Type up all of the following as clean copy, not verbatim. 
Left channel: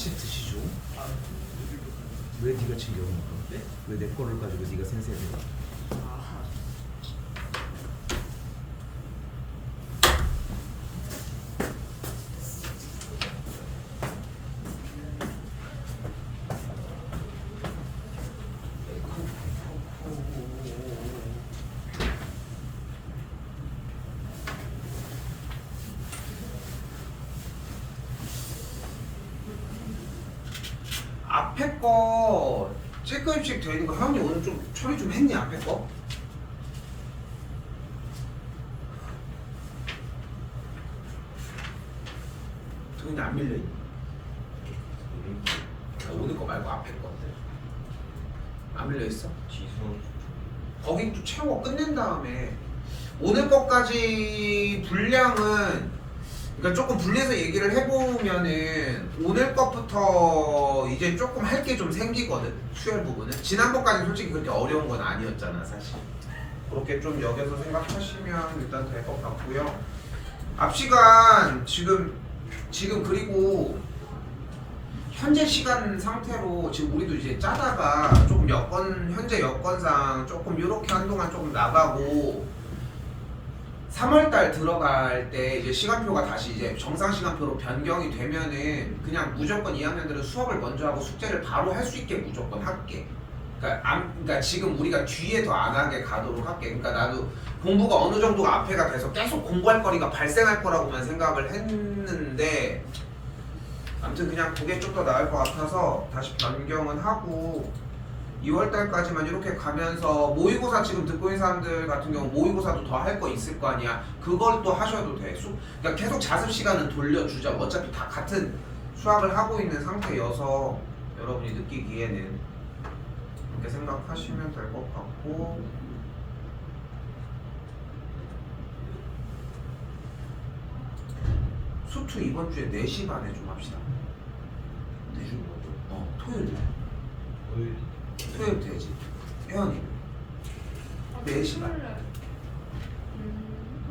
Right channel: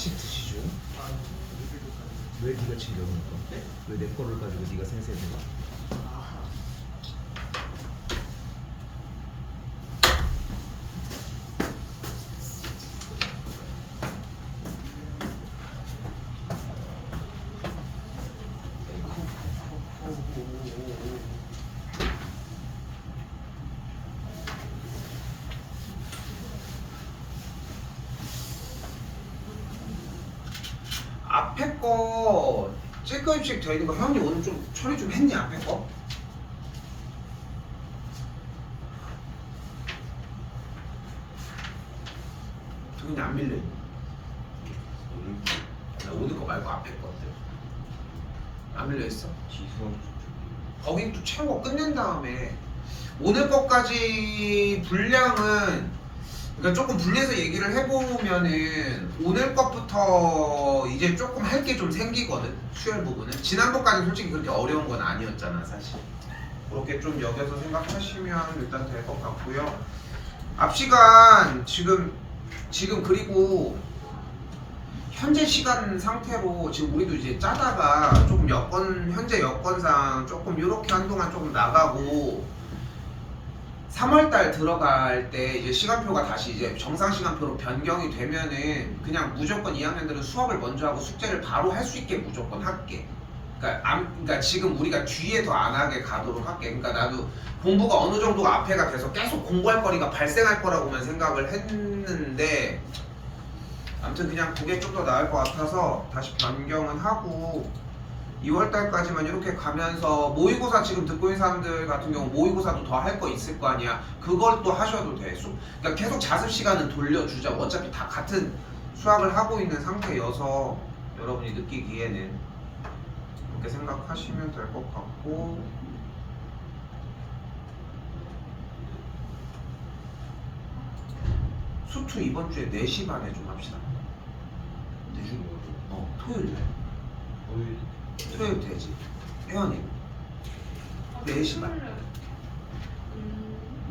하나씩 드시죠. 왜 네가 챙겨 먹는 거? 왜 내 거를 가지고 네가 생색내가? 앞에 거 찔끔씩 되어 있는 거 형이 오늘 좀 처리 좀 했니? 앞에 거? 저기 안 밀려 있니? 오늘 거 말고 앞에 거인데 안 밀려 있어? 거기 또 채워 끝낸 다음에 오늘 것까지 분량은 그러니까 조금 분리해서 얘기를 해보면은 오늘 것부터 이제 조금 할 게 좀 생기거든. 수혈 부분은 지난번까지 솔직히 그렇게 어려운 건 아니었잖아 사실. 그렇게 좀 여겨서 생각하시면 일단 될 것 같고요. 앞 시간 지금 그리고 현재 시간 상태로 지금 우리도 이제 짜다가 조금 현재 여건상 조금 이렇게 한동안 조금 나가고 3월달 들어갈 때 이제 시간표가 다시 이제 정상 시간표로 변경이 되면은 그냥 무조건 2학년들은 수업을 먼저 하고 숙제를 바로 할 수 있게 무조건 할게. 그러니까 지금 우리가 뒤에 더 안 하게 가도록 할게. 그러니까 나도 공부가 어느 정도가 앞에가 돼서 계속 공부할 거리가 발생할 거라고만 생각을 했는데 아무튼 그냥 그게 좀 더 나을 것 같아서 다시 변경은 하고 2월달까지만 이렇게 가면서 모의고사 지금 듣고 있는 사람들 같은 경우 모의고사도 더 할 거 있을 거 아니야. 그걸 또 하셔도 돼. 그러니까 계속 자습 시간은 돌려주자. 어차피 다 같은 수학을 하고 있는 상태여서 여러분이 느끼기에는 그렇게 생각하시면 될 것 같고 수투 이번 주에 4시 반에 좀 합시다. 4시? 토요일 날. 토요일 되지. 혜연이 4시 반.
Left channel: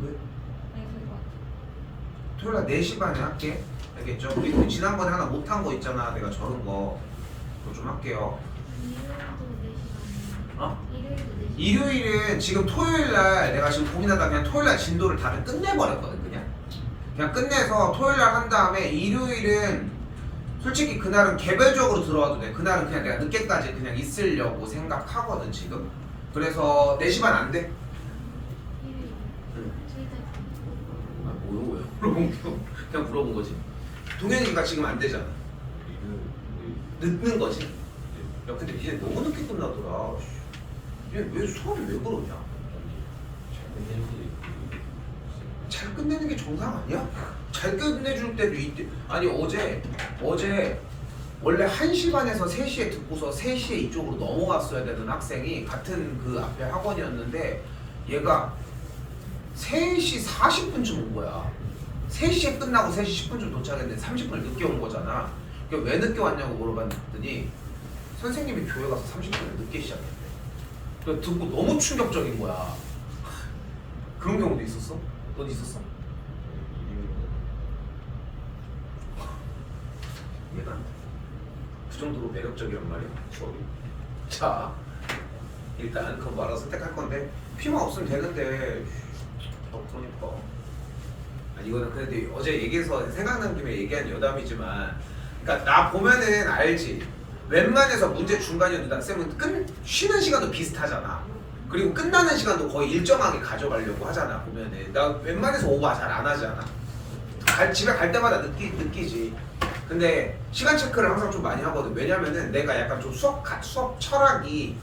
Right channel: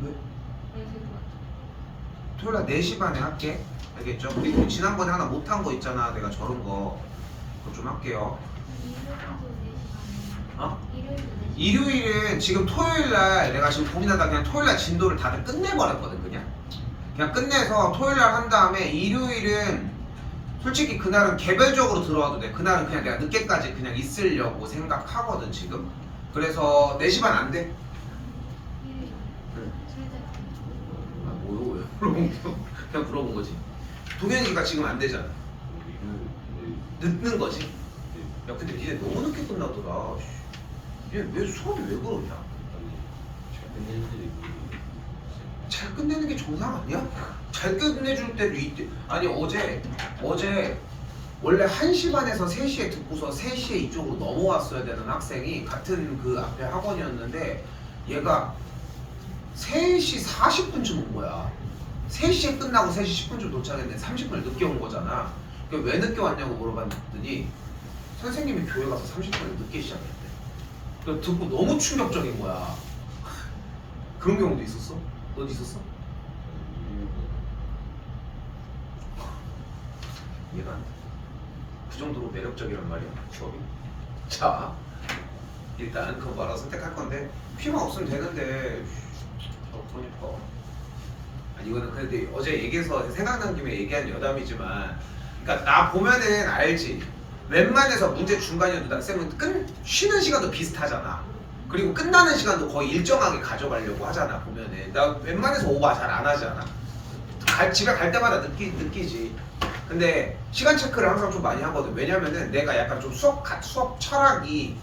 왜? 토요일 날 4시 반에 할게. 알겠죠? 그리고 지난번에 하나 못한 거 있잖아. 내가 저런 거. 그거 좀 할게요. 일요일은 지금 토요일 날 내가 지금 고민하다 그냥 토요일 날 진도를 다들 끝내버렸거든. 그냥 끝내서 토요일 날 한 다음에 일요일은 솔직히 그날은 개별적으로 들어와도 돼. 그날은 그냥 내가 늦게까지 그냥 있으려고 생각하거든 지금. 그래서 4시 반 안 돼? 뭐요? 그냥 물어본 거지. 동현이가 지금 안 되잖아. 늦는 거지. 야 근데 니네 너무 늦게 끝나더라. 얘 왜 수업이 왜 그러냐? 잘 끝내는 게 정상 아니야? 잘 끝내줄 때도 있대. 아니 어제 원래 1시 반에서 3시에 듣고서 3시에 이쪽으로 넘어왔어야 되는 학생이 같은 그 앞에 학원이었는데 얘가 3시 40분쯤 온 거야. 3시에 끝나고 3시 10분쯤 도착했는데 30분을 늦게 온 거잖아. 그러니까 왜 늦게 왔냐고 물어봤더니 선생님이 교회 가서 30분을 늦게 시작했대. 그래서 듣고 너무 충격적인 거야. 그런 경우도 있었어? 넌 있었어? 얘가 그 정도로 매력적이란 말이야 수업이. 자 일단 그거 알아서 선택할 건데 피만 없으면 되는데 그러니까 아니 이거는 그래도 어제 얘기해서 생각난 김에 얘기한 여담이지만 그러니까 나 보면은 알지. 웬만해서 문제 중간이어도 학생은 쉬는 시간도 비슷하잖아. 그리고 끝나는 시간도 거의 일정하게 가져가려고 하잖아. 보면은 나 웬만해서 오버 잘 안 하잖아. 집에 갈 때마다 느끼지. 근데 시간 체크를 항상 좀 많이 하거든. 왜냐면은 내가 약간 좀 수업 철학이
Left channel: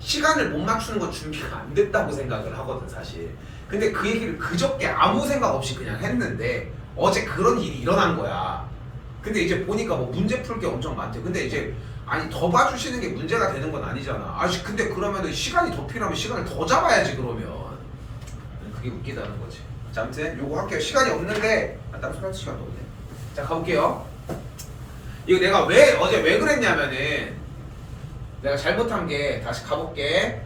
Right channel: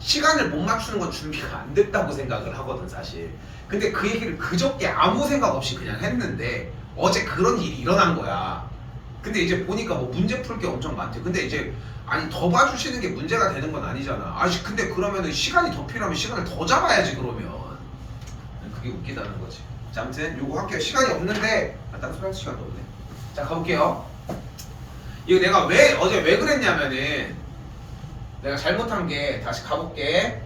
시간을 못 맞추는 건 준비가 안 됐다고 생각을 하거든 사실. 근데 그 얘기를 그저께 아무 생각 없이 그냥 했는데 어제 그런 일이 일어난 거야. 근데 이제 보니까 뭐 문제 풀 게 엄청 많대. 근데 이제 아니 더 봐주시는 게 문제가 되는 건 아니잖아. 아니 근데 그러면은 시간이 더 필요하면 시간을 더 잡아야지 그러면. 그게 웃기다는 거지. 자 아무튼 요거 할게요. 시간이 없는데 딴 소리 할 시간도 없네. 자 가볼게요. 이거 내가 어제 왜 그랬냐면은 내가 잘못한 게 다시 가볼게.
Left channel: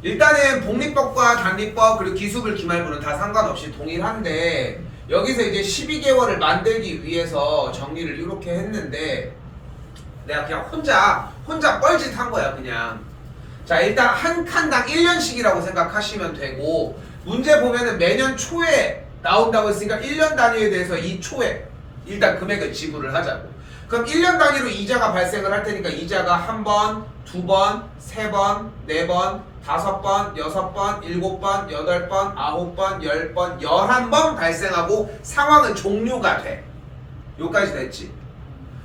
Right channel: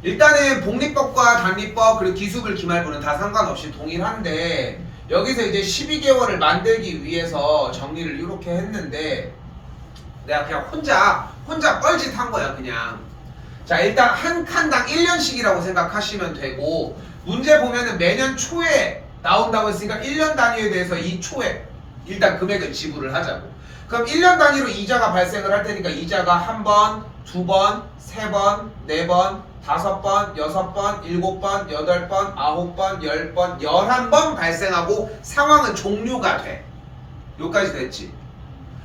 일단은 복리법과 단리법 그리고 기수불 기말부는 다 상관없이 동일한데 여기서 이제 12개월을 만들기 위해서 정리를 이렇게 했는데 내가 그냥 혼자 뻘짓 한 거야 그냥. 자 일단 한 칸당 1년씩이라고 생각하시면 되고 문제 보면은 매년 초에 나온다고 했으니까 1년 단위에 대해서 이 초에 일단 금액을 지불을 하자고. 그럼 1년 단위로 이자가 발생을 할 테니까 이자가 한 번, 두 번, 세 번, 네 번, 다섯 번, 여섯 번, 일곱 번, 여덟 번, 아홉 번, 10번, 11번 발생하고 상황은 종료가 돼. 여기까지 됐지.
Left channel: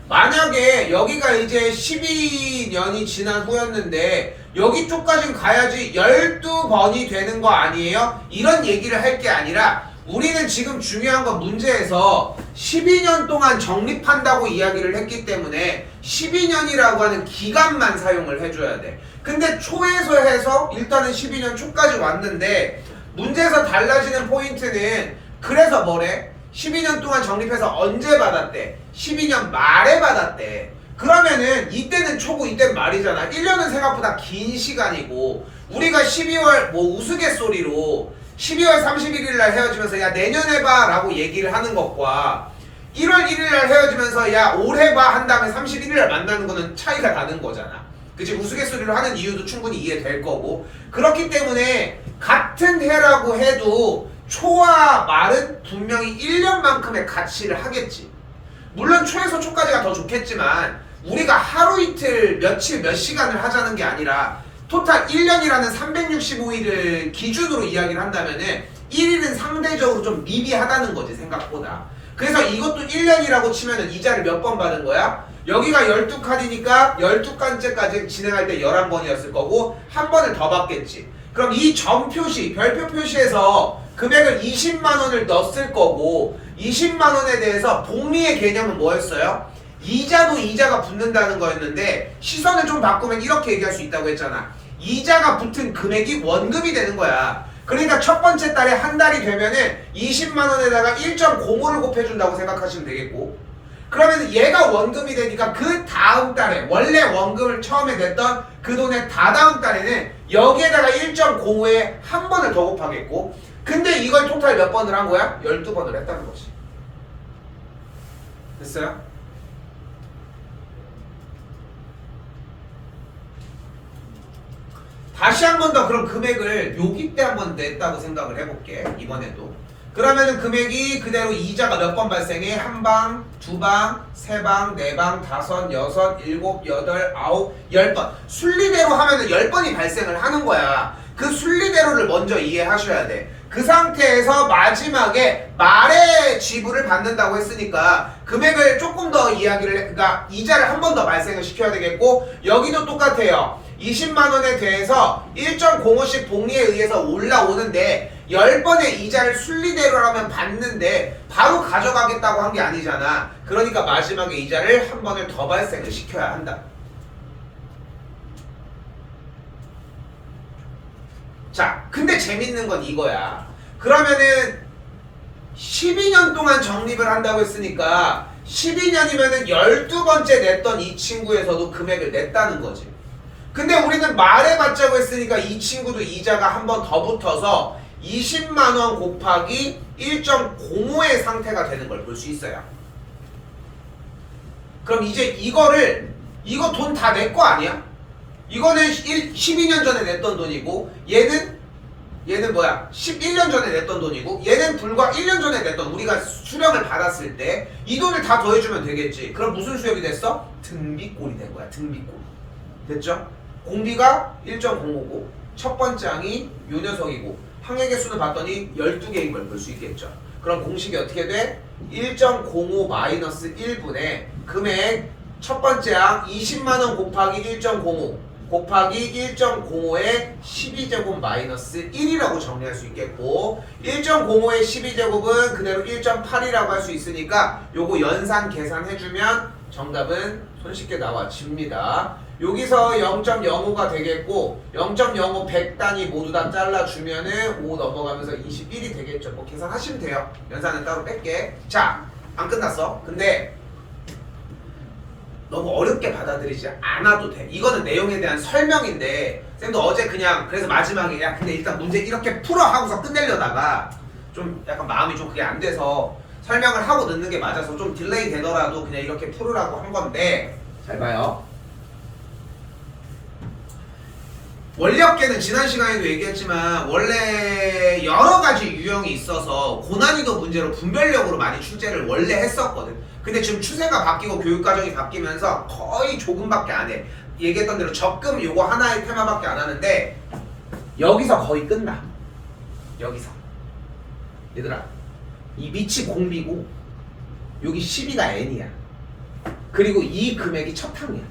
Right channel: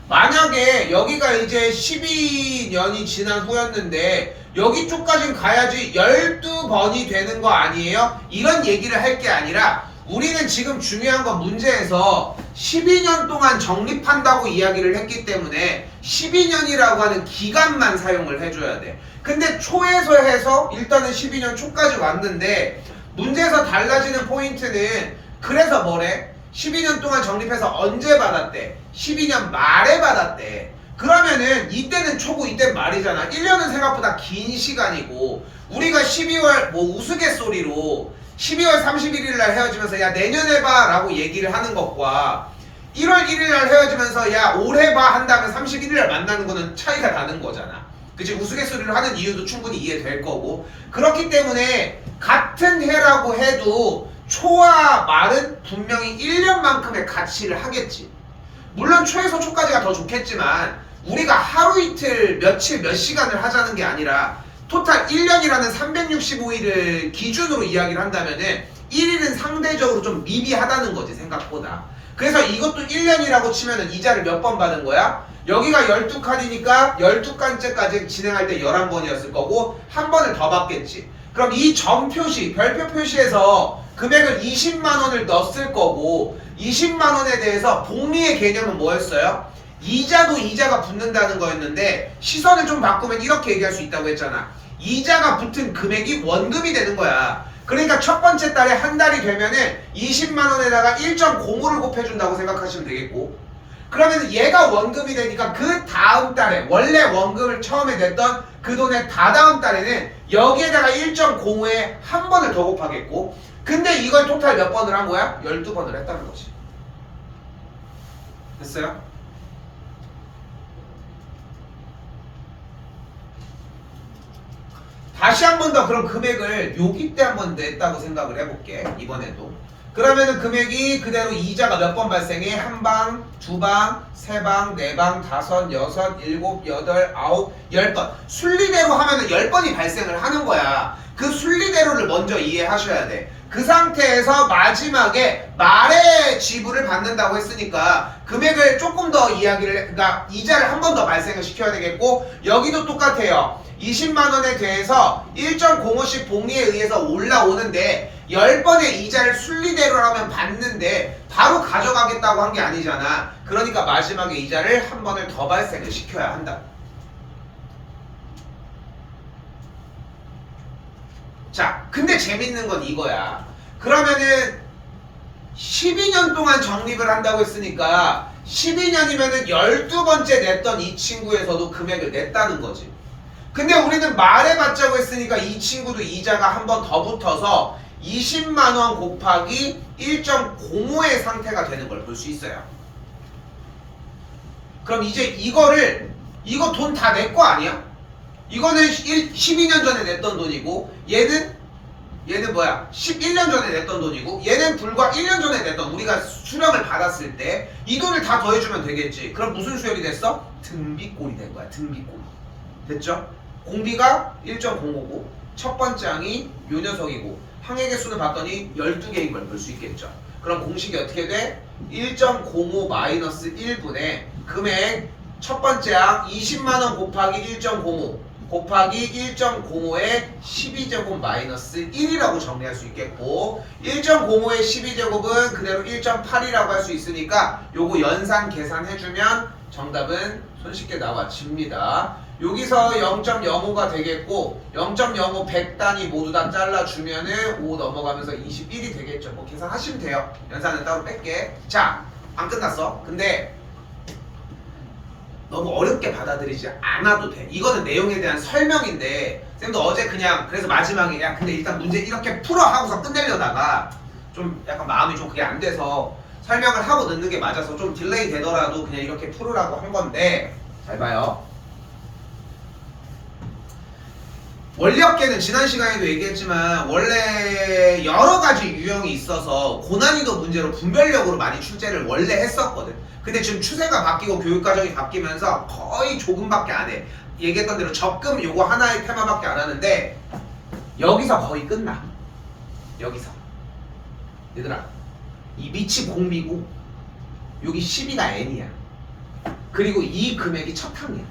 만약에 여기가 이제 12년이 지난 후였는데 여기 쪽까지는 가야지 12번이 되는 거 아니에요? 이런 얘기를 할 게 아니라 우리는 지금 중요한 건 문제에서 12년 동안 적립한다고 이야기를 했기 때문에 12년이라고 하는 기간만 사용을 해줘야 돼. 근데 초에서 해서 일단은 12년 초까지 왔는데 문제에서 달라지는 포인트는 그래서 뭐래? 12년 동안 적립해서 언제 받았대? 12년 말에 받았대. 그러면은 이때는 초고 이때는 말이잖아. 1년은 생각보다 긴 시간이고 우리가 12월 뭐 우스갯소리로 12월 31일 날 헤어지면서 야 내년에 봐 라고 얘기를 하는 것과 1월 1일 날 헤어지면서 야 올해 봐 한다면 31일 날 만나는 거는 차이가 나는 거잖아. 그치? 우스갯소리로 하는 이유도 충분히 이해될 거고 그렇기 때문에 같은 해라고 해도 초와 말은 분명히 1년만큼의 가치를 하겠지. 물론 초에서 초까지가 더 좋겠지만 우리가 하루 이틀 며칠 몇 시간을 하자는 게 아니라 토탈 1년이라는 365일을 기준으로 이야기를 한다면은 1일은 상대적으로 좀 미비하다는 거지 생각보다. 그래서 이것도 1년이라고 치면은 이자를 몇 번 받은 거야? 여기가 12칸이니까 12칸째까지 진행할 때 11번이었을 거고 한 번을 더 받겠지. 그럼 이 점 표시, 별표 표시에서 금액을 20만 원을 넣었을 거고 20만 원에 대해서 복리의 개념은 뭐였어요? 이자도 이자가 붙는다는 거였는데 시선을 좀 바꾸면 이렇게 얘기할 수 있다고 했잖아. 이자가 붙은 금액이 원금이 되는 거야. 그러니까 첫 번째 달에 한 달이 되면은 20만 원에다가 1.05를 곱해준다고 생각하시면 되겠고 그러면 얘가 원금이 되니까 그 다음 달에 원래 원금을 처음에 냈던 그 돈의 다다음 달에는 여기에다가 1.05에 한 번을 더 곱하겠고 근데 이걸 토탈 몇 번을 한 거야? 12번을 했다는 거지. 됐어요? 다시 한 번 더 그럼 금액을 여기 때 한 번 냈다고 생각을 해볼게. 이번에도. 그러면은 금액이 그대로 이자가 몇 번 발생해? 한 방, 두 방, 세 방, 네 방, 다섯, 여섯, 일곱, 여덟, 아홉, 10번. 순리대로 하면은 10번이 발생을 하는 거야. 그 순리대로를 먼저 이해하셔야 돼. 그 상태에서 마지막에 말에 지불을 받는다고 했으니까 금액을 조금 더 그러니까 이자를 한 번 더 발생을 시켜야 되겠고 여기도 똑같아요. 20만 원에 대해서 1.05씩 복리에 의해서 올라오는데 10번의 이자를 순리대로 하면 받는데 바로 가져가겠다고 한 게 아니잖아. 그러니까 마지막에 이자를 한 번을 더 발생을 시켜야 한다. 자, 근데 재밌는 건 이거야. 그러면은 12년 동안 적립을 한다고 했으니까 12년이면은 12번째 냈던 이 친구에서도 금액을 냈다는 거지. 근데 우리는 말해 받자고 했으니까 이 친구도 이자가 한 번 더 붙어서 20만 원 곱하기 1.05의 상태가 되는 걸 볼 수 있어요. 그럼 이제 이거 돈 다 내 거 아니야? 이거는 12년 전에 냈던 돈이고 얘는 뭐야? 11년 전에 냈던 돈이고 얘는 불과 1년 전에 냈던 우리가 수령을 받았을 때 이 돈을 다 더해주면 되겠지. 그럼 무슨 수역이 됐어? 등비꼴이 된 거야. 등비꼴. 됐죠? 공비가 1.05고 첫 번째 항이 요 녀석이고 항의 개수는 봤더니 12개인 걸 볼 수 있겠죠. 그럼 공식이 어떻게 돼? 1.05 마이너스 1분의 금액 첫 번째 항 20만원 곱하기 1.05 곱하기 1.05의 12제곱 마이너스 1이라고 정리할 수 있겠고 1.05의 12제곱은 그대로 1.8이라고 할 수 있으니까 요거 연산 계산해주면 정답은 손쉽게 나와집니다. 여기서 0.05가 되겠고 0.05 100단위 모두 다 잘라주면은 5 넘어가면서 21이 되겠죠. 뭐 계산하시면 돼요. 연산은 따로 뺄게. 자, 안 끝났어. 근데 너무 어렵게 받아들이지 않아도 돼. 이거는 내용에 대한 설명인데 쌤도 어제 그냥 그래서 마지막에 야 근데 일단 문제 이렇게 풀어 하고서 끝내려다가 좀 약간 마음이 좀 그게 안 돼서 설명을 하고 넣는 게 맞아서 좀 딜레이 되더라도 그냥 이렇게 풀으라고 한 건데 잘 봐요. 원리업계는 지난 시간에도 얘기했지만 원래 여러 가지 유형이 있어서 고난이도 문제로 분별력으로 많이 출제를 원래 했었거든. 근데 지금 추세가 바뀌고 교육과정이 바뀌면서 거의 조금밖에 안 해. 얘기했던 대로 적금 요거 하나의 테마밖에 안 하는데 여기서 거의 끝나. 여기서 얘들아 이 밑이 공비고 여기 10이가 N이야. 그리고 이 금액이 첫 항이야.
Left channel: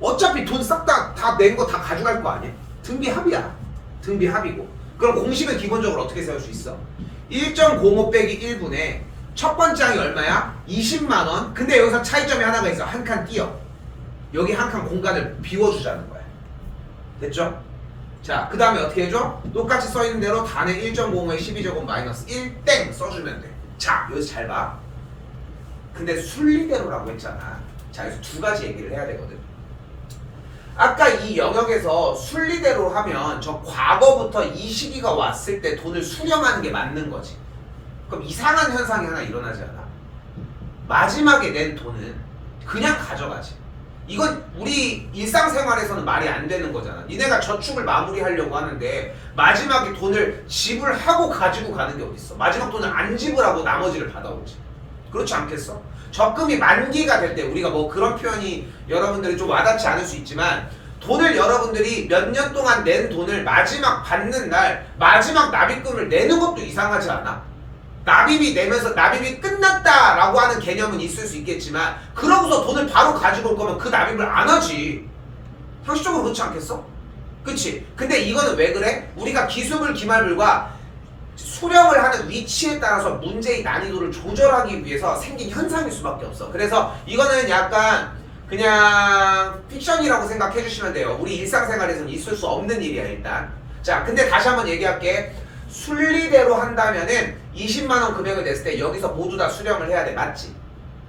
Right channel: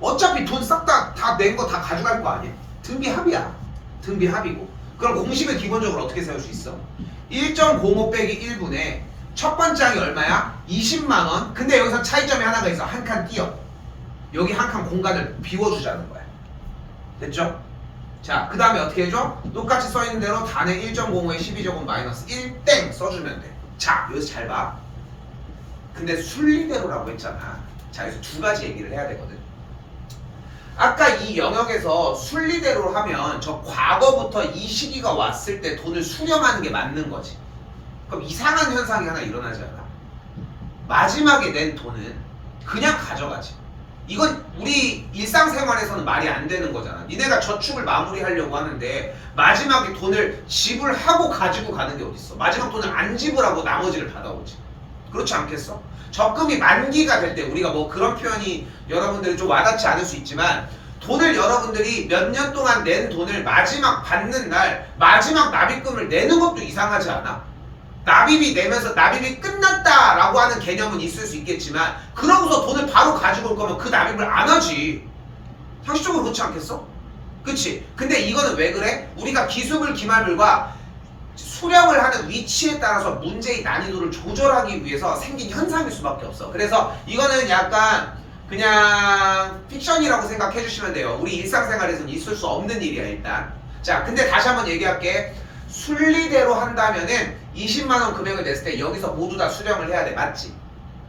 어차피 돈 싹 다 낸 거 다 가져갈 거 아니야? 등비 합이야. 등비 합이고. 그럼 공식은 기본적으로 어떻게 세울 수 있어? 1.05 빼기 1분에 첫 번째 항이 얼마야? 20만 원. 근데 여기서 차이점이 하나가 있어. 한 칸 띄어. 여기 한 칸 공간을 비워주자는 거야. 됐죠? 자, 그 다음에 어떻게 해줘? 똑같이 써있는 대로 단의 1.05에 12제곱 마이너스 1 땡 써주면 돼. 자, 여기서 잘 봐. 근데 순리대로라고 했잖아. 자, 여기서 두 가지 얘기를 해야 되거든. 아까 이 영역에서 순리대로 하면 저 과거부터 이 시기가 왔을 때 돈을 수령하는 게 맞는 거지. 그럼 이상한 현상이 하나 일어나지 않아? 마지막에 낸 돈은 그냥 가져가지. 이건 우리 일상생활에서는 말이 안 되는 거잖아. 니네가 저축을 마무리하려고 하는데 마지막에 돈을 지불하고 가지고 가는 게 어딨어. 마지막 돈을 안 지불하고 나머지를 받아오지. 그렇지 않겠어? 적금이 만기가 될 때 우리가 뭐 그런 표현이 여러분들이 좀 와닿지 않을 수 있지만 돈을 여러분들이 몇 년 동안 낸 돈을 마지막 받는 날 마지막 납입금을 내는 것도 이상하지 않아? 납입이 내면서 납입이 끝났다라고 하는 개념은 있을 수 있겠지만 그러고서 돈을 바로 가지고 올 거면 그 납입을 안 하지. 상식적으로 그렇지 않겠어? 그치? 근데 이거는 왜 그래? 우리가 기수물 기말물과 수령을 하는 위치에 따라서 문제의 난이도를 조절하기 위해서 생긴 현상일 수밖에 없어. 그래서 이거는 약간 그냥 픽션이라고 생각해 주시면 돼요. 우리 일상생활에서는 있을 수 없는 일이야 일단. 자, 근데 다시 한번 얘기할게. 순리대로 한다면은 20만원 금액을 냈을 때 여기서 모두 다 수령을 해야 돼. 맞지?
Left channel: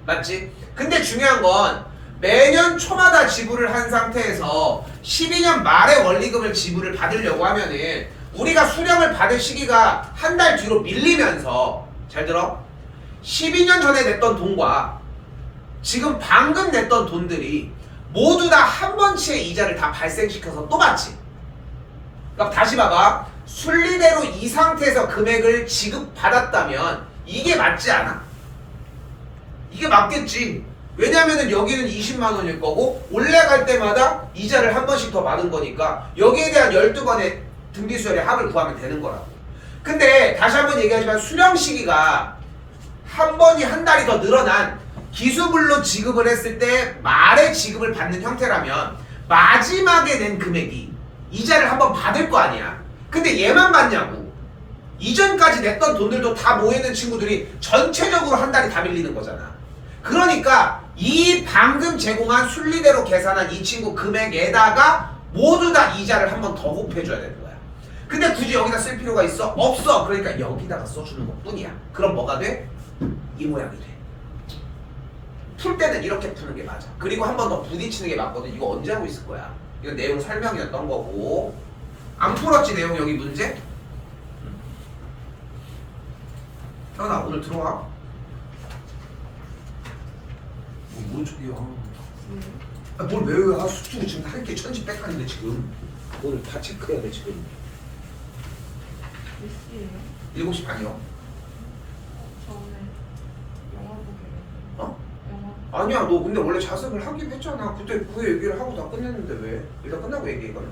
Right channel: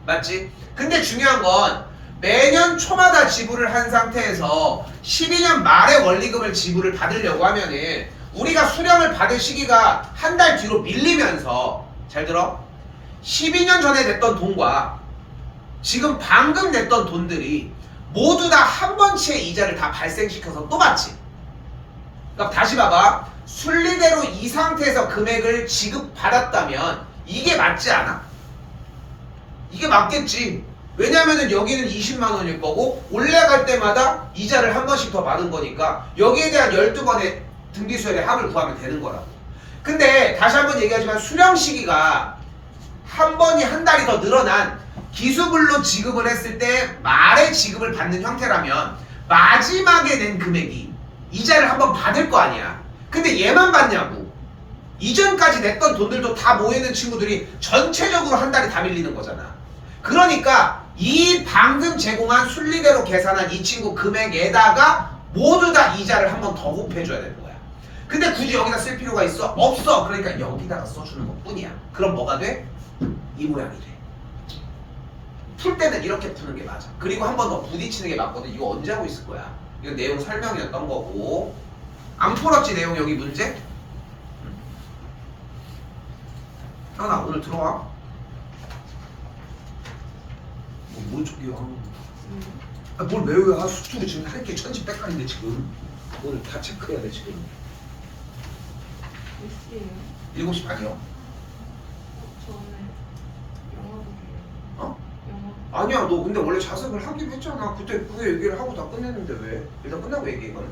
맞지? 근데 중요한 건 매년 초마다 지불을 한 상태에서 12년 말에 원리금을 지불을 받으려고 하면은 우리가 수령을 받을 시기가 한 달 뒤로 밀리면서 잘 들어? 12년 전에 냈던 돈과 지금 방금 냈던 돈들이 모두 다 한 번치의 이자를 다 발생시켜서 또 받지. 그러니까 다시 봐봐. 순리대로 이 상태에서 금액을 지급받았다면 이게 맞지 않아? 이게 맞겠지. 왜냐면은 여기는 20만 원일 거고 올라갈 때마다 이자를 한 번씩 더 받은 거니까 여기에 대한 12번의 등비수열의 합을 구하면 되는 거라고. 근데 다시 한번 얘기하지만 수령 시기가 한 번이 한 달이 더 늘어난 기수불로 지급을 했을 때 말에 지급을 받는 형태라면 마지막에 낸 금액이 이자를 한 번 받을 거 아니야. 근데 얘만 받냐고. 이전까지 냈던 돈들도 다 모여있는 친구들이 전체적으로 한 달이 다 밀리는 거잖아. 그러니까 이 방금 제공한 순리대로 계산한 이 친구 금액에다가 모두 다 이자를 한 번 더 곱해줘야 되는 거야. 근데 굳이 여기다 쓸 필요가 있어? 없어. 그러니까 여기다가 써주는 것 뿐이야. 그럼 뭐가 돼? 이 모양이 돼. 풀 때는 이렇게 푸는 게 맞아. 그리고 한 번 더 부딪히는 게 맞거든. 이거 언제 하고 있을 거야? 이거 내용 설명이었던 거고. 안 풀었지 내용 여기 문제? 태원아 오늘 들어와. 뭔 척이야? 뭘 외워야? 수투로 지금 할 게 천지백관인데 지금 오늘 다 체크해야 돼 지금. 몇 시에요? 7시 반이요. 저는 영화 보기로. 어? 영화. 아니야 너 근데 원래 자습을 하긴 했잖아. 그때 그 얘기를 하고 다 끝냈는데 왜? 일단 끝나고 얘기해 이거는.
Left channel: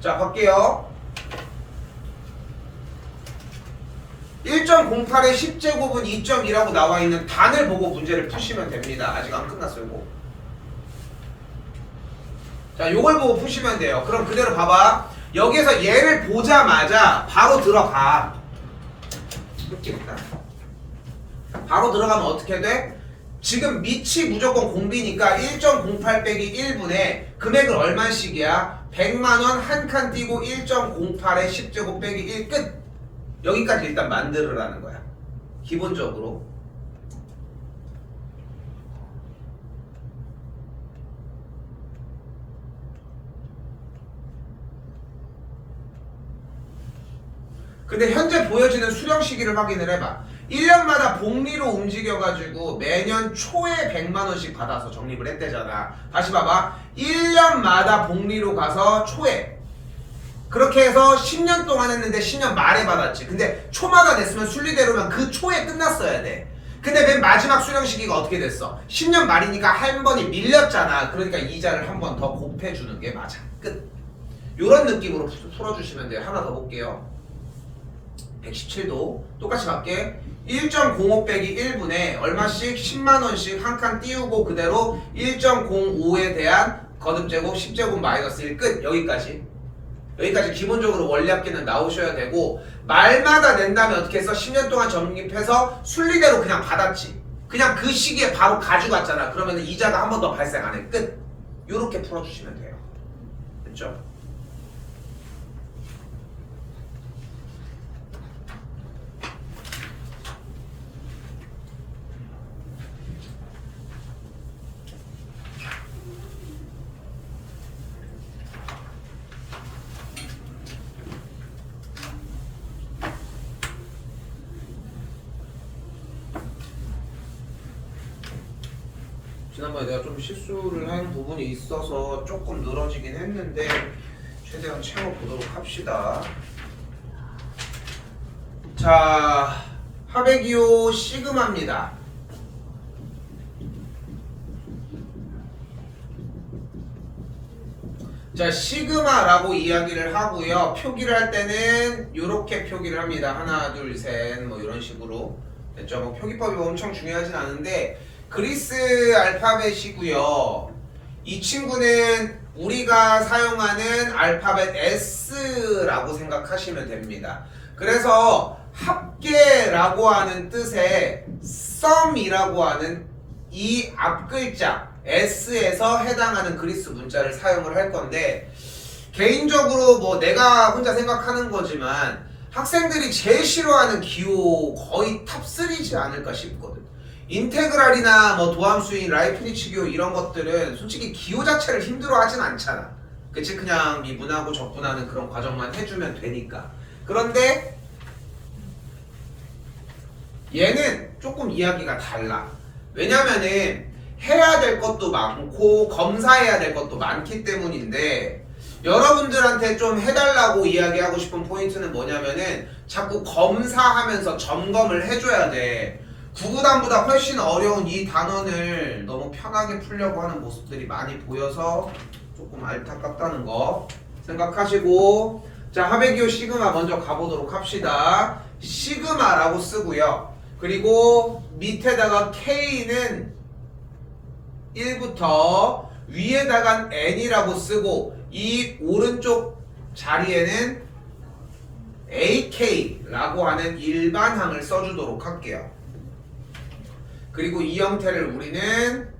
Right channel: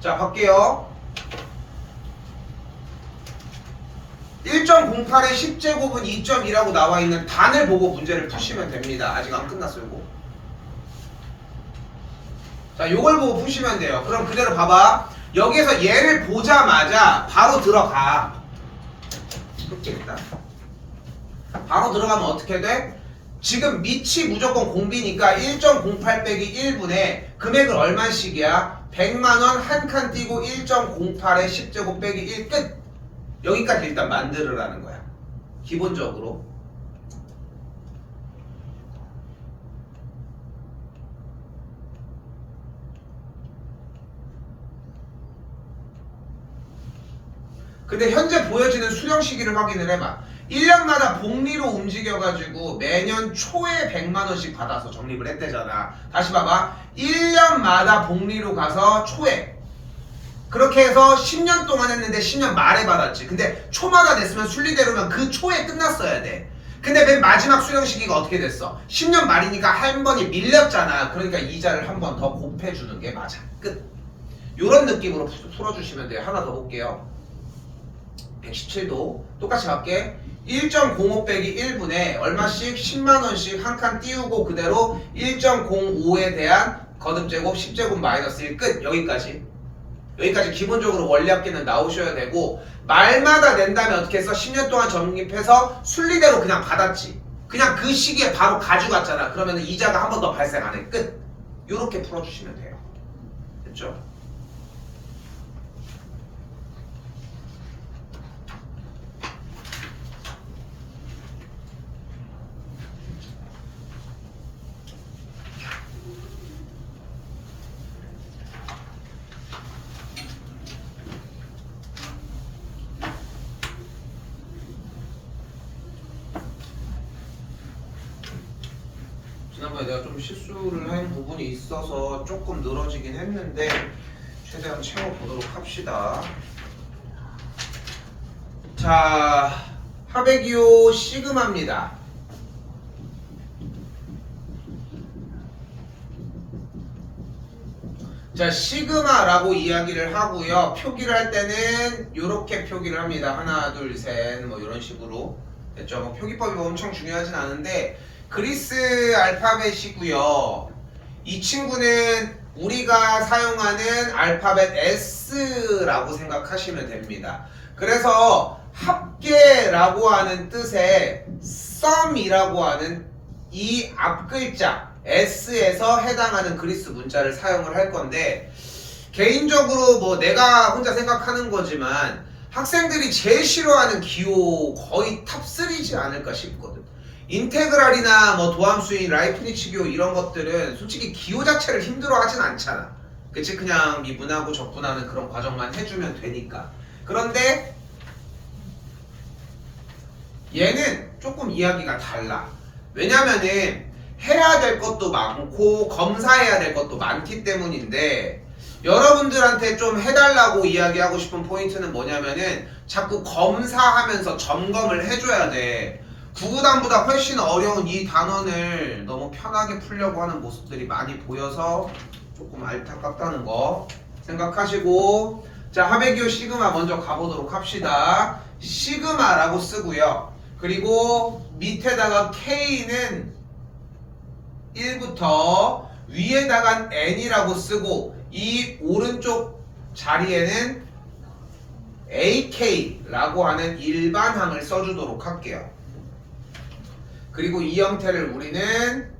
자 갈게요. 1.08의 10제곱은 2.2라고 나와있는 단을 보고 문제를 푸시면 됩니다. 아직 안 끝났어요 이거. 자 요걸 보고 푸시면 돼요. 그럼 그대로 봐봐. 여기에서 얘를 보자마자 바로 들어가. 풀겠다. 바로 들어가면 어떻게 돼? 지금 밑이 무조건 공비니까 1.08 빼기 1분에 금액은 얼마씩이야? 100만원 한 칸 띄고 1.08에 10제곱 빼기 1 끝. 여기까지 일단 만들으라는 거야. 기본적으로. 근데 현재 보여지는 수령 시기를 확인을 해봐. 1년마다 복리로 움직여가지고 매년 초에 100만 원씩 받아서 적립을 했대잖아. 다시 봐봐. 1년마다 복리로 가서 초에. 그렇게 해서 10년 동안 했는데 10년 말에 받았지. 근데 초마다 냈으면 순리대로면 그 초에 끝났어야 돼. 근데 맨 마지막 수령 시기가 어떻게 됐어? 10년 말이니까 한 번이 밀렸잖아. 그러니까 이자를 한 번 더 곱해주는 게 맞아. 끝. 요런 느낌으로 풀어주시면 돼요. 하나 더 볼게요. 117도 똑같이 갈게. 1.05 빼기 1분에 얼마씩 10만원씩 한 칸 띄우고 그대로 1.05에 대한 거듭제곱 10제곱 마이너스 1 끝. 여기까지 기본적으로 원리합계는 나오셔야 되고, 말마다 낸다면 어떻게 했어? 10년 동안 적립해서 순리대로 그냥 받았지. 그냥 그 시기에 바로 가져갔잖아. 그러면 이자가 한 번 더 발생 안 해. 끝. 요렇게 풀어주시면 돼요. 됐죠? 지난번에 내가 좀 실수를 한 부분이 있어서 조금 늘어지긴 했는데 최대한 채워보도록 합시다. 자, 하베기오 시그마입니다. 자, 시그마라고 이야기를 하고요. 표기를 할 때는 이렇게 표기를 합니다. 하나, 둘, 셋, 뭐 이런 식으로. 됐죠? 뭐 표기법이 엄청 중요하진 않은데 그리스 알파벳이고요. 이 친구는 우리가 사용하는 알파벳 S라고 생각하시면 됩니다. 그래서 합계라고 하는 뜻의 sum이라고 하는 이 앞글자 S에서 해당하는 그리스 문자를 사용을 할 건데, 개인적으로 뭐 내가 혼자 생각하는 거지만 학생들이 제일 싫어하는 기호 거의 탑3지 않을까 싶거든. 인테그랄이나 뭐 도함수인 라이프니츠 기호 이런 것들은 솔직히 기호 자체를 힘들어하진 않잖아. 그치? 그냥 미분하고 적분하는 그런 과정만 해주면 되니까. 그런데 얘는 조금 이야기가 달라. 왜냐면은 해야 될 것도 많고 검사해야 될 것도 많기 때문인데, 여러분들한테 좀 해달라고 이야기하고 싶은 포인트는 뭐냐면은 자꾸 검사하면서 점검을 해줘야 돼. 구구단보다 훨씬 어려운 이 단원을 너무 편하게 풀려고 하는 모습들이 많이 보여서 조금 안타깝다는 거 생각하시고, 자, 하베기오 시그마 먼저 가보도록 합시다. 시그마라고 쓰고요. 그리고 밑에다가 K는 1부터 위에다가 N이라고 쓰고, 이 오른쪽 자리에는 AK라고 하는 일반항을 써주도록 할게요. 그리고 이 형태를 우리는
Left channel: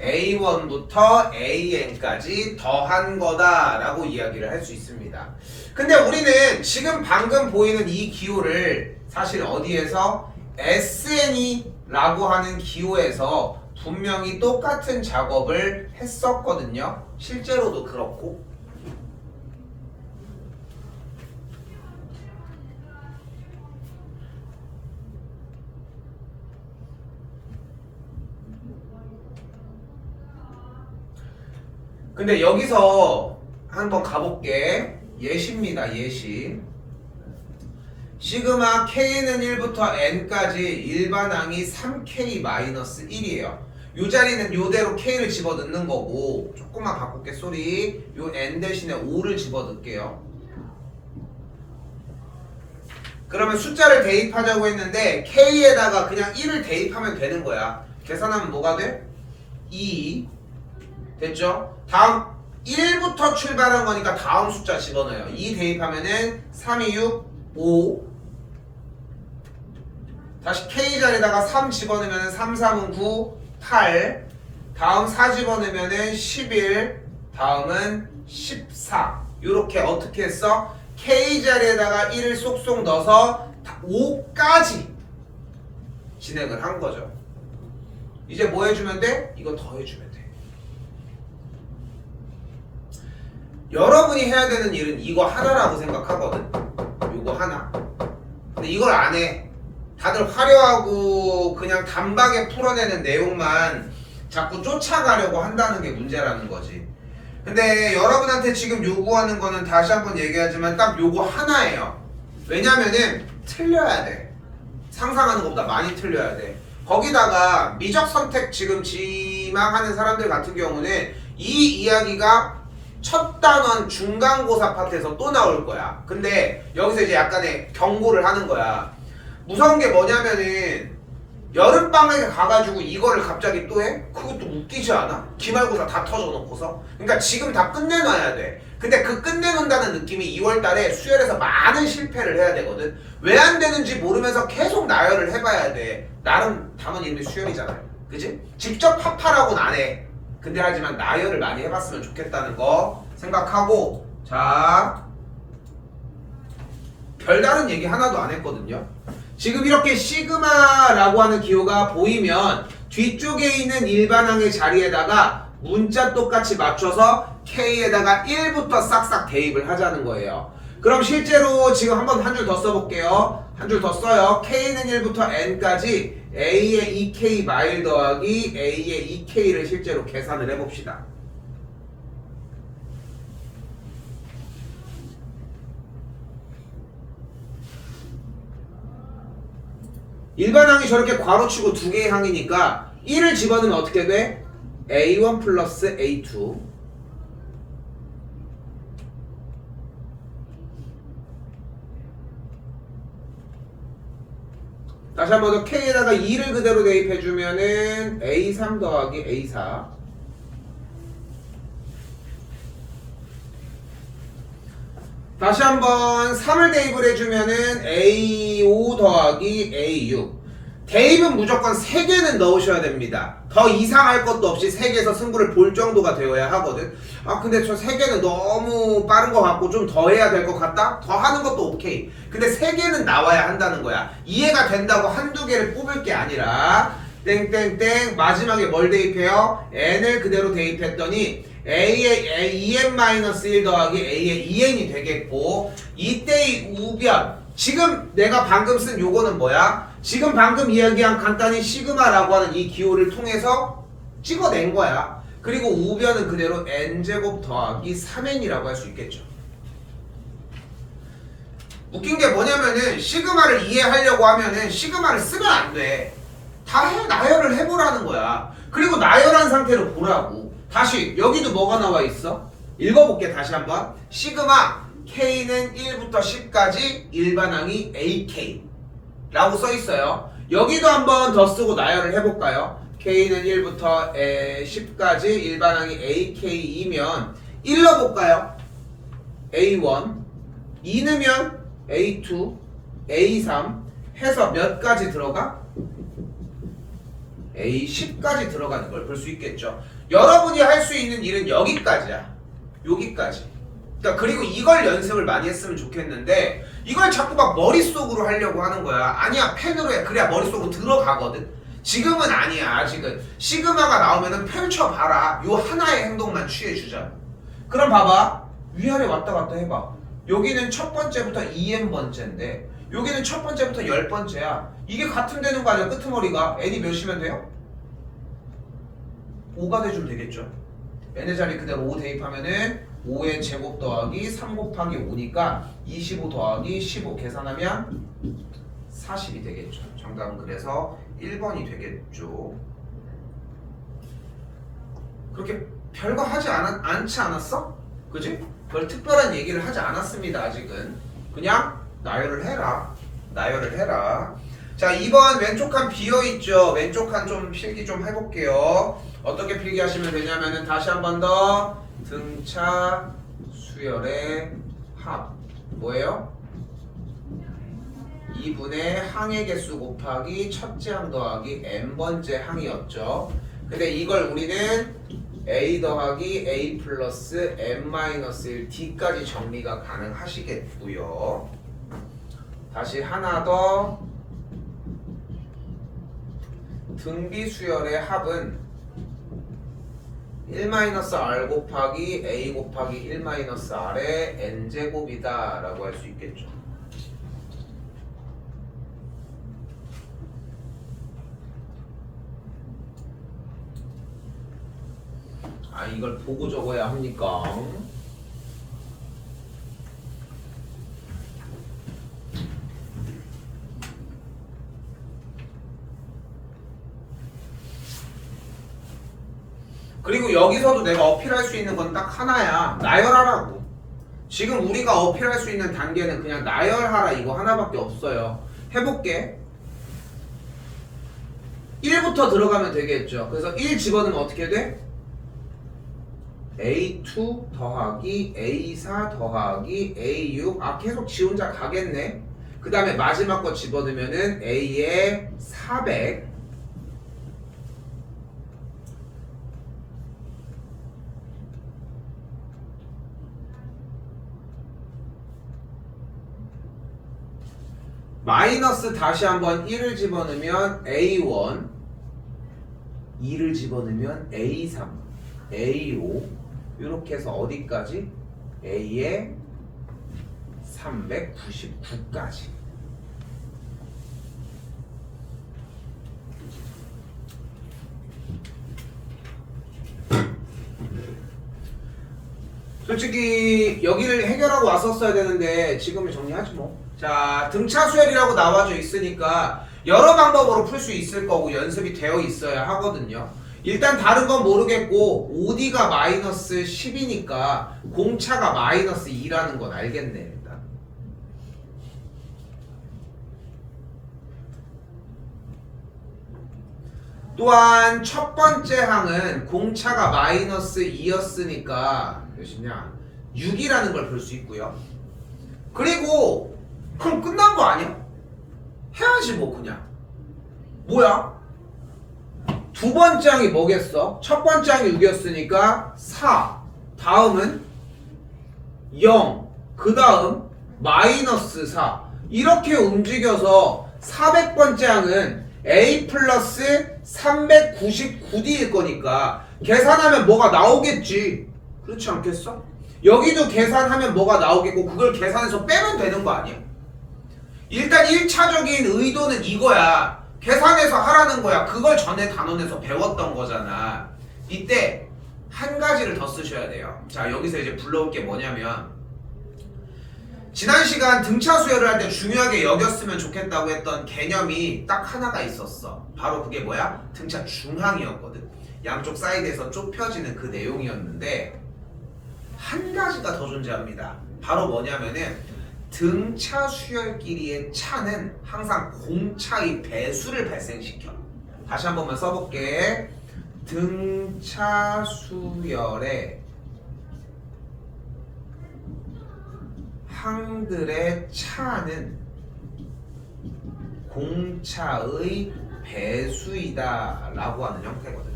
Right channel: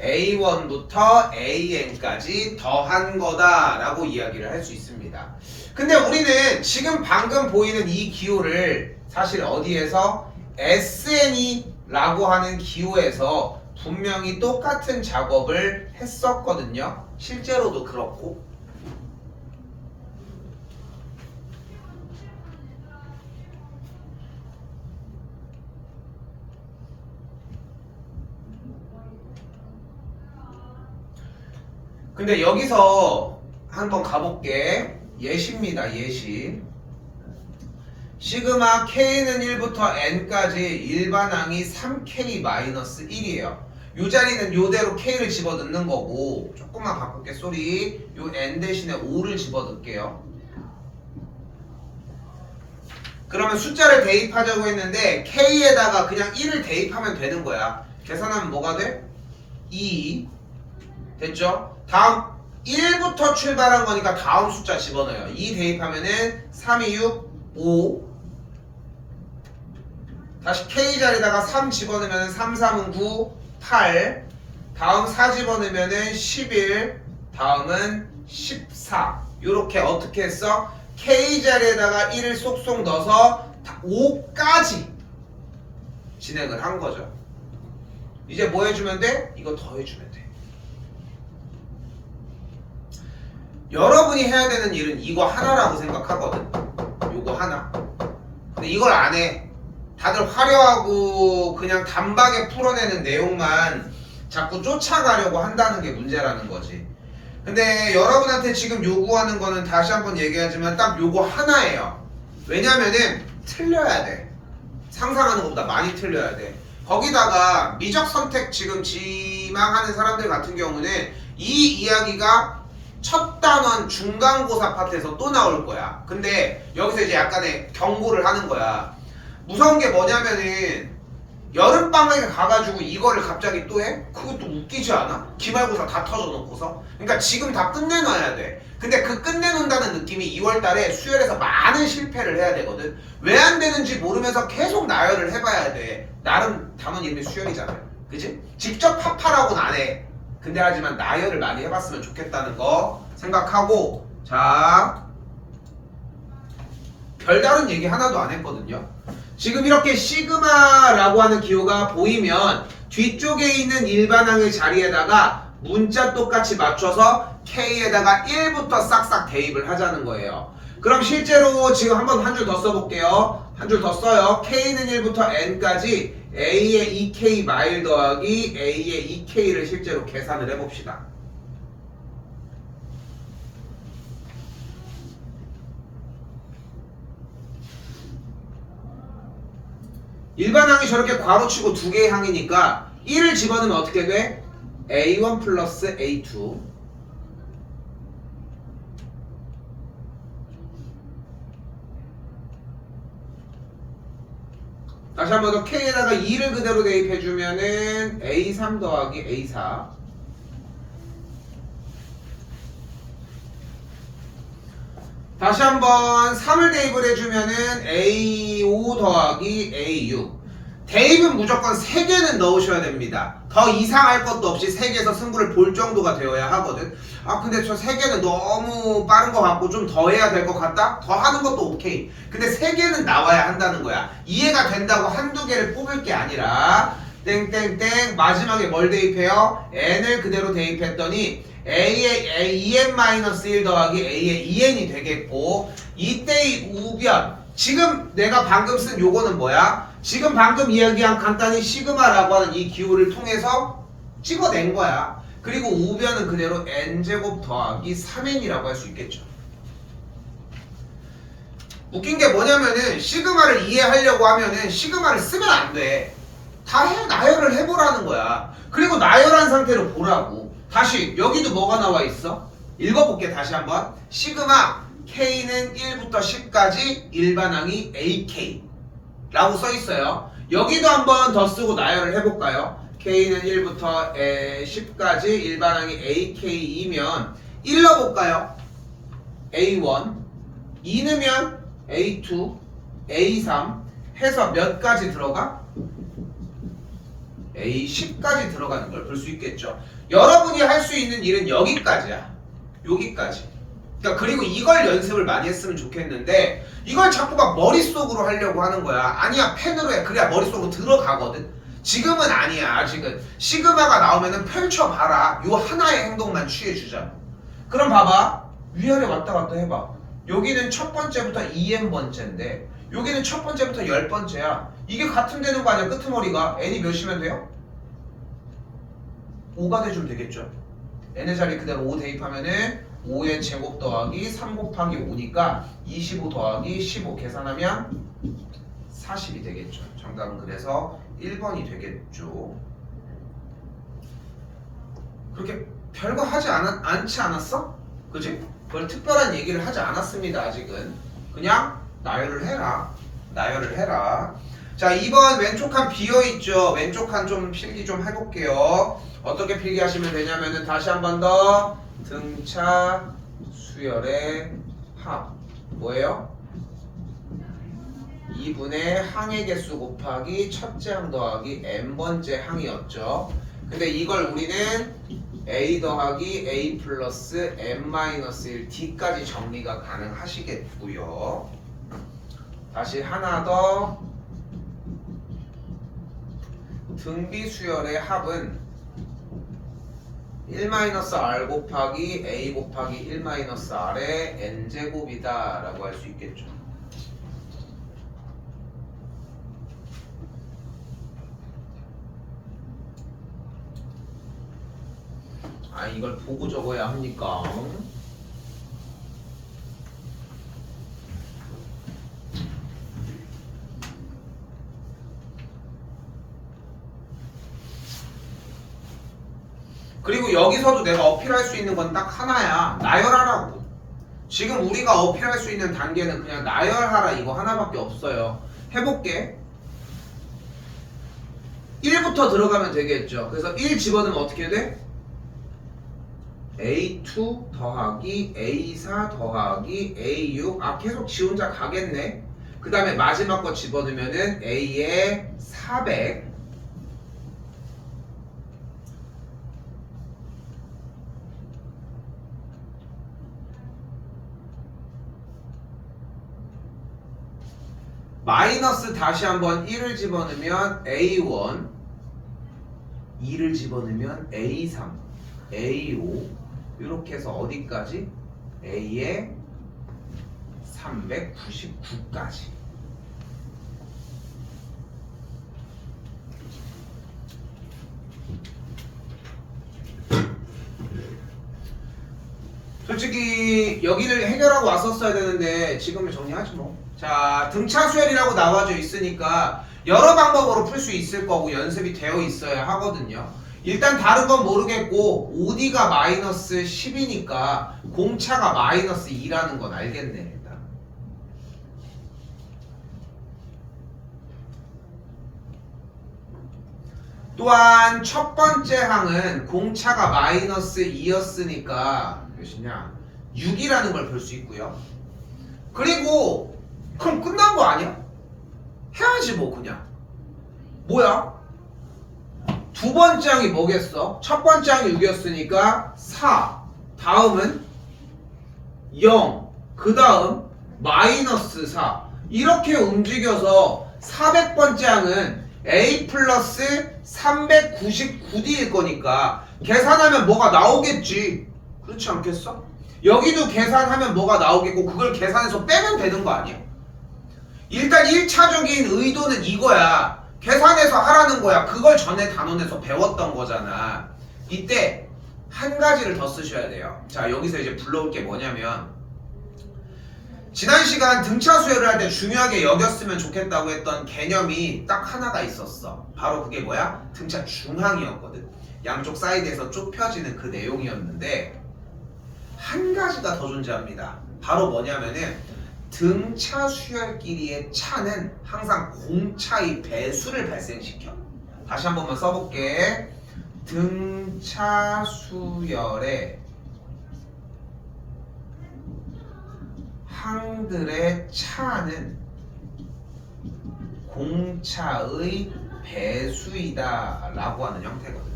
A1부터 AN까지 더한 거다라고 이야기를 할 수 있습니다. 근데 우리는 지금 방금 보이는 이 기호를 사실 어디에서 SN이라고 하는 기호에서 분명히 똑같은 작업을 했었거든요. 실제로도 그렇고. 근데 여기서 한번 가볼게. 예시입니다. 예시. 시그마 K는 1부터 N까지 일반항이 3K-1이에요. 이 자리는 이대로 K를 집어넣는 거고, 조금만 바꿀게. 쏘리. 요 N 대신에 5를 집어넣을게요. 그러면 숫자를 대입하자고 했는데 K에다가 그냥 1을 대입하면 되는 거야. 계산하면 뭐가 돼? 2. 됐죠? 다음 1부터 출발한 거니까 다음 숫자 집어넣어요. 2 대입하면은 3, 2, 6, 5. 다시 K 자리에다가 3 집어넣으면 3, 3은 9, 8. 다음 4 집어넣으면 11. 다음은 14. 요렇게 어떻게 했어? K 자리에다가 1을 쏙쏙 넣어서 5까지 진행을 한 거죠. 이제 뭐 해주면 돼? 이거 더 해주면 돼. 여러분이 해야 되는 일은 이거 하나라고 생각하거든. 요거 하나. 근데 이걸 안 해. 다들 화려하고 그냥 단박에 풀어내는 내용만 자꾸 쫓아가려고 한다는 게 문제라는 거지. 근데 여러분한테 지금 요구하는 거는 다시 한번 얘기하지만 딱 요거 하나예요. 왜냐면은 틀려야 돼. 상상하는 것보다 많이 틀려야 돼. 거기다가 미적 선택 지금 지망하는 사람들 같은 경우는 이 이야기가 첫 단원 중간고사 파트에서 또 나올 거야. 근데 여기서 이제 약간의 경고를 하는 거야. 무서운 게 뭐냐면은 여름방학에 가가지고 이거를 갑자기 또 해? 그것도 웃기지 않아? 기말고사 다 터져놓고서. 그러니까 지금 다 끝내놔야 돼. 근데 그 끝내놓는다는 느낌이 2월달에 수열에서 많은 실패를 해야 되거든. 왜 안 되는지 모르면서 계속 나열을 해봐야 돼. 나름 단원 이름이 수열이잖아요. 그지? 직접 파파라고는 안 해. 근데 하지만 나열을 많이 해봤으면 좋겠다는 거 생각하고, 자, 별다른 얘기 하나도 안 했거든요. 지금 이렇게 시그마라고 하는 기호가 보이면 뒤쪽에 있는 일반항의 자리에다가 문자 똑같이 맞춰서 K에다가 1부터 싹싹 대입을 하자는 거예요. 그럼 실제로 지금 한번 한 줄 더 써볼게요. 한 줄 더 써요. K는 1부터 N까지 A의 2K 마일 더하기 A의 2K를 실제로 계산을 해봅시다. 일반항이 저렇게 괄호치고 두 개의 항이니까 1을 집어넣으면 어떻게 돼? A1 플러스 A2 다시 한번 더 K에다가 2를 그대로 대입해주면은 A3 더하기 A4 다시 한번 3을 대입을 해주면은 A5 더하기 A6 대입은 무조건 3개는 넣으셔야 됩니다. 더 이상할 것도 없이 3개에서 승부를 볼 정도가 되어야 하거든. 아 근데 저 3개는 너무 빠른 것 같고 좀 더 해야 될 것 같다? 더 하는 것도 오케이. 근데 3개는 나와야 한다는 거야. 이해가 된다고 한두 개를 뽑을 게 아니라 땡땡땡 마지막에 뭘 대입해요? N을 그대로 대입했더니 A의 2n-1 더하기 A의 2n이 되겠고 이때의 우변 지금 내가 방금 쓴 요거는 뭐야? 지금 방금 이야기한 간단히 시그마라고 하는 이 기호를 통해서 찍어낸 거야. 그리고 우변은 그대로 n제곱 더하기 3n이라고 할 수 있겠죠. 웃긴 게 뭐냐면은 시그마를 이해하려고 하면은 시그마를 쓰면 안 돼. 다 나열을 해보라는 거야. 그리고 나열한 상태로 보라고. 다시 여기도 뭐가 나와 있어? 읽어볼게 다시 한번. 시그마 K는 1부터 10까지 일반항이 AK 라고 써 있어요. 여기도 한번 더 쓰고 나열을 해볼까요? K는 1부터 10까지 일반항이 AK이면 1 넣어볼까요? A1 2 넣으면 A2 A3 해서 몇 가지 들어가? A10까지 들어가는 걸 볼 수 있겠죠. 여러분이 할 수 있는 일은 여기까지야. 여기까지. 그러니까 그리고 이걸 연습을 많이 했으면 좋겠는데 이걸 자꾸 막 머릿속으로 하려고 하는 거야. 아니야, 펜으로 해. 그래야 머릿속으로 들어가거든. 지금은 아니야. 아직은 시그마가 나오면은 펼쳐봐라. 요 하나의 행동만 취해주자. 그럼 봐봐. 위아래 왔다 갔다 해봐. 여기는 첫 번째부터 2n번째인데 여기는 첫 번째부터 10번째야. 이게 같은 되는 거 아니야? 끄트머리가 n이 몇이면 돼요? 5가 돼주면 되겠죠. n의 자리 그대로 5 대입하면은 5n 제곱 더하기 3 곱하기 5니까 25 더하기 15 계산하면 40이 되겠죠. 정답은 그래서 1번이 되겠죠. 그렇게 별거 하지 않지 않았어? 그지? 그걸 특별한 얘기를 하지 않았습니다. 아직은 그냥 나열을 해라. 나열을 해라. 자, 2번 왼쪽 칸 비어있죠. 왼쪽 칸 좀 필기 좀 해볼게요. 어떻게 필기하시면 되냐면은 다시 한 번 더 등차 수열의 합 뭐예요? 2분의 항의 개수 곱하기 첫째 항 더하기 n번째 항이었죠. 근데 이걸 우리는 a 더하기 a 플러스 n-1 d까지 정리가 가능하시겠고요. 다시 하나 더 등비 수열의 합은 1-r 곱하기 a 곱하기 1-r의 n제곱이다 라고 할 수 있겠죠. 아 이걸 보고 적어야 합니까? 그리고 여기서도 내가 어필할 수 있는 건 딱 하나야. 나열하라고. 지금 우리가 어필할 수 있는 단계는 그냥 나열하라 이거 하나밖에 없어요. 해볼게. 1부터 들어가면 되겠죠. 그래서 1 집어넣으면 어떻게 돼? A2 더하기 A4 더하기 A6. 아 계속 지 혼자 가겠네. 그 다음에 마지막 거 집어넣으면은 A에 400. 마이너스 다시 한번 1을 집어넣으면 A1, 2를 집어넣으면 A3, A5 이렇게 해서 어디까지? A에 399까지. 솔직히 여기를 해결하고 왔었어야 되는데 지금은 정리하지 뭐. 자, 등차 수열이라고 나와져 있으니까 여러 방법으로 풀 수 있을 거고 연습이 되어 있어야 하거든요. 일단 다른 건 모르겠고 OD가 마이너스 10이니까 공차가 마이너스 2라는 건 알겠네 일단. 또한 첫 번째 항은 공차가 마이너스 2였으니까 몇이냐? 6이라는 걸 볼 수 있고요. 그리고 그럼 끝난 거 아니야? 해야지 뭐 그냥. 뭐야? 두 번째 항이 뭐겠어? 첫 번째 항이 6이었으니까 4. 다음은 0. 그 다음 마이너스 4. 이렇게 움직여서 400번째 항은 A 플러스 399D일 거니까 계산하면 뭐가 나오겠지. 그렇지 않겠어? 여기도 계산하면 뭐가 나오겠고 그걸 계산해서 빼면 되는 거 아니야? 일단 1차적인 의도는 이거야. 계산해서 하라는 거야. 그걸 전에 단원에서 배웠던 거잖아. 이때 한 가지를 더 쓰셔야 돼요. 자, 여기서 이제 불러올 게 뭐냐면 지난 시간 등차 수열을 할 때 중요하게 여겼으면 좋겠다고 했던 개념이 딱 하나가 있었어. 바로 그게 뭐야? 등차 중항이었거든. 양쪽 사이드에서 좁혀지는 그 내용이었는데 한 가지가 더 존재합니다. 바로 뭐냐면은 등차 수열끼리의 차는 항상 공차의 배수를 발생시켜. 다시 한 번만 써볼게. 등차 수열의 항들의 차는 공차의 배수이다 라고 하는 형태거든.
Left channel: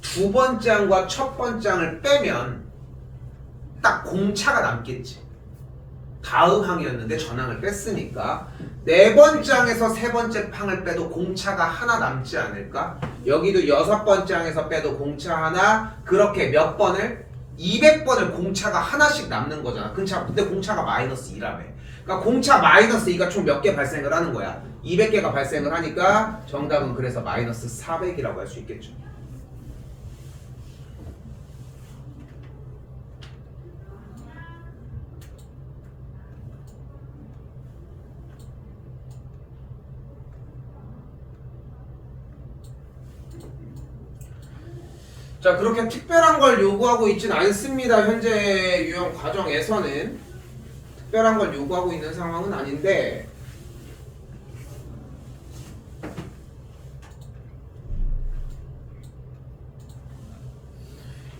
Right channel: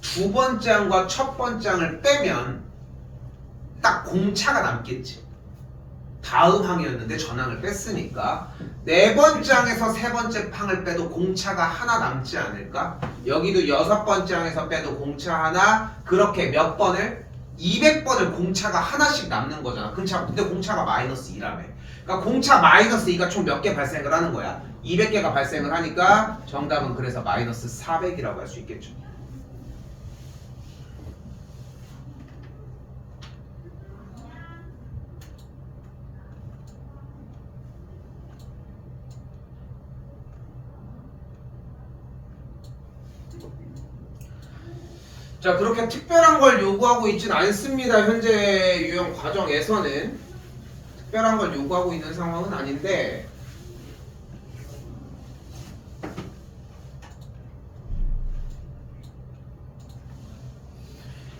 두 번째 항과 첫 번째 항을 빼면 딱 공차가 남겠지. 다음 항이었는데 전항을 뺐으니까 네 번째 항에서 세 번째 항을 빼도 공차가 하나 남지 않을까? 여기도 여섯 번째 항에서 빼도 공차 하나. 그렇게 몇 번을? 200번을 공차가 하나씩 남는 거잖아. 근데 공차가 마이너스 2라며. 그러니까 공차 마이너스 2가 총 몇 개 발생을 하는 거야? 200개가 발생을 하니까 정답은 그래서 마이너스 400이라고 할 수 있겠죠. 자, 그렇게 특별한 걸 요구하고 있진 않습니다. 현재 유형 과정에서는 특별한 걸 요구하고 있는 상황은 아닌데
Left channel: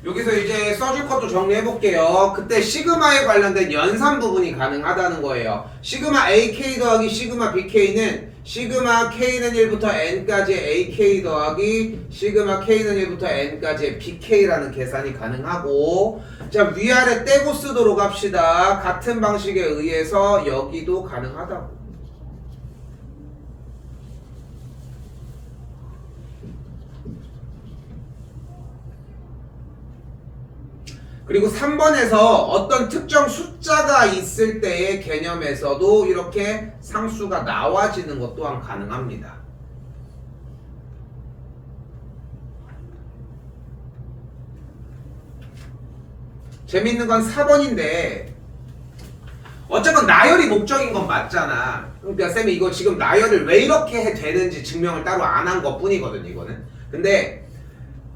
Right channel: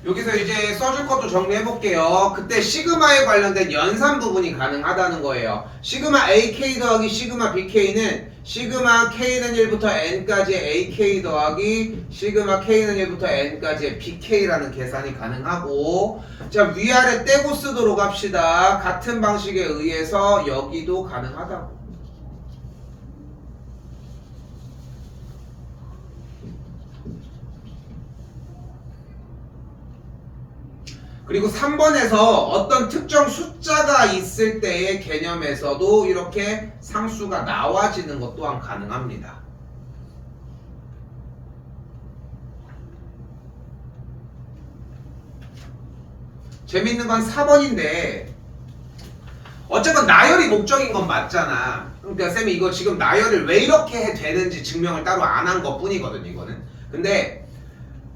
여기서 이제 써줄 것도 정리해 볼게요. 그때 시그마에 관련된 연산 부분이 가능하다는 거예요. 시그마 AK 더하기 시그마 BK는 시그마 K는 1부터 N까지의 AK 더하기 시그마 K는 1부터 N까지의 BK라는 계산이 가능하고 자 위아래 떼고 쓰도록 합시다. 같은 방식에 의해서 여기도 가능하다고. 그리고 3번에서 어떤 특정 숫자가 있을 때의 개념에서도 이렇게 상수가 나와지는 것 또한 가능합니다. 재밌는 건 4번인데 어쨌건 나열이 목적인 건 맞잖아. 그러니까 쌤이 이거 지금 나열을 왜 이렇게 되는지 증명을 따로 안 한 것 뿐이거든 이거는. 근데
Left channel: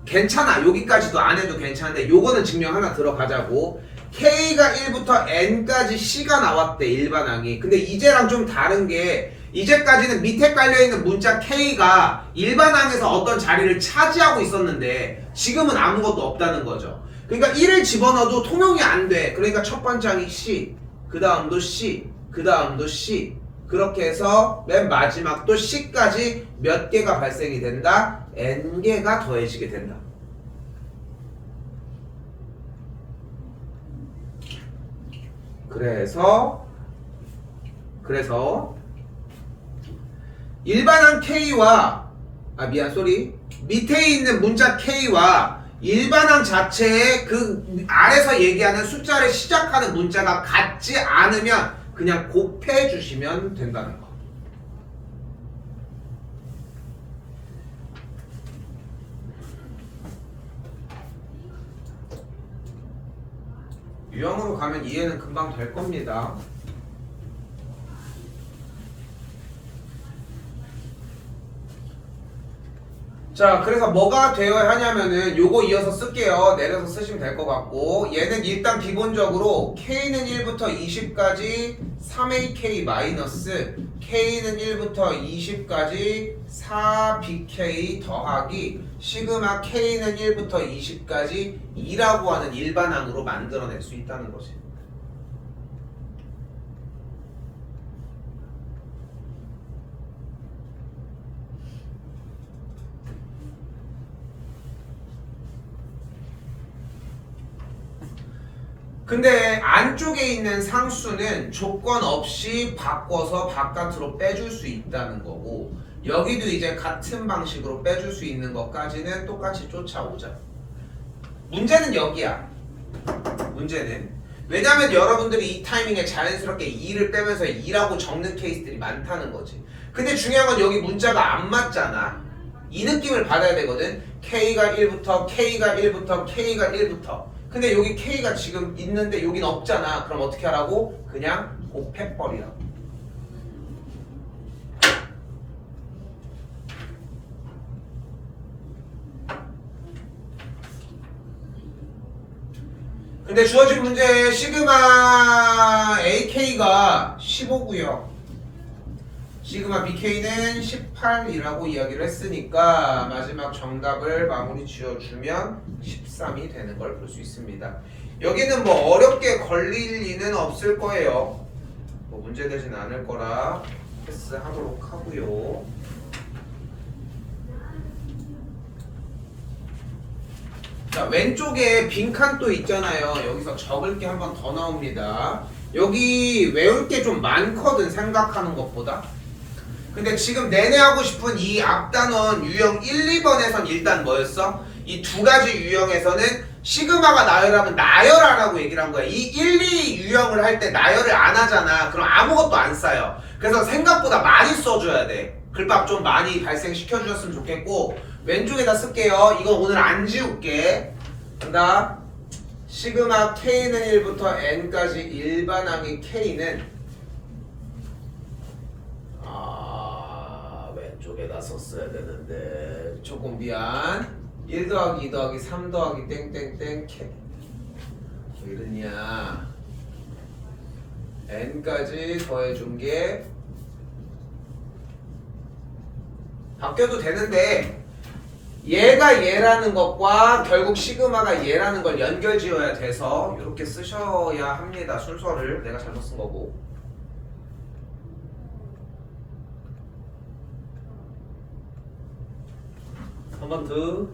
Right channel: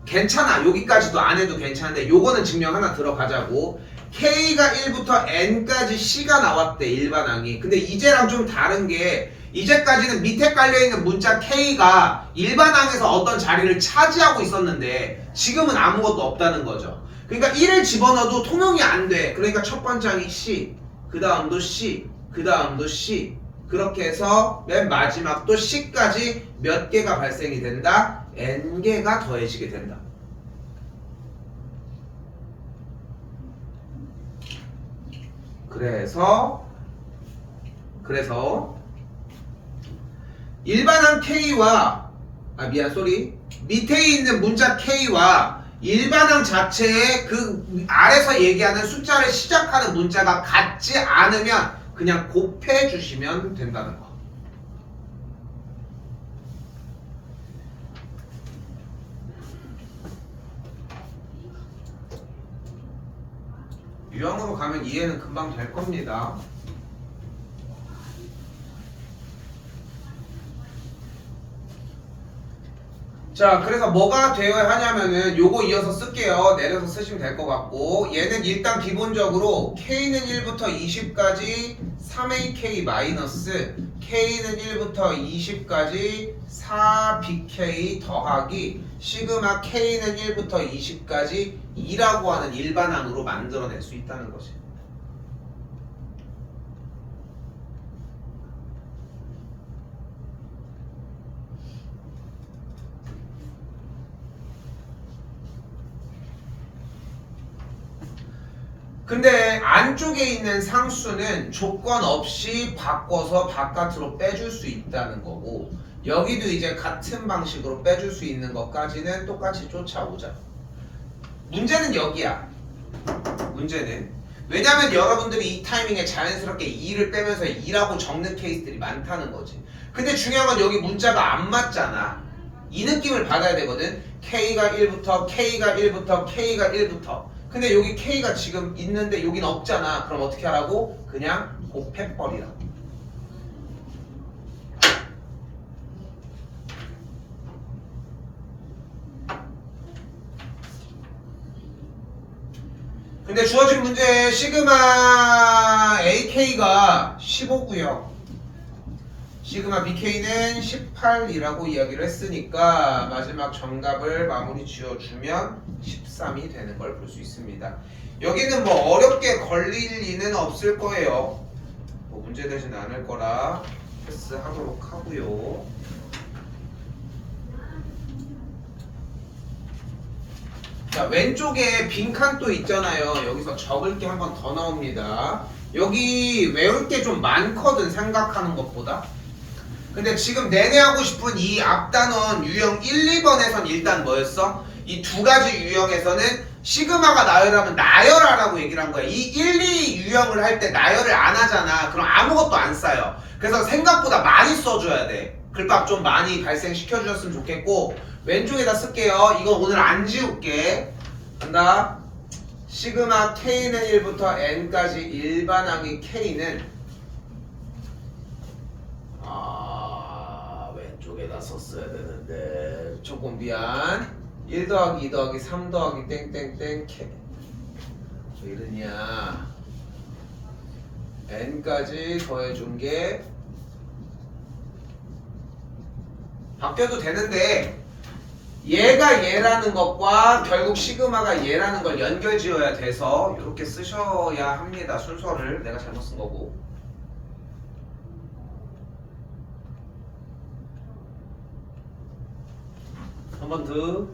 괜찮아. 여기까지도 안 해도 괜찮은데 요거는 증명 하나 들어가자고. K가 1부터 N까지 C가 나왔대 일반항이. 근데 이제랑 좀 다른 게 이제까지는 밑에 깔려있는 문자 K가 일반항에서 어떤 자리를 차지하고 있었는데 지금은 아무것도 없다는 거죠. 그러니까 1을 집어넣어도 통용이 안 돼. 그러니까 첫 번째 항이 C, 그 다음도 C, 그 다음도 C, 그렇게 해서 맨 마지막도 C까지 몇 개가 발생이 된다? N개가 더해지게 된다. 그래서 일반항 K와 밑에 있는 문자 K와 일반항 자체의 그 아래서 얘기하는 숫자를 시작하는 문자가 같지 않으면 그냥 곱해 주시면 된다는 거. 유형으로 가면 이해는 금방 될 겁니다. 자, 그래서 뭐가 되어야 하냐면은 요거 이어서 쓸게요. 내려서 쓰시면 될 것 같고 얘는 일단 기본적으로 K는 1부터 20까지 3AK 마이너스 K는 1부터 20까지 4BK 더하기 시그마 K는 1부터 20까지 2라고 하는 일반항으로 만들어낼 수 있다는 거지. 근데 안쪽에 있는 상수는 조건 없이 바꿔서 바깥으로 빼줄 수 있다는 거고 여기도 이제 같은 방식으로 빼줄 수 있는 것까지는 똑같이 쫓아오자. 문제는 여기야. 문제는 왜냐면 여러분들이 이 타이밍에 자연스럽게 2를 빼면서 2라고 적는 케이스들이 많다는 거지. 근데 중요한 건 여기 문자가 안 맞잖아. 이 느낌을 받아야 되거든. K가 1부터 K가 1부터 K가 1부터 근데 여기 K가 지금 있는데 여긴 없잖아. 그럼 어떻게 하라고? 그냥 곱해버리라고. 근데 주어진 문제에 시그마 AK가 15고요. 시그마 BK는 18이라고 이야기를 했으니까 마지막 정답을 마무리 지어주면 13이 되는 걸 볼 수 있습니다. 여기는 뭐 어렵게 걸릴 리는 없을 거예요. 뭐 문제되진 않을 거라 패스하도록 하고요. 자, 왼쪽에 빈칸 또 있잖아요. 여기서 적을 게 한 번 더 나옵니다. 여기 외울 게 좀 많거든 생각하는 것보다. 근데 지금 내내 하고 싶은 이 앞단원 유형 1, 2번에선 일단 뭐였어? 이 두 가지 유형에서는 시그마가 나열하면 나열하라고 얘기를 한 거야. 이 1, 2 유형을 할 때 나열을 안 하잖아. 그럼 아무것도 안 쌓여. 그래서 생각보다 많이 써줘야 돼. 글밥 좀 많이 발생시켜 주셨으면 좋겠고 왼쪽에다 쓸게요. 이거 오늘 안 지울게. 간다. 시그마 K는 1부터 N까지 일반항의 K는 왼쪽에다 썼어야 되는데 조금 미안. 1 더하기 2 더하기 3 더하기 땡땡땡 K 왜 이러냐. N까지 더해준 게 바뀌어도 되는데 얘가 얘라는 것과 결국 시그마가 얘라는 걸 연결 지어야 돼서 이렇게 쓰셔야 합니다. 순서를 내가 잘못 쓴 거고. 한 번 더.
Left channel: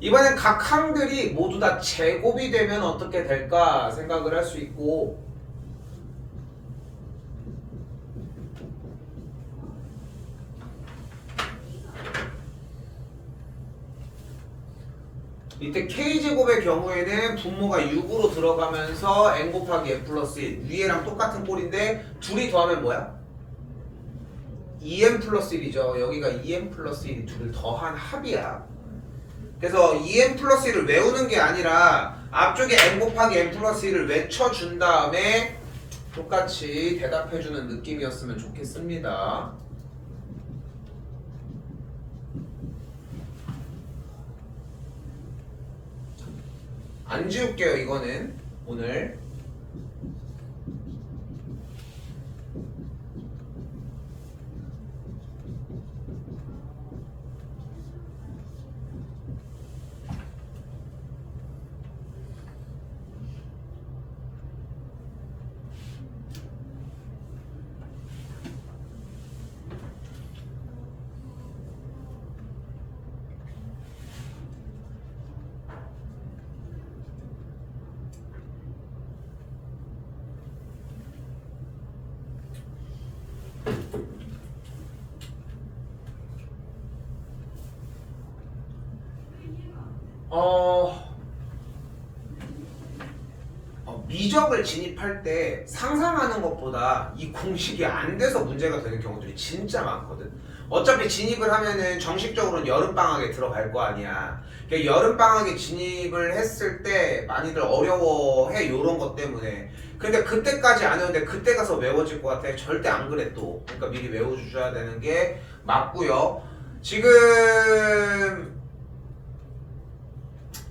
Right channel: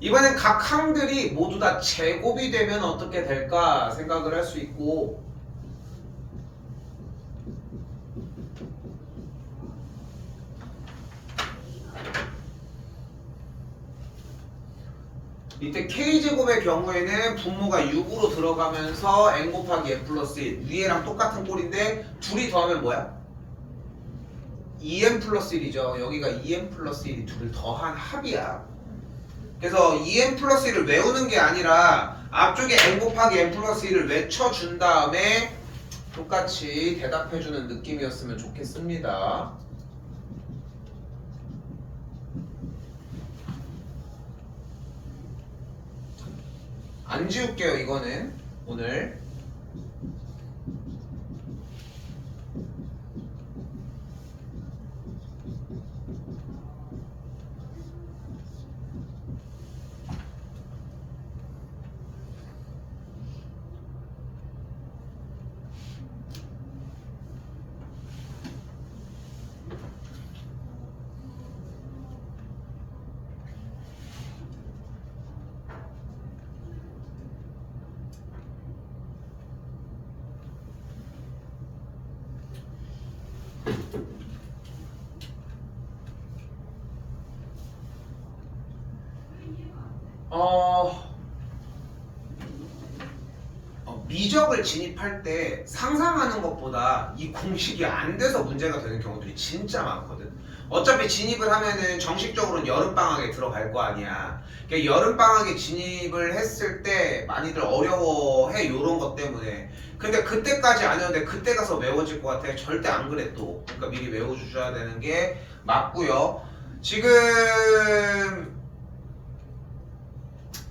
이번엔 각 항들이 모두 다 제곱이 되면 어떻게 될까 생각을 할 수 있고, 이때 K제곱의 경우에는 분모가 6으로 들어가면서 N 곱하기 N 플러스 1 위에랑 똑같은 꼴인데 둘이 더하면 뭐야? 2N 플러스 1이죠. 여기가 2N 플러스 1이 둘을 더한 합이야. 그래서 2N 플러스 1을 외우는 게 아니라 앞쪽에 N 곱하기 N 플러스 1을 외쳐준 다음에 똑같이 대답해주는 느낌이었으면 좋겠습니다. 안 지울게요. 이거는 오늘 미적을 진입할 때 상상하는 것보다 이 공식이 안 돼서 문제가 되는 경우들이 진짜 많거든. 어차피 진입을 하면은 정식적으로는 여름방학에 들어갈 거 아니야. 그러니까 여름방학에 진입을 했을 때 많이들 어려워해, 요런 것 때문에. 근데 그때까지 안 해오는데 그때 가서 외워질 것 같아. 절대 안 그래 또. 그러니까 미리 외워주셔야 되는 게 맞고요. 지금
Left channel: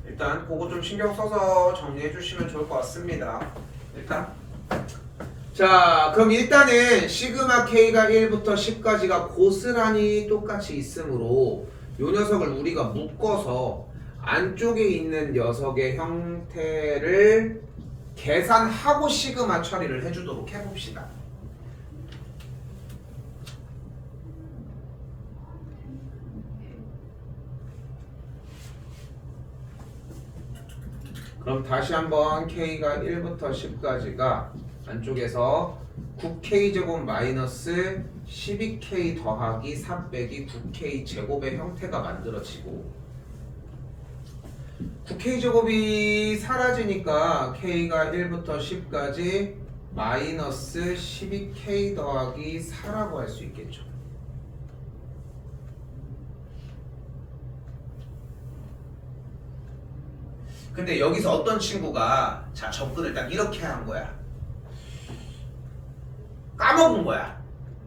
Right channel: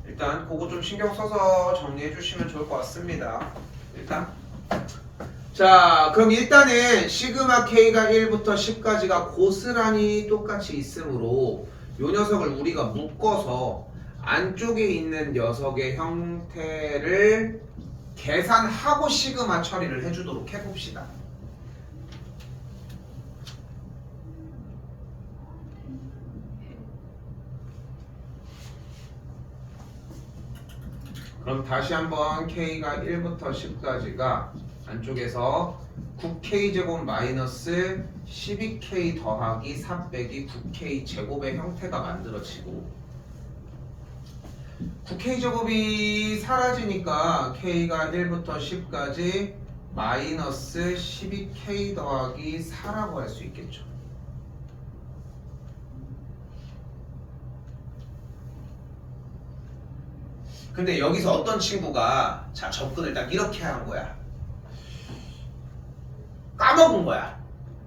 일단 그거 좀 신경 써서 정리해 주시면 좋을 것 같습니다. 일단 자, 그럼 일단은 시그마 K가 1부터 10까지가 고스란히 똑같이 있으므로 요 녀석을 우리가 묶어서 안쪽에 있는 녀석의 형태를 계산하고 시그마 처리를 해주도록 해봅시다. 그럼 다시 한번 K가 1부터 10까지가 안쪽에서 9K제곱 마이너스 12K 더하기 4 빼기 9K 제곱의 형태가 만들어지고 9K제곱이 사라지니까 K가 1부터 10까지 마이너스 12K 더하기 4라고 할 수 있겠죠. 근데 여기서 어떤 친구가 자 접근을 딱 이렇게 한 거야. 까먹은 거야.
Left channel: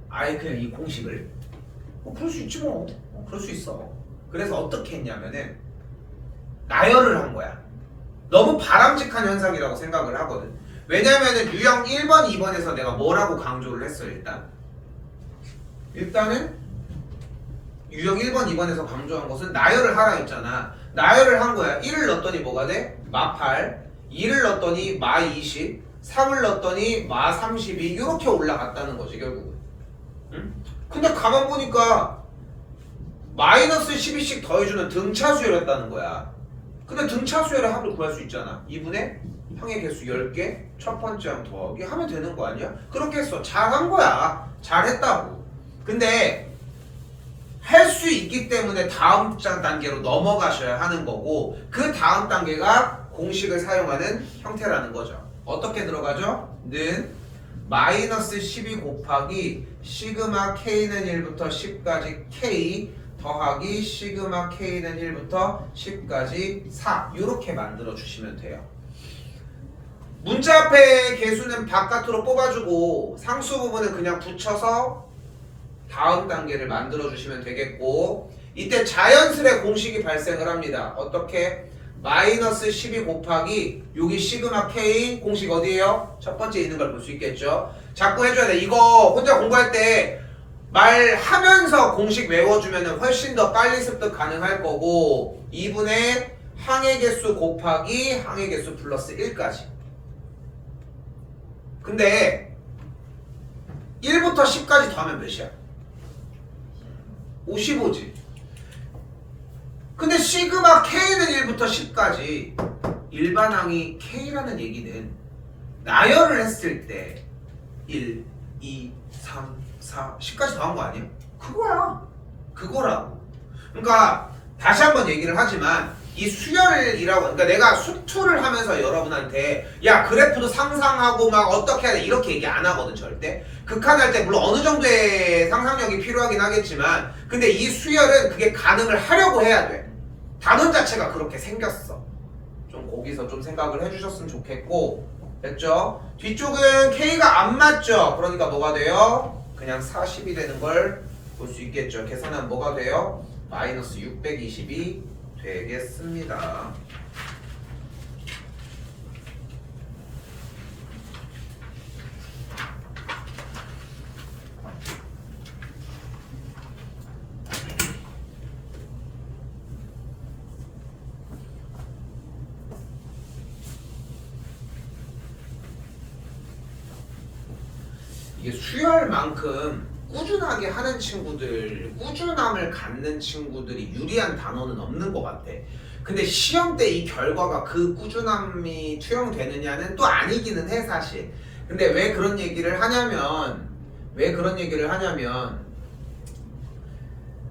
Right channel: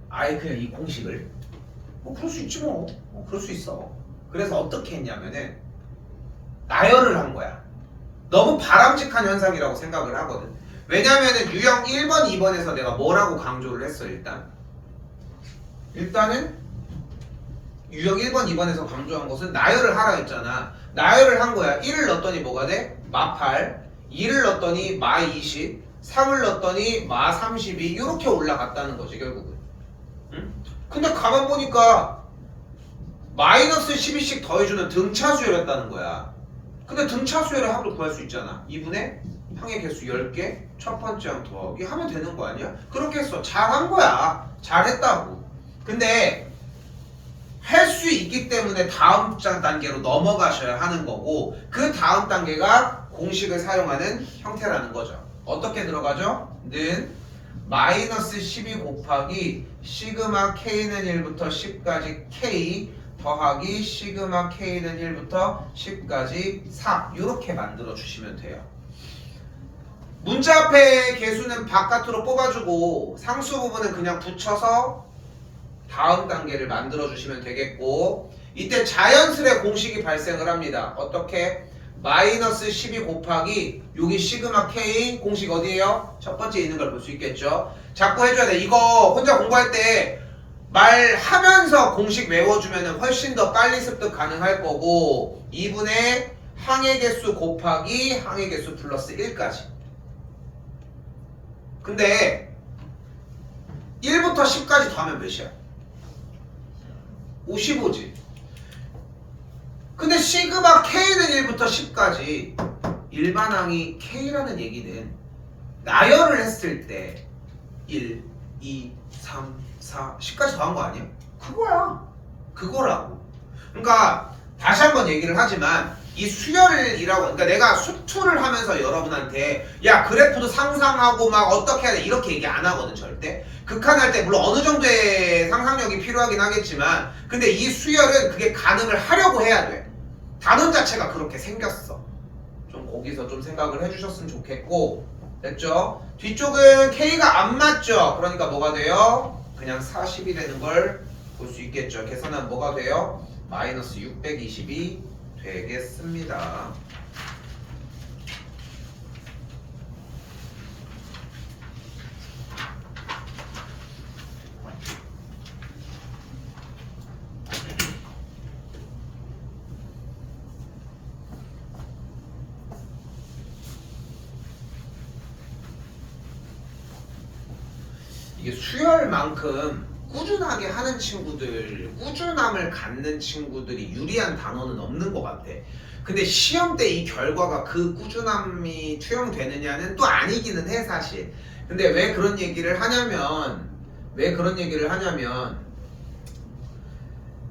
아예 그냥 이 공식을. 그럴 수 있지 뭐. 그럴 수 있어. 그래서 어떻게 했냐면은 나열을 한 거야. 너무 바람직한 현상이라고 생각을 하거든. 왜냐면은 유형 1번, 2번에서 내가 뭐라고 강조를 했어 일단은 유형 1번, 2번에서 강조한 것은 나열을 하라 했잖아. 나열을 한 거야. 1을 넣었더니 뭐가 돼? 마8, 2를 넣었더니 마20, 3을 넣었더니 마32 이렇게 올라갔다는 거지 결국은. 응? 근데 가만 보니까 마이너스 12씩 더해주는 등차수열했다는 거야. 근데 등차수열의 합을 구할 수 있잖아. 2분의 항의 개수 10개 첫 번째 항 더하기 하면 되는 거 아니야? 그렇게 했어. 잘한 거야. 잘했다고. 근데 할 수 있기 때문에 다음 단계로 넘어가셔야 하는 거고 그 다음 단계가 공식을 사용하는 형태라는 거죠. 어떻게 들어가죠? 는 마이너스 12 곱하기 시그마 K는 1부터 10까지 K 더하기 시그마 K는 1부터 10까지 4 이렇게 만들어 주시면 돼요. 문자 앞에 개수는 바깥으로 뽑아주고 상수 부분은 그냥 붙여서 다음 단계를 만들어 주시면 되겠고 이때 자연스레 공식이 발생을 합니다. 어떻게? 마이너스 12 곱하기 여기 시그마 K인 공식 어디에요? 첫 번째 있는 걸 볼 수 있겠죠. 자꾸 해줘야 돼. 이거 혼자 공부할 때 말하면서 공식 외워주면 훨씬 더 빨리 습득 가능할 거고 2분의 항의 개수 곱하기 항의 개수 플러스 1까지. 근데 1부터 10까지 더하면 몇이야? 55지. 근데 시그마 K는 1부터 10까지 일반항이 K라는 얘기는 나열을 했을 때 1, 2, 3, 4, 10까지 더한 거 아니야? 그거야. 그거라고. 그러니까 다시 한번 얘기를 하지만 이 수열이라고, 그러니까 내가 수투를 하면서 여러분한테 야 그래프도 상상하고 막 어떻게 해야 돼 이렇게 얘기 안 하거든 절대. 극한할 때 물론 어느 정도의 상상력이 필요하긴 하겠지만 근데 이 수열은 그게 가능을 하려고 해야 돼. 단원 자체가 그렇게 생겼어. 좀 거기서 좀 생각을 해주셨으면 좋겠고, 됐죠? 뒤쪽은 K가 안 맞죠? 그러니까 뭐가 돼요? 그냥 40이 되는 걸 볼 수 있겠죠. 계산하면 뭐가 돼요? 마이너스 620이 되겠습니다. 이게 수열만큼 꾸준하게 하는 친구들, 꾸준함을 갖는 친구들이 유리한 단원은 없는 것 같아. 근데 시험 때 이 결과가 그 꾸준함이 투영되느냐는 또 아니기는 해 사실. 근데 왜 그런 얘기를 하냐면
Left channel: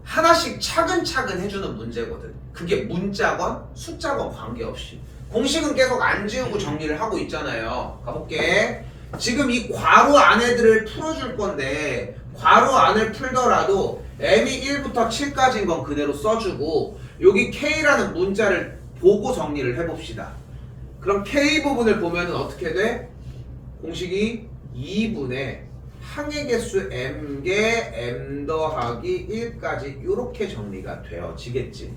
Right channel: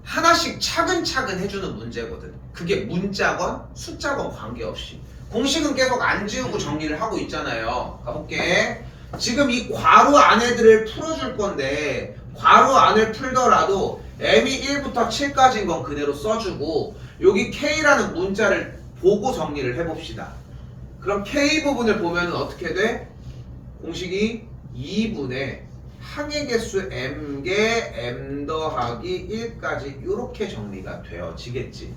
하나씩 차근차근 해주는 문제거든. 그게 문자건 숫자건 관계없이. 공식은 계속 안 지우고 정리를 하고 있잖아요. 가볼게. 지금 이 괄호 안에들을 풀어줄 건데 괄호 안을 풀더라도 m이 1부터 7까지인 건 그대로 써주고 여기 k라는 문자를 보고 정리를 해봅시다. 그럼 k 부분을 보면 어떻게 돼? 공식이 2분의 항의 개수 m개 m 더하기 1까지 이렇게 정리가 되어지겠지.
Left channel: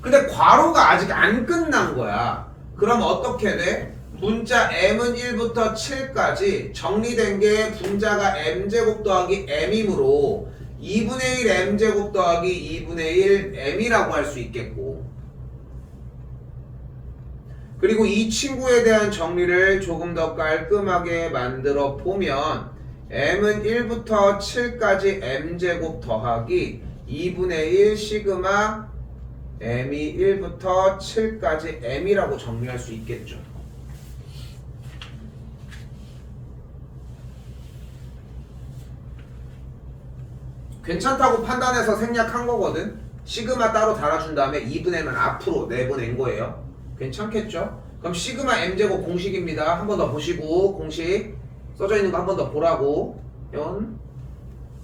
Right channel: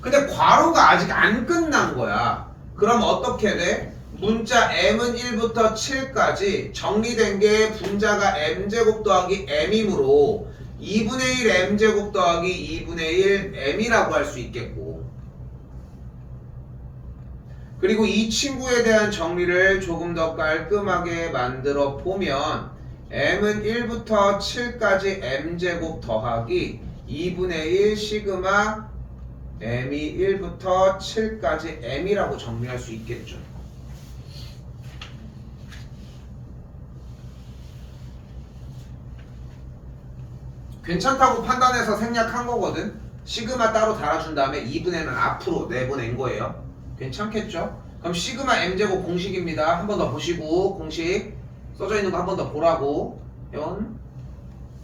근데 괄호가 아직 안 끝난 거야. 그럼 어떻게 돼? 문자 m은 1부터 7까지 정리된 게 분자가 m제곱 더하기 m이므로 2분의 1 m제곱 더하기 2분의 1 m이라고 할 수 있겠고, 그리고 이 친구에 대한 정리를 조금 더 깔끔하게 만들어 보면 m은 1부터 7까지 m제곱 더하기 2분의 1 시그마 m이 1부터 7까지 m이라고 정리할 수 있겠죠. 괜찮다고 판단해서 생략한 거거든. 시그마 따로 달아준 다음에 2분의는 앞으로 내보낸 거예요. 괜찮겠죠? 그럼 시그마 m제곱 공식입니다. 한 번 더 보시고, 공식 써져 있는 거 한 번 더 보라고.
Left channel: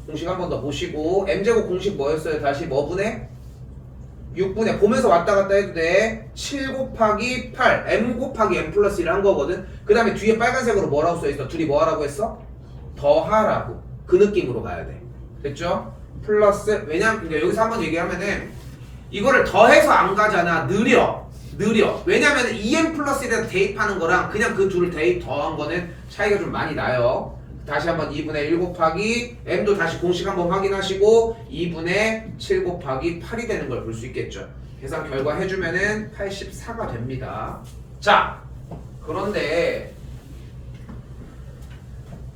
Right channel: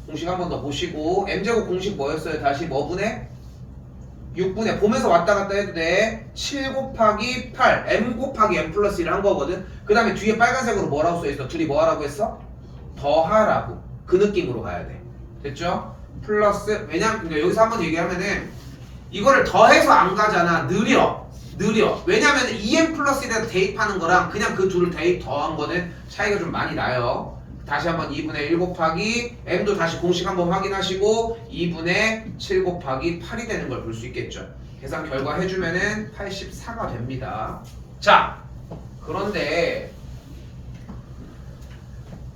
공식 한 번 더 보시고, m제곱 공식 뭐였어요? 다시 뭐 분의? 6분의, 보면서 왔다 갔다 해도 돼. 7 곱하기 8 m 곱하기 m 플러스 1 한 거거든. 그 다음에 뒤에 빨간색으로 뭐라고 써있어? 둘이 뭐 하라고 했어? 더하라고. 그 느낌으로 가야 돼. 됐죠? 플러스, 왜냐면 여기서 한번 얘기하면은 이거를 더해서 안 가잖아. 느려. 왜냐면 2m 플러스 1에서 대입하는 거랑 그냥 그 둘을 대입 더한 거는 차이가 좀 많이 나요. 다시 한번 2분의 1 곱하기 m도 다시 공식 한번 확인하시고 2분의 7 곱하기 8이 되는 걸 볼 수 있겠죠. 계산 결과 해주면은 84가 됩니다. 자, 그런데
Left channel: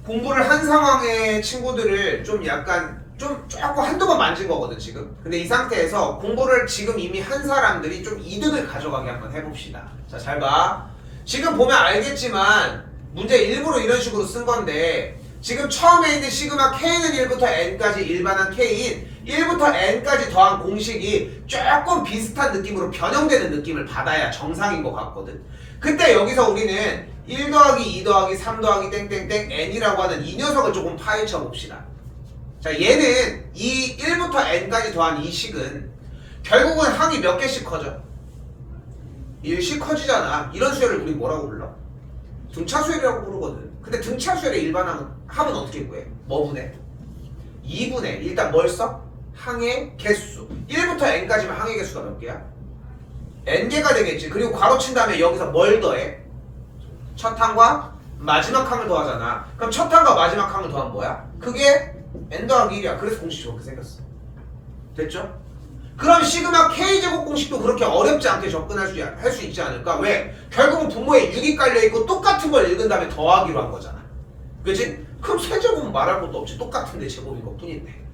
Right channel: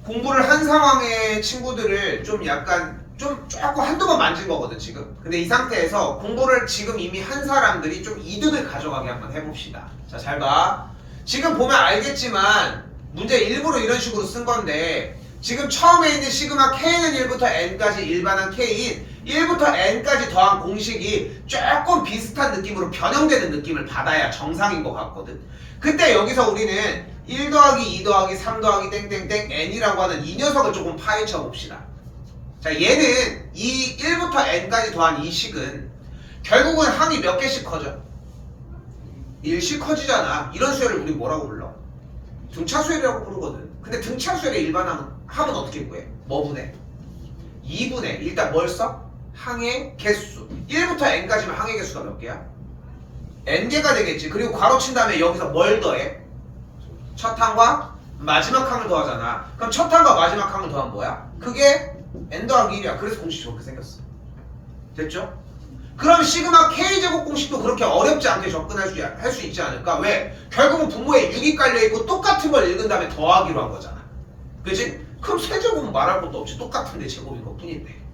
공부를 한 상황의 친구들을 좀 약간 조금 한두 번 만진 거거든 지금. 근데 이 상태에서 공부를 지금 이미 한 사람들이 좀 이득을 가져가게 한번 해봅시다. 자, 잘 봐. 지금 보면 알겠지만 문제 일부러 이런 식으로 쓴 건데 지금 처음에 있는 시그마 K는 1부터 N까지 일반한 K인 1부터 N까지 더한 공식이 조금 비슷한 느낌으로 변형되는 느낌을 받아야 정상인 것 같거든. 그때 여기서 우리는 1 더하기 2 더하기 3 더하기 땡땡땡 N이라고 하는 이 녀석을 조금 파헤쳐 봅시다. 자, 얘는 이 1부터 N까지 더한 이 식은 결국은 항이 몇 개씩 커져? 1씩 커지잖아. 이런 수열을 우리 뭐라고 불러? 등차수열이라고 부르거든. 근데 등차수열의 일반항은 합은 어떻게 구해? 뭐 분해? 2분의 일단 뭘 써? 항의 개수. 1부터 n까지면 항의 개수가 몇 개야? n개가 되겠지. 그리고 괄호 친 다음에 여기서 뭘 더해? 첫 항과 마지막 항을 더하잖아. 그럼 첫 항과 마지막 항을 더하면 뭐야? 그게 n 더하기 1이야. 그래서 공식이 저렇게 생겼어. 됐죠? 그럼 시그마 K제곱 공식도 그렇게 어렵지 않게 접근할 수 있지 않을까? 왜? 결국은 분모에 6이 깔려있고 똑같은 걸 읽은 다음에 더하기로 한 거잖아. 그치? 그럼 세제곱은 말할 것도 없이 똑같은데 제곱인 것 뿐인데.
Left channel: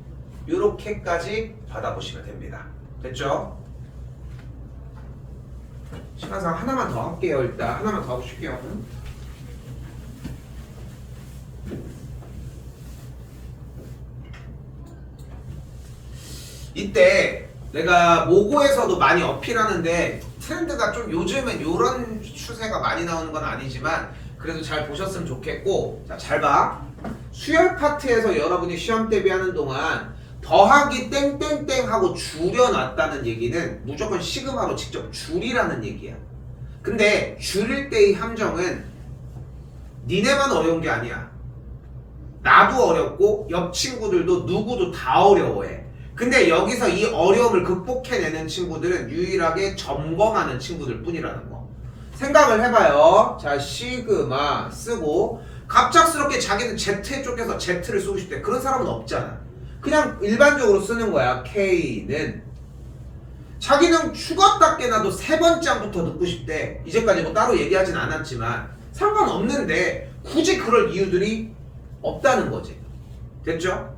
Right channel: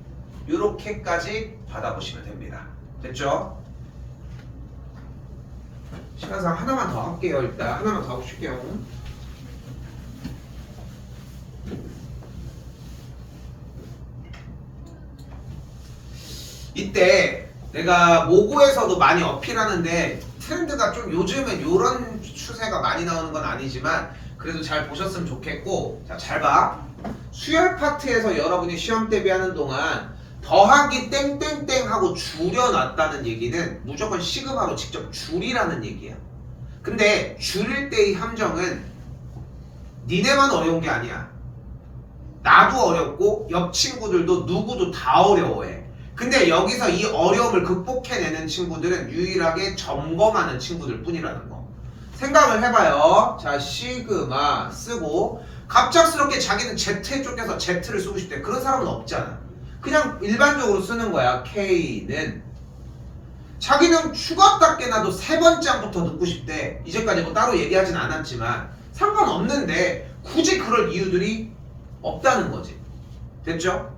요렇게까지 받아보시면 됩니다. 됐죠? 시간상 하나만 더 할게요. 일단 하나만 더 하고 쉴게요. 이때 내가 모고에서도 많이 어필하는데 트렌드가 좀 요즘엔 이런 추세가 많이 나오는 건 아니지만 그래도 잘 보셨으면 좋겠고, 자, 잘 봐. 수열 파트에서 여러분이 시험 대비하는 동안 더하기 땡땡땡 하고 줄여놨다는 얘기는 무조건 시그마로 직접 줄이라는 얘기야. 근데 줄일 때의 함정은 니네만 어려운 게 아니야. 나도 어렵고 옆 친구들도 누구도 다 어려워해. 근데 여기서 이 어려움을 극복해내는 친구들은 유일하게 점검하는 친구들 뿐이라는 거. 생각을 해봐요. 자, 시그마 쓰고 갑작스럽게 자기는 Z 쪽에서 Z를 쓰고 싶대. 그런 사람은 없잖아. 그냥 일반적으로 쓰는 거야. K는 자기는 죽었다 깨나도 세 번째부터 듣고 싶대. 이제까지 뭐 따로 얘기하진 않았지만 상관없는데 굳이 그럴 이유들이 없다는 거지. 됐죠?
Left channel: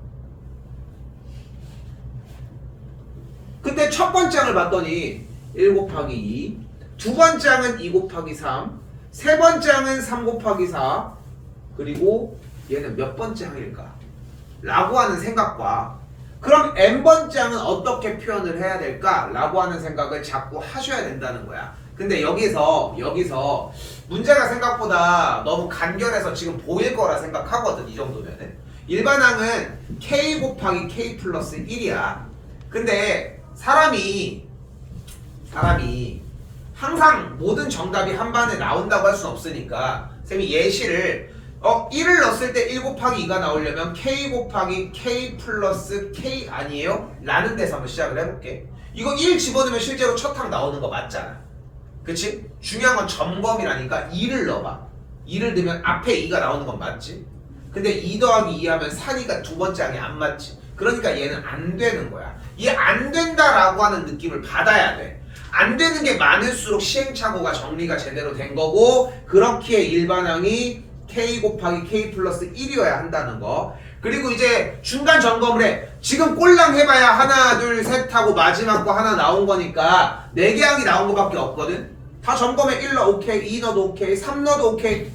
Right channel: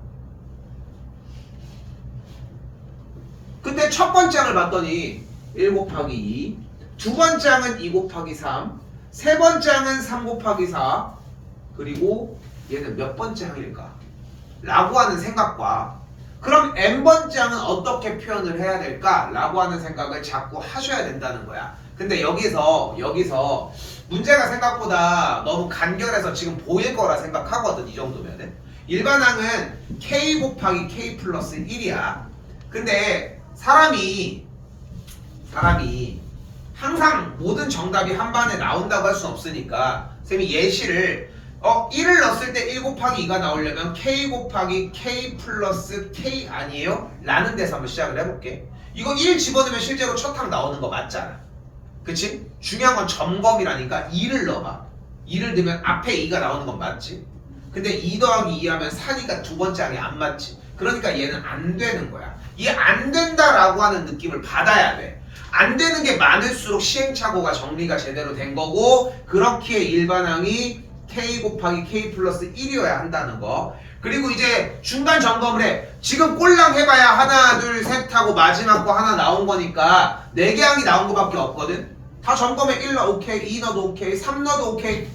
그때 첫 번장을 봤더니 1 곱하기 2, 두 번장은 2 곱하기 3, 세 번장은 3 곱하기 4, 그리고 얘는 몇 번째 항일까? 라고 하는 생각과 그럼 n번장은 어떻게 표현을 해야 될까? 라고 하는 생각을 자꾸 하셔야 된다는 거야. 근데 여기서 문제가 생각보다 너무 간결해서 지금 보일 거라 생각하거든. 이 정도면은 일반항은 k 곱하기 k 플러스 1이야. 근데 사람이 항상 모든 정답이 한 반에 나온다고 할 수는 없으니까 쌤이 예시를 1을 넣었을 때 1 곱하기 2가 나오려면 k 곱하기 k 플러스 k 아니에요? 라는 데서 한번 시작을 해볼게. 이거 1 집어넣으면 실제로 첫 항 나오는 거 맞잖아. 그치? 중요한 건 점검이라니까 2를 넣어봐. 2를 넣으면 앞에 2가 나오는 건 맞지? 근데 2 더하기 2 하면 4니까 두 번째 항이 안 맞지? 그러니까 얘는 안 되는 거야. 이 안 된다라고 하는 느낌을 받아야 돼. 안 되는 게 많을수록 시행착오가 정리가 제대로 된 거고, 그렇기에 일반항이 k 곱하기 k 플러스 1이어야 한다는 거. 그리고 이제 중간 점검을 해. 지금 꼴랑 해봐야 하나 둘 셋 하고 마지막 거 하나 나온 거니까 4개 항이 나온 거밖에 없거든. 다 점검해. 1 넣어 오케이, 2 넣어도 오케이, 3 넣어도 오케이,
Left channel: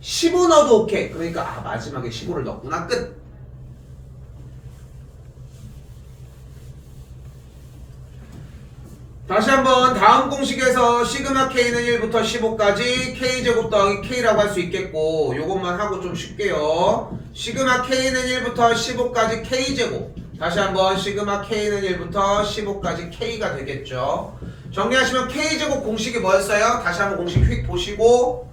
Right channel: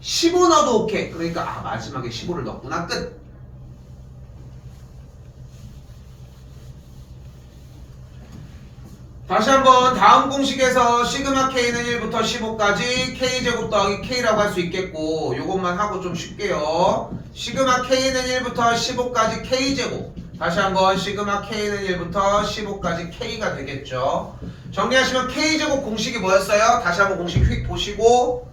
15 넣어도 오케이. 그러니까 마지막에 15를 넣었구나. 끝. 다시 한번 다음 공식에서 시그마 K는 1부터 15까지 K제곱 더하기 K라고 할 수 있겠고, 요것만 하고 좀 쉽게요. 시그마 K는 1부터 15까지 K제곱. 다시 한번 시그마 K는 1부터 15까지 K가 되겠죠. 정리하시면 K제곱 공식이 뭐였어요? 다시 한번 공식 휙 보시고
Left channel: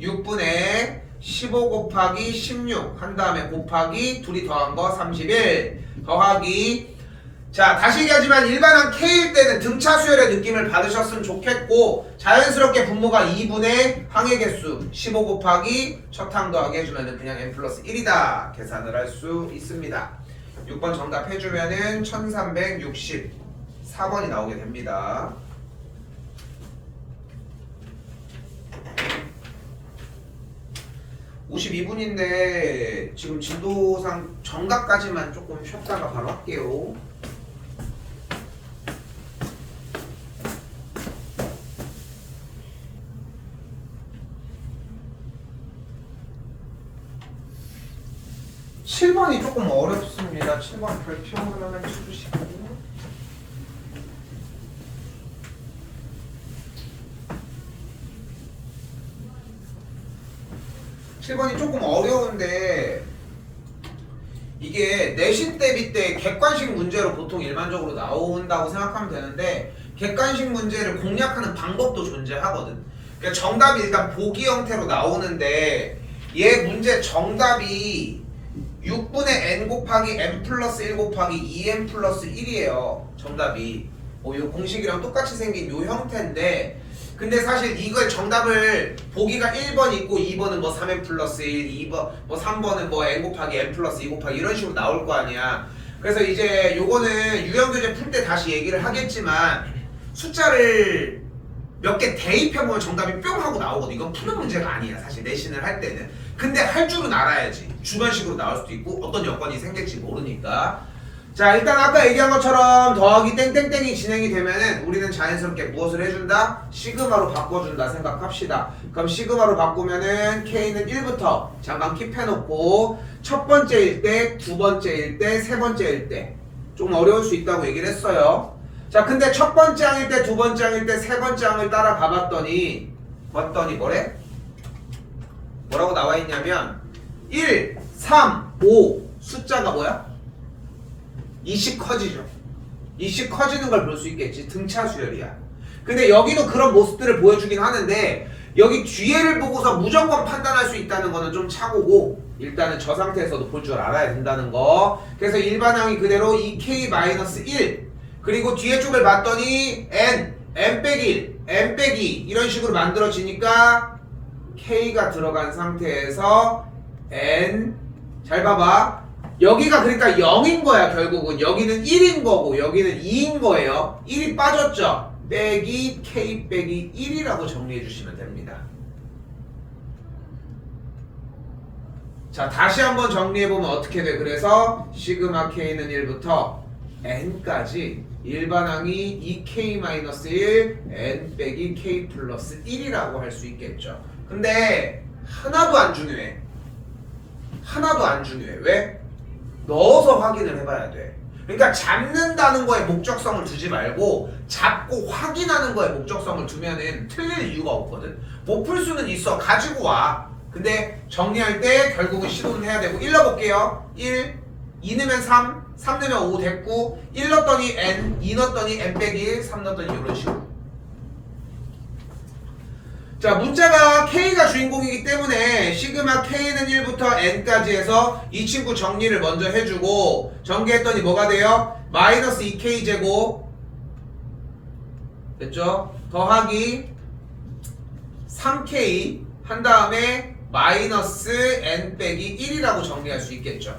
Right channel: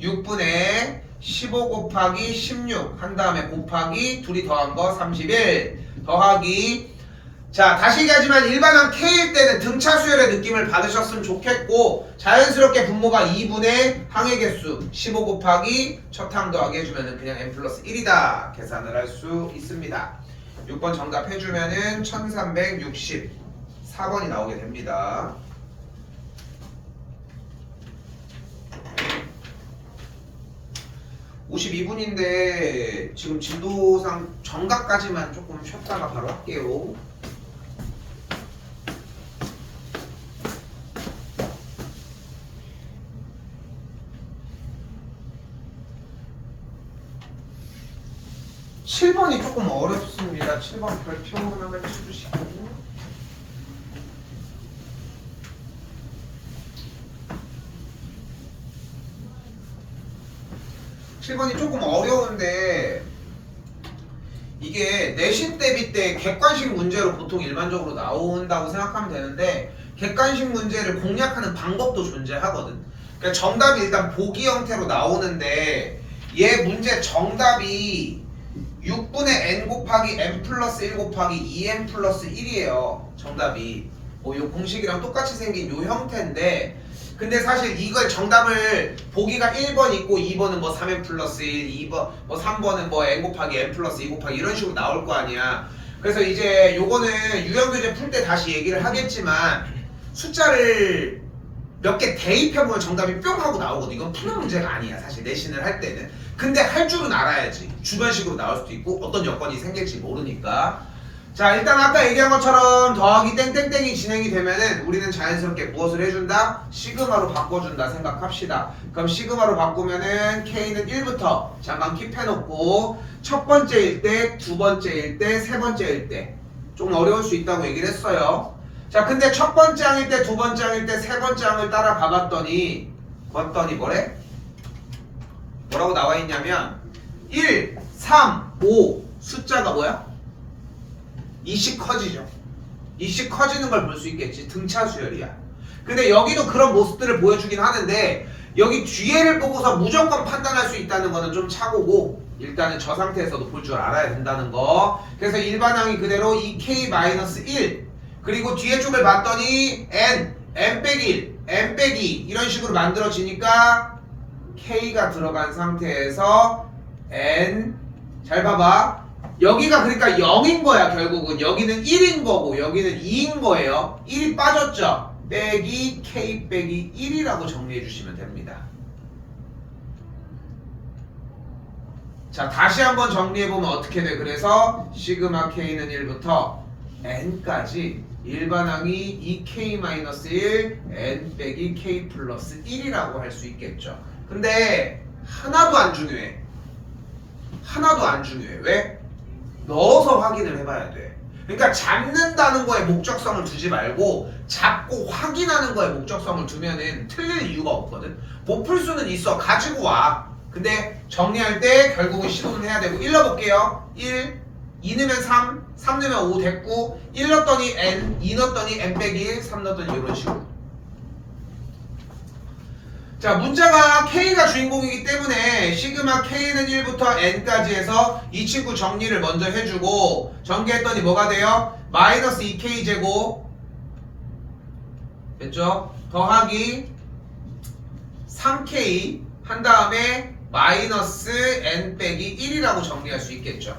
6분의 15 곱하기 16 한 다음에 곱하기 둘이 더한 거 31 더하기, 자, 다시 얘기하지만 일반항 K일 때는 등차 수열의 느낌을 받으셨으면 좋겠고, 자연스럽게 분모가 2분의 항의 개수 15 곱하기 첫 항 더하기 해주면 그냥 n 플러스 1이다 계산을 할 수 있습니다. 6번 정답 해주면은 1364번이 나오게 됩니다. (52분인데) 지금 진도상 정각까지만 조금 쉬었다가 바로 할게요. (7번이) 조금 어렵습니다. 7번 별표 하나만 쳐주시고, (7번이) 조금 어려운데 이게 내신 대비 때 객관식 문제로 보통 일반적으로 나온다고 생각하면 되는데, 객관식 문제를 공략하는 방법도 존재하거든. 그러니까 정답이 일단 보기 형태로 나오는데 얘 문제 정답이 6분의 n 곱하기 n 플러스 1 곱하기 2n 플러스 1이에요. 정답이 요 공식이랑 똑같이 생긴 요 형태인데, 근데 사실 이걸 정답을 보기가 1번 있고 2번은 뭐 3n 플러스 1, 2번 뭐 3번은 뭐 n 곱하기 n 플러스 2 곱하기 이런 식으로 나올 거 아니야. 그래서 이제 요거는 유형교재 풀 때 다시 얘기를 하겠지만 숫자를 몇 개 대입해보면 정답이 뿅 하고 나오거든. 이건 푸는 문제가 아니야 사실 내신을 할 때는. 근데 할 줄은 알아야지. 주변식으로 나올 수도 있고 어떤 여건이 생길지 모르니까. 자 일단 아까 얘기한 것처럼 더하기 땡땡땡이 진행이 되면은 우리는 자연스럽게 무엇을 해준다? 시그마로 바꿔준다 생각합시다. 그럼 시그마로 바꾸면은 K는 1부터 잠깐 킵해놓고 첫 번째일 때, 두 번째일 때, 세 번째일 때 좀 어려울 수 있다고 얘기를 했어요. 자 근데 첫 번째 항일 때, 두 번째 항일 때, 세 번째 항을 따라 가봤더니 뭐래? 뭐라고 나와 있냐면 1, 3, 5 숫자가 뭐야? 2씩 커지죠. 2씩 커지는 걸 볼 수 있겠지. 등차 수열이야. 근데 여기도 그런 모습들을 보여주긴 하는데 여기 뒤에를 보고서 무조건 판단할 수 있다는 거는 좀 착오고 일단은 저 상태에서도 볼 줄 알아야 된다는 거. 그래서 일반항이 그대로 2k-1 그리고 뒤에 쪽을 봤더니 n 빼기 1, n 빼기 2 이런 식으로 만들어지니까 k가 들어간 상태에서 n 잘 봐봐. 여기가 그러니까 0인 거야 결국은. 여기는 1인 거고 여기는 2인 거예요. 1이 빠졌죠. 빼기 k 빼기 1이라고 정리해 주시면 됩니다. 자 다시 한번 정리해보면 어떻게 돼? 그래서 시그마 k는 1부터 n까지 일반항이 2k-1 n 빼기 k 플러스 1이라고 할 수 있겠죠. 근데 하나도 안 중요해. 하나도 안 중요해. 왜? 넣어서 확인을 해봐야 돼. 그러니까 잡는다는 거에 목적성을 두지 말고 잡고 확인하는 거에 목적성을 두면은 틀릴 이유가 없거든. 못 풀 수는 있어. 가지고 와. 근데 정리할 때 결국은 시도는 해야 되고 1 넣어볼게요. 1, 2 넣으면 3, 3 넣으면 5 됐고 1 넣었더니 n, 2 넣었더니 n 빼기 1, 3 넣었더니 이런 식으로. 자 문자가 K가 주인공이기 때문에 시그마 K는 1부터 N까지 해서 이 친구 정리를 먼저 해주고 전개했더니 뭐가 돼요? 마이너스 2K 제곱 됐죠? 더하기 3K 한 다음에 마이너스 N 빼기 1이라고 정리할 수 있겠죠.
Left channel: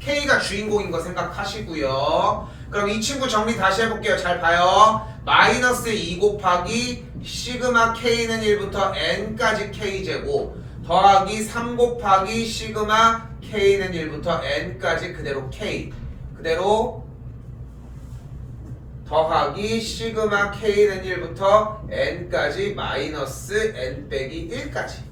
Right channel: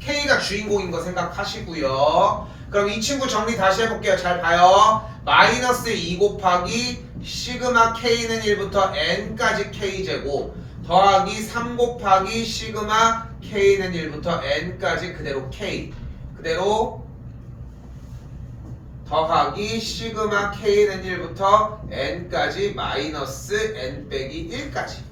K가 주인공인 거 생각하시고요. 그럼 이 친구 정리 다시 해볼게요. 잘 봐요. 마이너스 2 곱하기 시그마 K는 1부터 N까지 K제곱 더하기 3 곱하기 시그마 K는 1부터 N까지 그대로 K 그대로 더하기 시그마 K는 1부터 N까지 마이너스 N 빼기 1까지.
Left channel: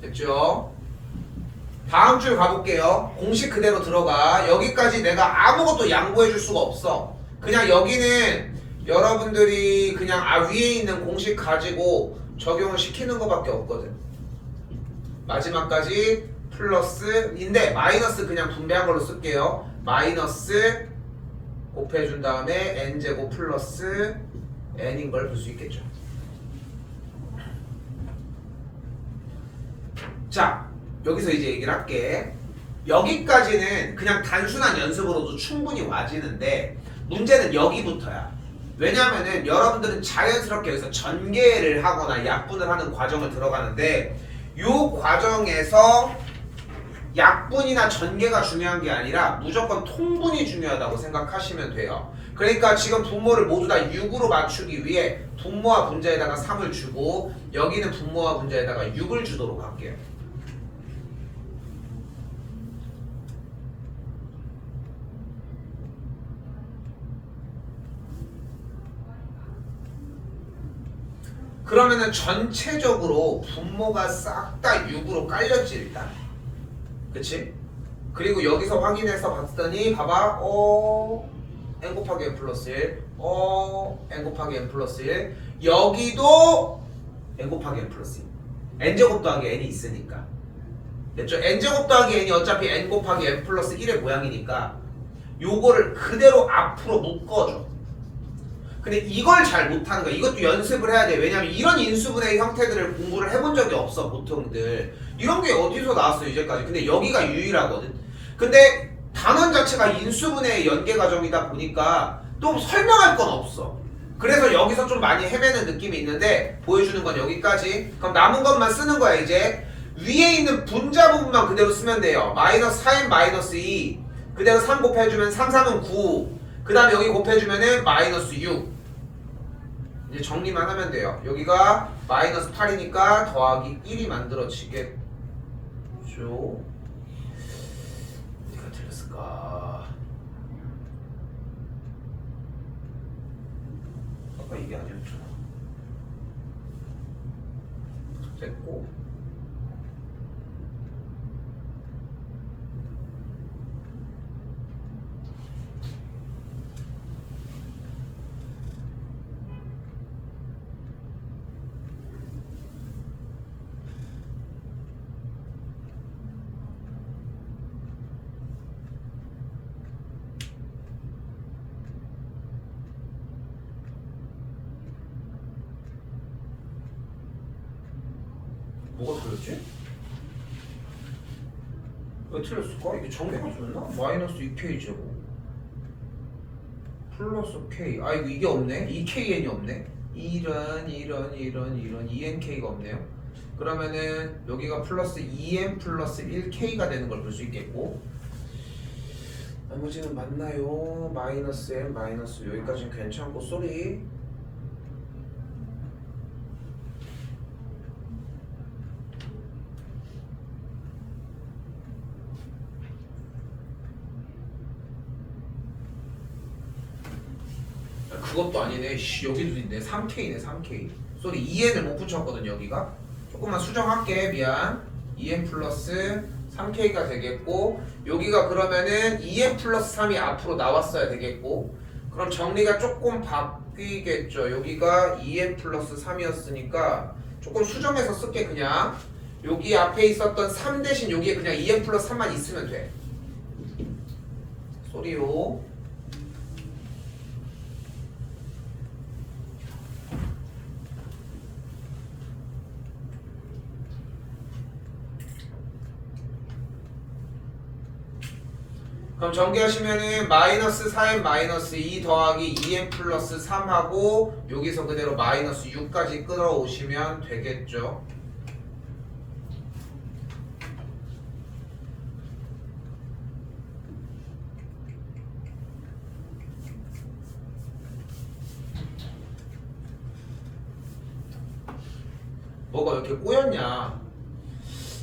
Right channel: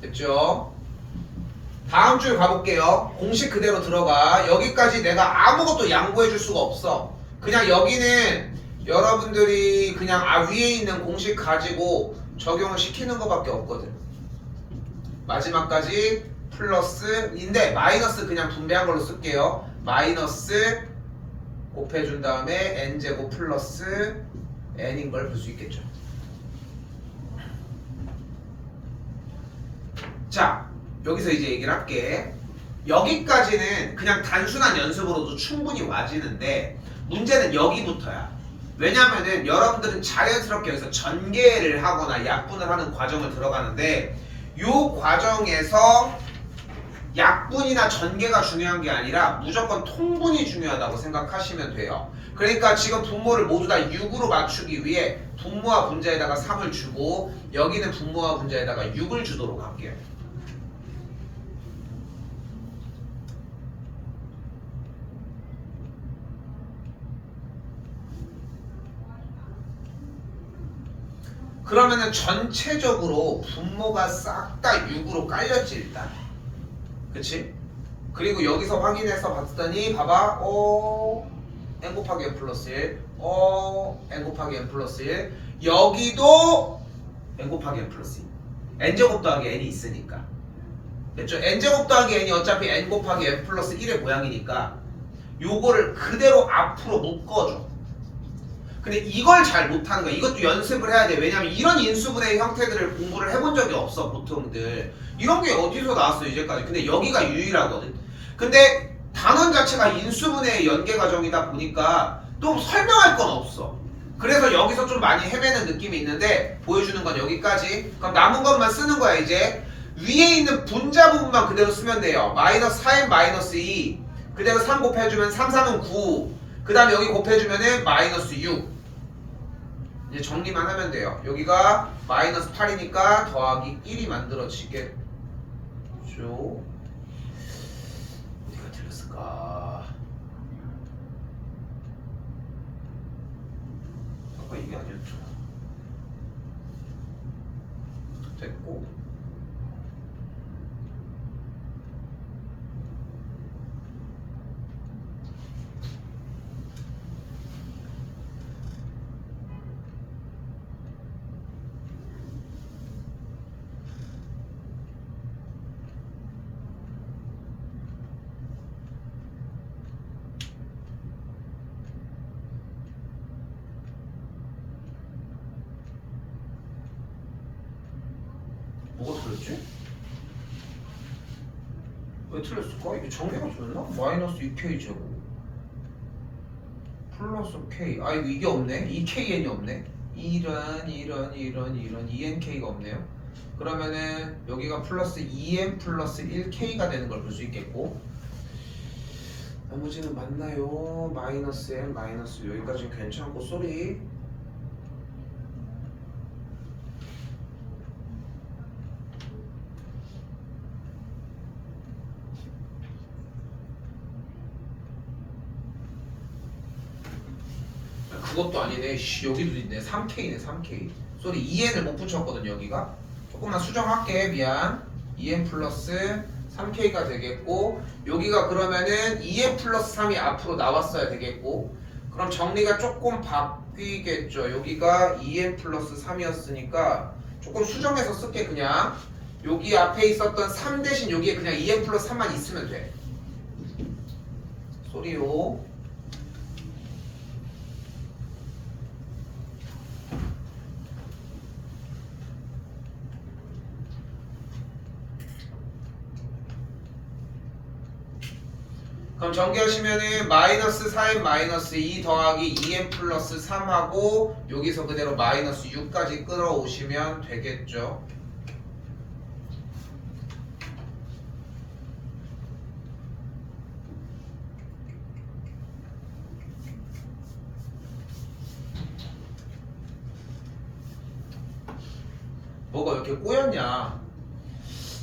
됐죠? 다음 줄 가볼게요. 공식 그대로 들어가. 여기까지 내가 아무것도 양보해 줄 수가 없어. 그냥 여기는 여러분들이 그냥 위에 있는 공식 가지고 적용을 시키는 것밖에 없거든. 마지막까지 플러스인데 마이너스 그냥 분배한 걸로 쓸게요. 마이너스 곱해준 다음에 n제곱 플러스 n인 걸 볼 수 있겠죠. 자 여기서 이제 얘기를 할게. 여기까지는 그냥 단순한 연습으로도 충분히 와지는데 문제는 여기부터야. 왜냐면은 여러분들은 자연스럽게 여기서 전개를 하거나 약분을 하는 과정을 들어가는데 이 과정에서 약분이나 전개가 중요한 게 아니라 무조건 통분이 중요하다고 생각하시면 돼요. 그러니까 지금 분모를 모두 다 6으로 맞추기 위해 분모와 분자에다가 3을 주고 여기는 분모와 분자에다가 6을 주도록 할게요. 그러면은 전체적으로 분모가 싹 다 6으로 깔렸지 일단. 그치? 그리고 여기서 확인해서 봤더니 봐봐. n 곱하기 n 플러스 1 n 곱하기 n 플러스 1 여기도 n 곱하기 n 플러스 1 n제곱 더하기 n이 있으니까 됐죠? n제곱 더하기 n이 어차피 n 곱하기 n 플러스 1의 모양이니까 요거를 그대로 앞으로 묶어줘. 근데 이걸 잘 못하는 거야. 이것도 연습을 해야 돼. 왜냐면 이런 인수분해 형태들을 공부를 해본 적이 없어 보통들. 이런 게 어디서 나왔어요 이제까지. 근데 여기가 유일하거든. 근데 단원 자체가 인수분해의 연계 과정이다 보니까 또 설명할 건 없어. 그래서 여기서 좀 많이 헤매는 느낌이 있는데 보여주는 건 여기까지. 그럼 남은 것만 쓰는 거야 이제. 위에 있는 분자 부분만 그대로 쓰면 돼요. 마이너스 4n 마이너스 2 그대로 3 곱해주면 3, 3은 9. 그 다음에 여기 곱해주면은 마이너스 6. 이제 정리만 하면 돼요. 여기가 마이너스 8이니까 더하기 1이 만들어지겠죠. 어디가 틀렸을까? 아까 이게 아니었죠. 됐고. 뭐가 틀렸지? 왜 틀렸을까? 이게 전개가 틀렸나? 마이너스 2k 제곱 플러스 k. 아 이게 없네. 2kn이 없네. 이런 2nk가 없네요. 그러면은 여기가 플러스 2n 플러스 1k가 되는 걸 볼 수 있겠고, 나머지는 맞나요? 마이너스 n 마이너스 여기까지는 괜찮고 쏘리. 그것도 아니네. 여기도 있네. 3K네 3K. 쏘리 2N을 못 붙였거든 여기가. 조금만 수정할게. 미안. 2N 플러스 3K가 되겠고, 여기가 그러면은 2N 플러스 3이 앞으로 나왔어야 되겠고, 그럼 정리가 조금 바뀌겠죠. 여기가 2N 플러스 3이었으니까 조금 수정해서 쓸게. 그냥 여기 앞에 있었던 3 대신 여기에 그냥 2N 플러스 3만 있으면 돼. 쏘리요. 그럼 전개하시면은 마이너스 4n 마이너스 2 더하기 2n 플러스 3하고 여기서 그대로 마이너스 6까지 끌어오시면 되겠죠. 뭐가 이렇게 꼬였냐?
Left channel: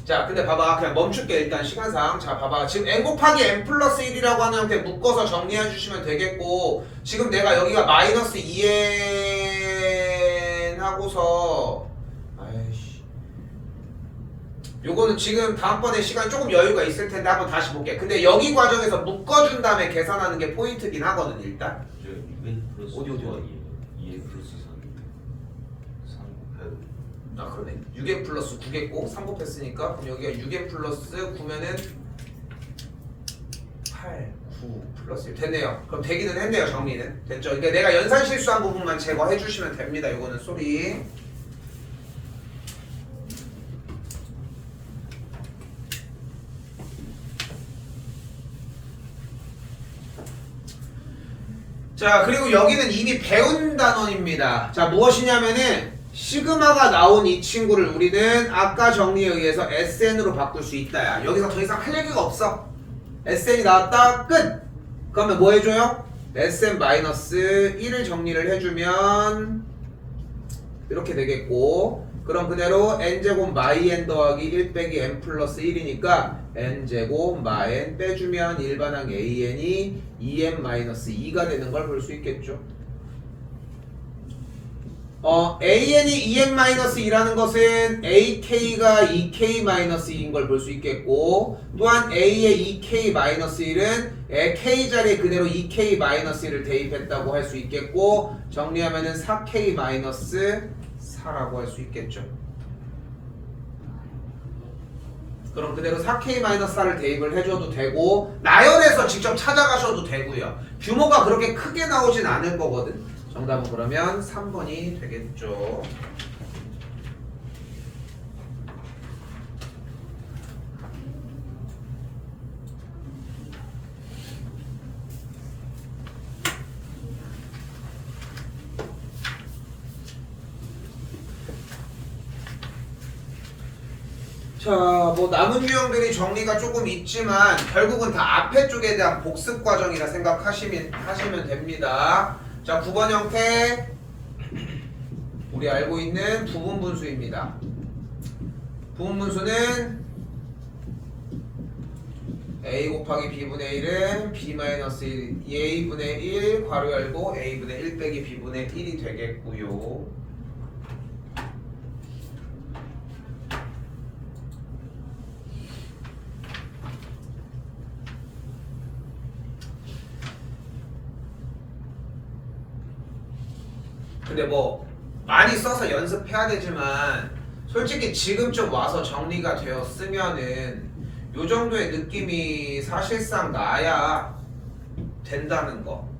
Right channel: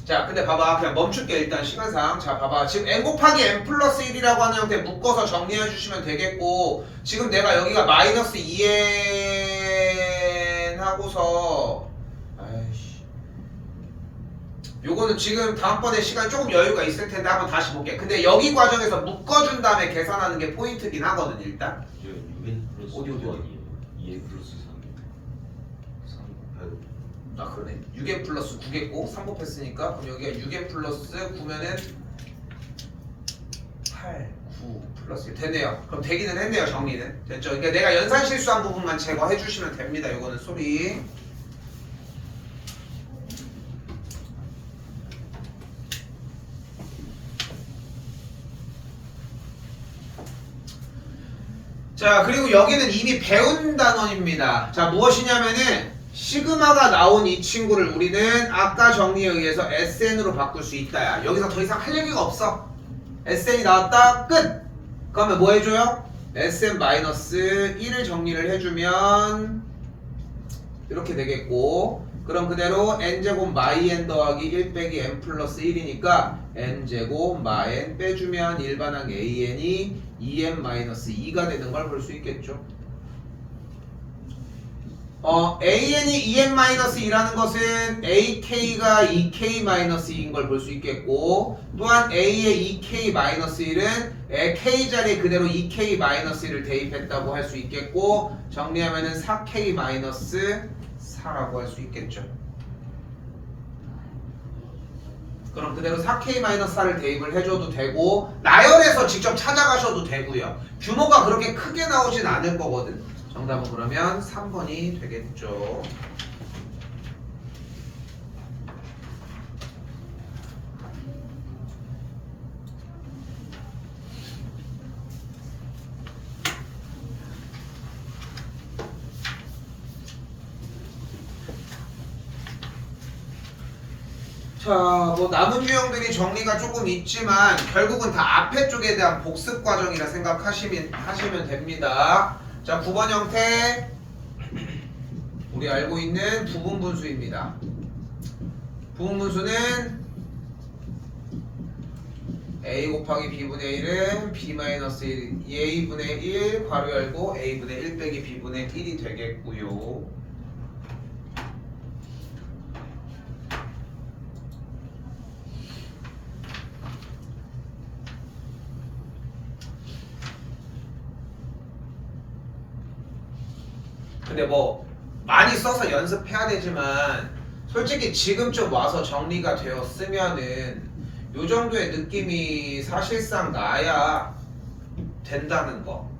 자, 근데 봐봐. 그냥 멈출게 일단 시간상. 자, 봐봐. 지금 n 곱하기 n 플러스 1이라고 하는 형태 묶어서 정리해 주시면 되겠고, 지금 내가 여기가 마이너스 2n 하고서 아이씨, 요거는 지금 다음번에 시간 조금 여유가 있을 텐데 한번 다시 볼게. 근데 여기 과정에서 묶어준 다음에 계산하는 게 포인트긴 하거든 일단. UN 플러스 어디? 2N 플러스 3 곱해도 아 그러네. 6n 플러스 9겠고 3 곱했으니까 그럼 여기가 6n 플러스 9면은 8, 9 플러스 1 됐네요. 그럼 되기는 했네요. 정리는 됐죠. 그러니까 내가 연산 실수한 부분만 제거해 주시면 됩니다. 이거는 소리. 자, 그리고 여기는 이미 배운 단원입니다. 자, 무엇이냐면은 시그마가 나온 이 친구를 우리는 아까 정리에 의해서 SN으로 바꿀 수 있다야. 여기서 더 이상 할 얘기가 없어. SN이 나왔다. 끝! 그러면 뭐 해줘요? SN-1을 정리를 해주면 이렇게 되겠고, 그럼 그대로 n제곱 마이 n 더하기 1 빼기 n 플러스 1이니까 n제곱 마 n 빼주면 일반항 an이 2n-2가 되는 걸 볼 수 있겠죠. an이 2n-2라는 것은 ak가 2k-2인 걸 볼 수 있겠고, 또한 a의 2k-1은 k 자리에 그대로 2k-1을 대입했다고 할 수 있겠고, 정리하면은 4k-4라고 할 수 있겠죠. 그럼 그대로 4k-4를 대입을 해줘도 되고, 나열해서 직접 찾아가셔도 되고요. 규모가 그렇게 크게 나오진 않을 거거든. 정답은 그러면 3번이 되겠죠. 자, 뭐 남은 유형들이 정리가 조금 있지만 결국은 다 앞에 쪽에 대한 복습 과정이라 하시면 됩니다. 자, 9번 형태 우리 알고 있는 부분분수입니다. 부분분수는 a 곱하기 b분의 1은 b-1 a분의 1 괄호 열고 a분의 1 빼기 b분의 1이 되겠고요. 근데 뭐 많이 써서 연습해야 되지만 솔직히 지금쯤 와서 정리가 되었으면은 요 정도의 느낌이 사실상 나야 된다는 거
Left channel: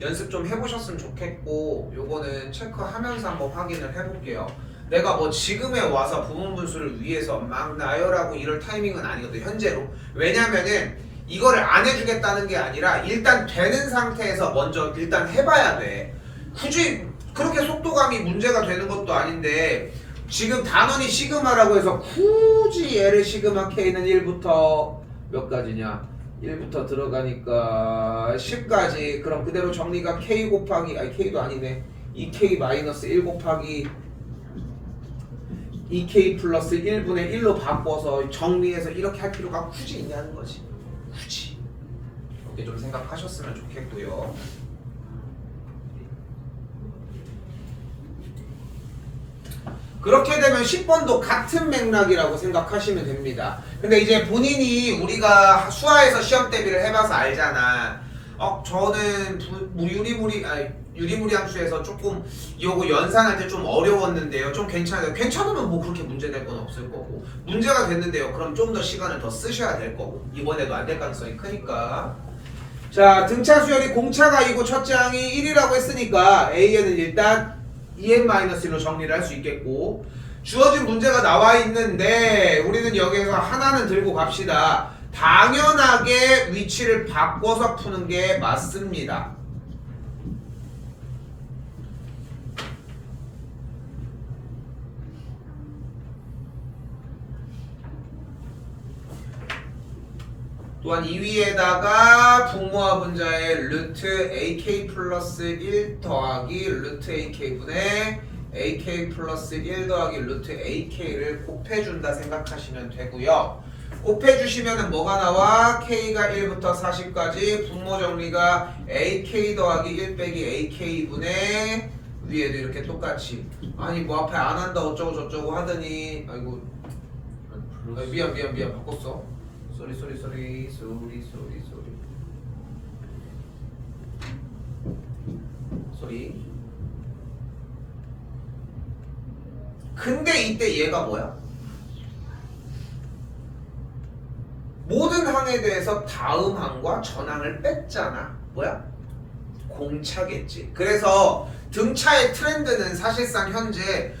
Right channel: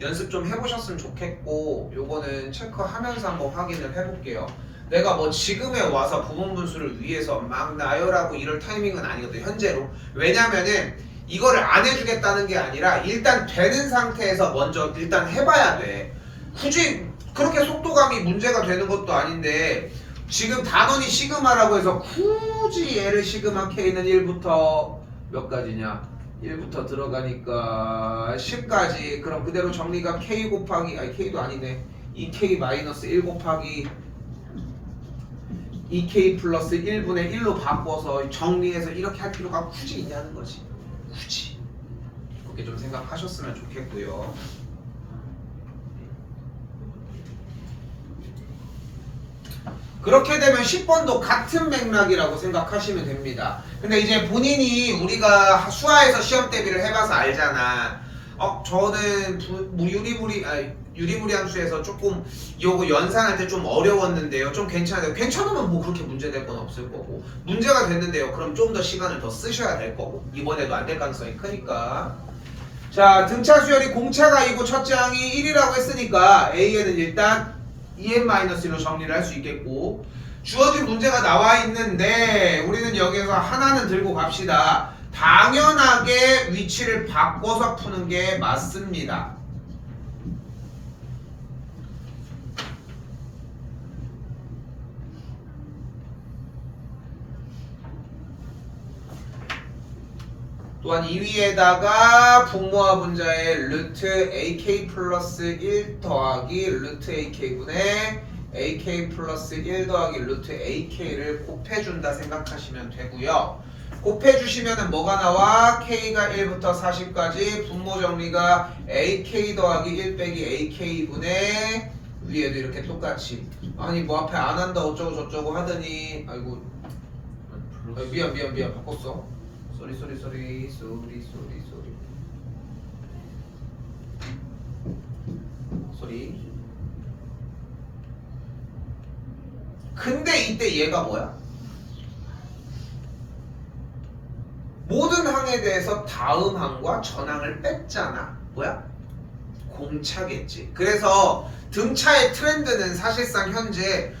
연습 좀 해보셨으면 좋겠고 요거는 체크하면서 한번 확인을 해볼게요. 내가 뭐 지금에 와서 부분분수를 위해서 막 나열하고 이럴 타이밍은 아니거든 현재로. 왜냐면은 이거를 안 해주겠다는 게 아니라 일단 되는 상태에서 먼저 일단 해봐야 돼. 굳이 그렇게 속도감이 문제가 되는 것도 아닌데 지금 단원이 시그마라고 해서 굳이 얘를 시그마 K는 1부터 몇 가지냐 1부터 들어가니까 10까지 그럼 그대로 정리가 K 곱하기 아니 K도 아니네 2K 마이너스 1 곱하기 2K 플러스 1분의 1로 바꿔서 정리해서 이렇게 할 필요가 굳이 있냐는 거지. 굳이 이렇게 좀 생각하셨으면 좋겠고요. 그렇게 되면 10번도 같은 맥락이라고 생각하시면 됩니다. 근데 이제 본인이 우리가 수화에서 시험 대비를 해봐서 알잖아. 저는 유리무리한 수에서 조금 요거 연산할 때 좀 어려웠는데요. 좀 괜찮아요. 괜찮으면 뭐 그렇게 문제될 건 없을 거고 문제가 됐는데요. 그럼 좀 더 시간을 더 쓰셔야 될 거고 이번에도 안 될 가능성이 크니까. 자, 등차 수열이 공차가 이고 첫째 항이 1이라고 했으니까 A에는 일단 EN-1로 정리를 할 수 있겠고 주어진 문제가 나와 있는데 우리는 여기서 하나는 들고 갑시다. 당연하게 위치를 바꿔서 푸는 게 맞습니다. 또한 이 위에다가 분모와 분자의 루트 AK 플러스 1 더하기 루트 AK분의 AK 플러스 1 더하기 루트 AK를 곱해준다 생각하시면 되고요. 곱해주시면 뭐가 나와? K가 1부터 40까지 분모 정리가 AK 더하기 1 빼기 AK분의 위에도 이렇게 똑같이 아니 뭐 앞에 안 한다 어쩌고 저쩌고 하더니 아이고 미안 바꿨어. 쏘리 근데 이때 얘가 뭐야? 모든 항에 대해서 다음 항과 전항을 뺐잖아. 뭐야? 공차겠지. 그래서 등차의 트렌드는 사실상 현재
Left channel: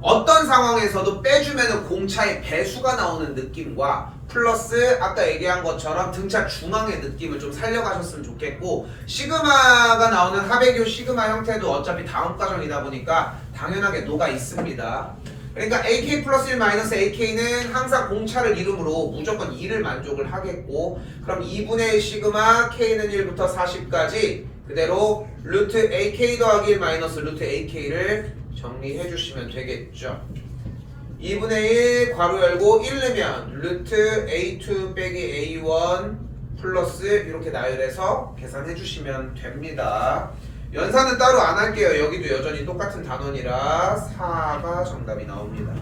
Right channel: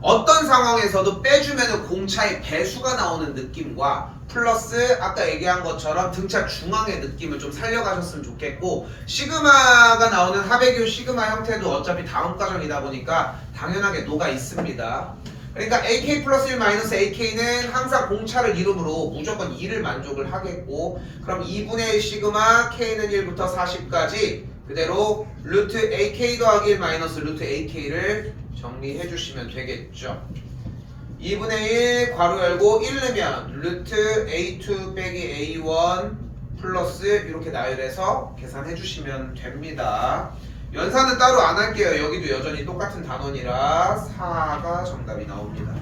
어떤 상황에서도 빼주면 공차의 배수가 나오는 느낌과 플러스 아까 얘기한 것처럼 등차 중앙의 느낌을 좀 살려가셨으면 좋겠고 시그마가 나오는 하베교 시그마 형태도 어차피 다음 과정이다 보니까 당연하게 녹아 있습니다. 그러니까 AK 플러스 1 마이너스 AK는 항상 공차를 이름으로 무조건 2를 만족을 하겠고 그럼 2분의 1 시그마 K는 1부터 40까지 그대로 루트 AK 더하기 1 마이너스 루트 AK를 정리해 주시면 되겠죠. 2분의 1 괄호 열고 1 넣으면 루트 A2 빼기 A1 플러스 이렇게 나열해서 계산해 주시면 됩니다. 연산은 따로 안 할게요. 여기도 여전히 똑같은 단원이라 4가 정답이 나옵니다.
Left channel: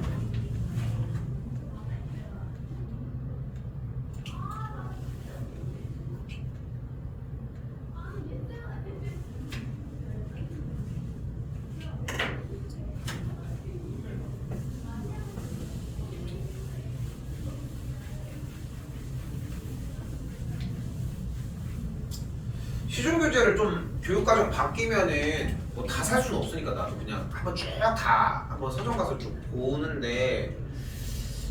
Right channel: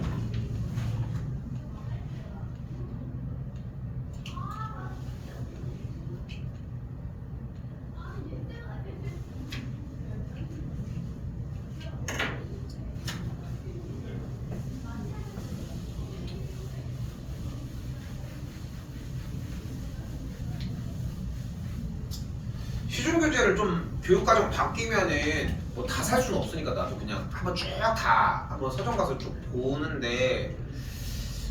시중교재를 좀 교육과정 바뀌면은 뭐 다 살 수는 없으니까 나도 그냥 한번 쭉 다 한번 서점 가서 쭉 보는데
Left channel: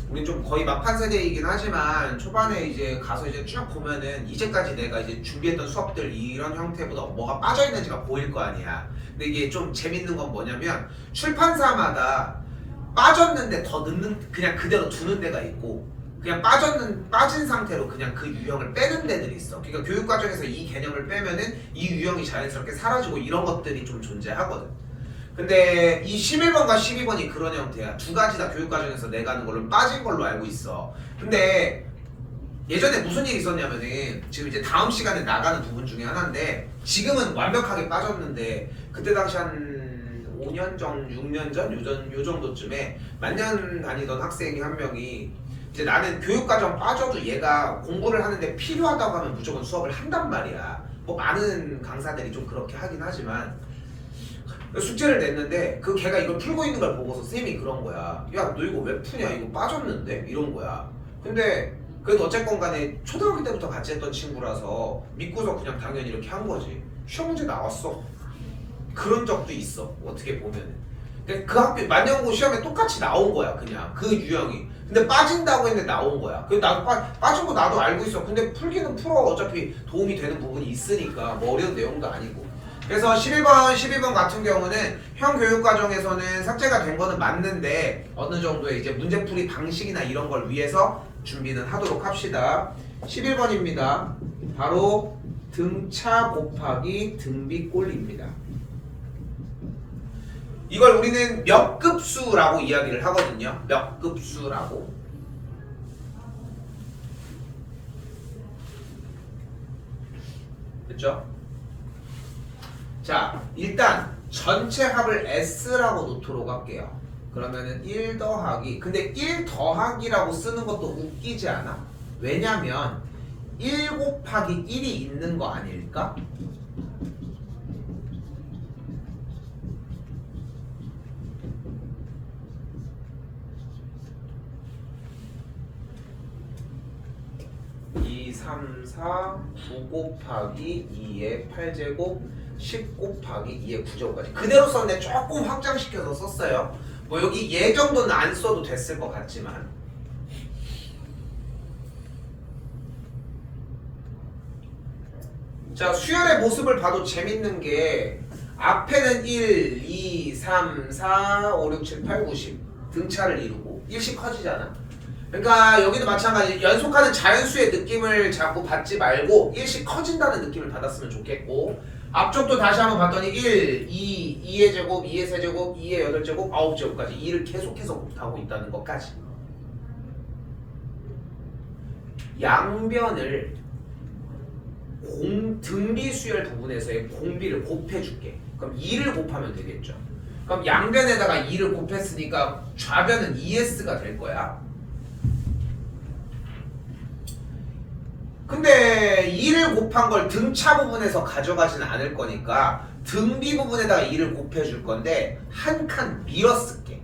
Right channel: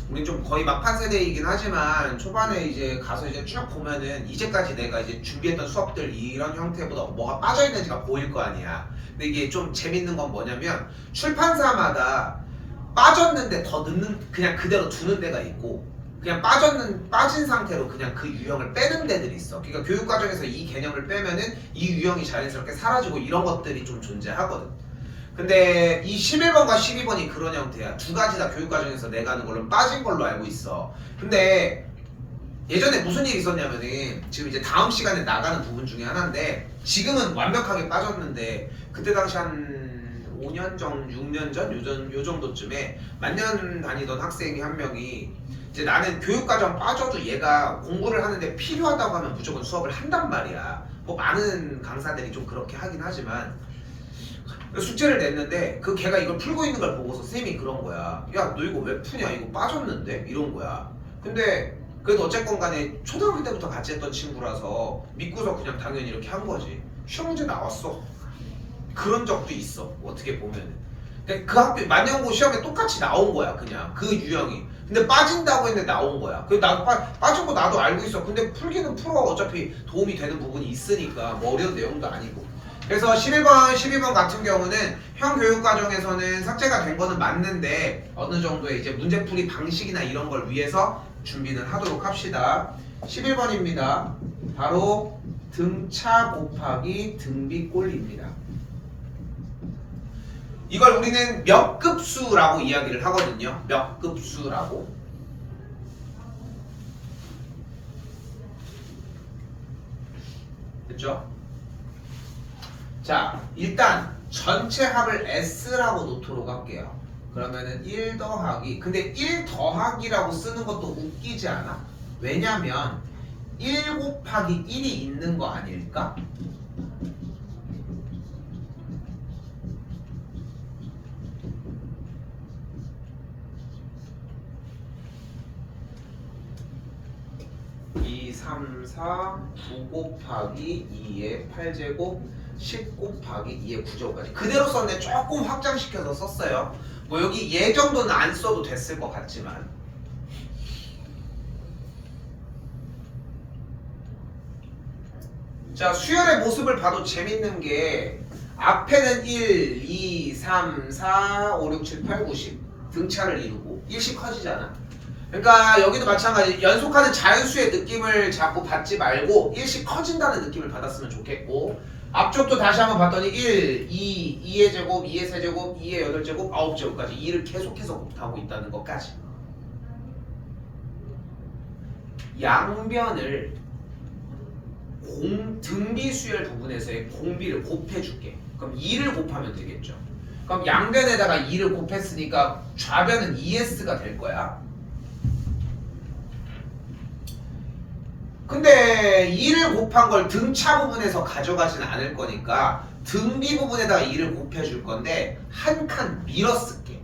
우린 좀 거의 막판 세대이긴 하지만 초반에 이제 가서 이제 쭉 보면은 이제까지 내가 이제 준비했던 수업들 이런 형태보다 뭐가 빠져있는지가 보일 거 아니야. 근데 이게 좀 재밌는 건 뭐냐면 출판사마다 빠졌는데 더 넣는 그냥 그대로 두는 데가 있고 그냥 빠진 상태로 그냥 그 유형을 빼는 데들이 있어. 그러니까 교육 과정에서 이 개념을 빼면은 이 유형이 자연스럽게 사라지고 이런 것들이 좀 존재하거든. 근데 이 11번과 12번이 그런 형태야. 두 가지 다 교육 과정에서 내가 하는 걸로 빠진 걸로 알고 있어. 근데 예전에 무슨 일이 있었냐면은 지금 이제 다음 시간에 나가는 부분 중에 하나인데 지금은 완벽하게 빠졌는데 그때 당시 한 5년 전, 6년 전 요 정도쯤에 만년 다니던 학생이 한 명이 이제 나는 교육과정 빠져도 얘가 공부를 하는데 필요하다고 하면 무조건 수업을 한단 말이야. 뭐 많은 강사들이 좀 그렇게 하긴 하지만 숙제를 냈는데 그 걔가 이걸 풀고 있는 걸 보고서 쌤이 그런 거야. 야, 너 이거 왜 푸냐? 이거 빠졌는데? 이런 거야. 근데 그래도 어쨌건 간에 초등학교 때부터 같이 했던 친구라서 믿고서 그냥 당연히 이렇게 한 거지. 시험 문제 나왔어. 그런 적도 있어. 어떻게 보면은. 근데 그 학교 만년고 시험에 똑같이 나온 거야. 그냥 그 유형이. 근데 빠진다고 했는데 나온 거야. 그래서 나도 빠진 거 나도 알고 있어. 근데 풀기는 풀어. 어차피 도움이 되는 부분이 있으니까 뭐 어려운 내용도 아니고. 그래서 11번, 12번 같은 경우는 형 교육과정에서는 삭제가 된 거는 맞는데 어느 정도의 이제 문제풀이 방식이나 이런 걸 위해서 준비는 하도록 합시다. 11번입니다. 바로 등차 곱하기 등비꼴입니다. 이걸 우리는 몇 급수라고 이야기를 하거든요. 몇 급수라고. 됐죠? 자, 일단 전체 합을 S라고 놓도록 할게요. 그러면은 1 더하기, 근데 1 더하기라고 쓰는 것도 웃기지 않아? 왜냐면 1 곱하기 1이 있는 거 아닐까? (2, 3, 4) 9 곱하기 2의 8제곱 10 곱하기 2의 9제곱까지 그대로 썼네. 조금 확장시켜서 썼어요. 뭐 여기 얘 정도는 안 써도 됐을 것 같지만 자, 수열의 모습을 봐도 재밌는 게 앞에는 1, 2, 3, 4, 5, 6, 7, 8, 9, 10 등차를 이루고 1씩 커지잖아. 그러니까 여기도 마찬가지 연속하는 자연수의 느낌을 자꾸 받지 말고 1씩 커진다는 느낌을 받았으면 좋겠고 앞쪽도 다시 한번 봤더니 1, 2, 2의 제곱, 2의 세제곱, 2의 8제곱, 9제곱까지 2를 계속해서 곱하고 있다는 것까지 양변을 등비수열 부분에서의 공비를 곱해줄게. 그럼 2를 곱하면 되겠죠. 그럼 양변에다가 2를 곱했으니까 좌변은 2s가 될 거야. 근데 2를 곱한 걸 등차 부분에서 가져가진 않을 거니까 등비 부분에다가 2를 곱해줄 건데 한 칸 밀어 쓸게.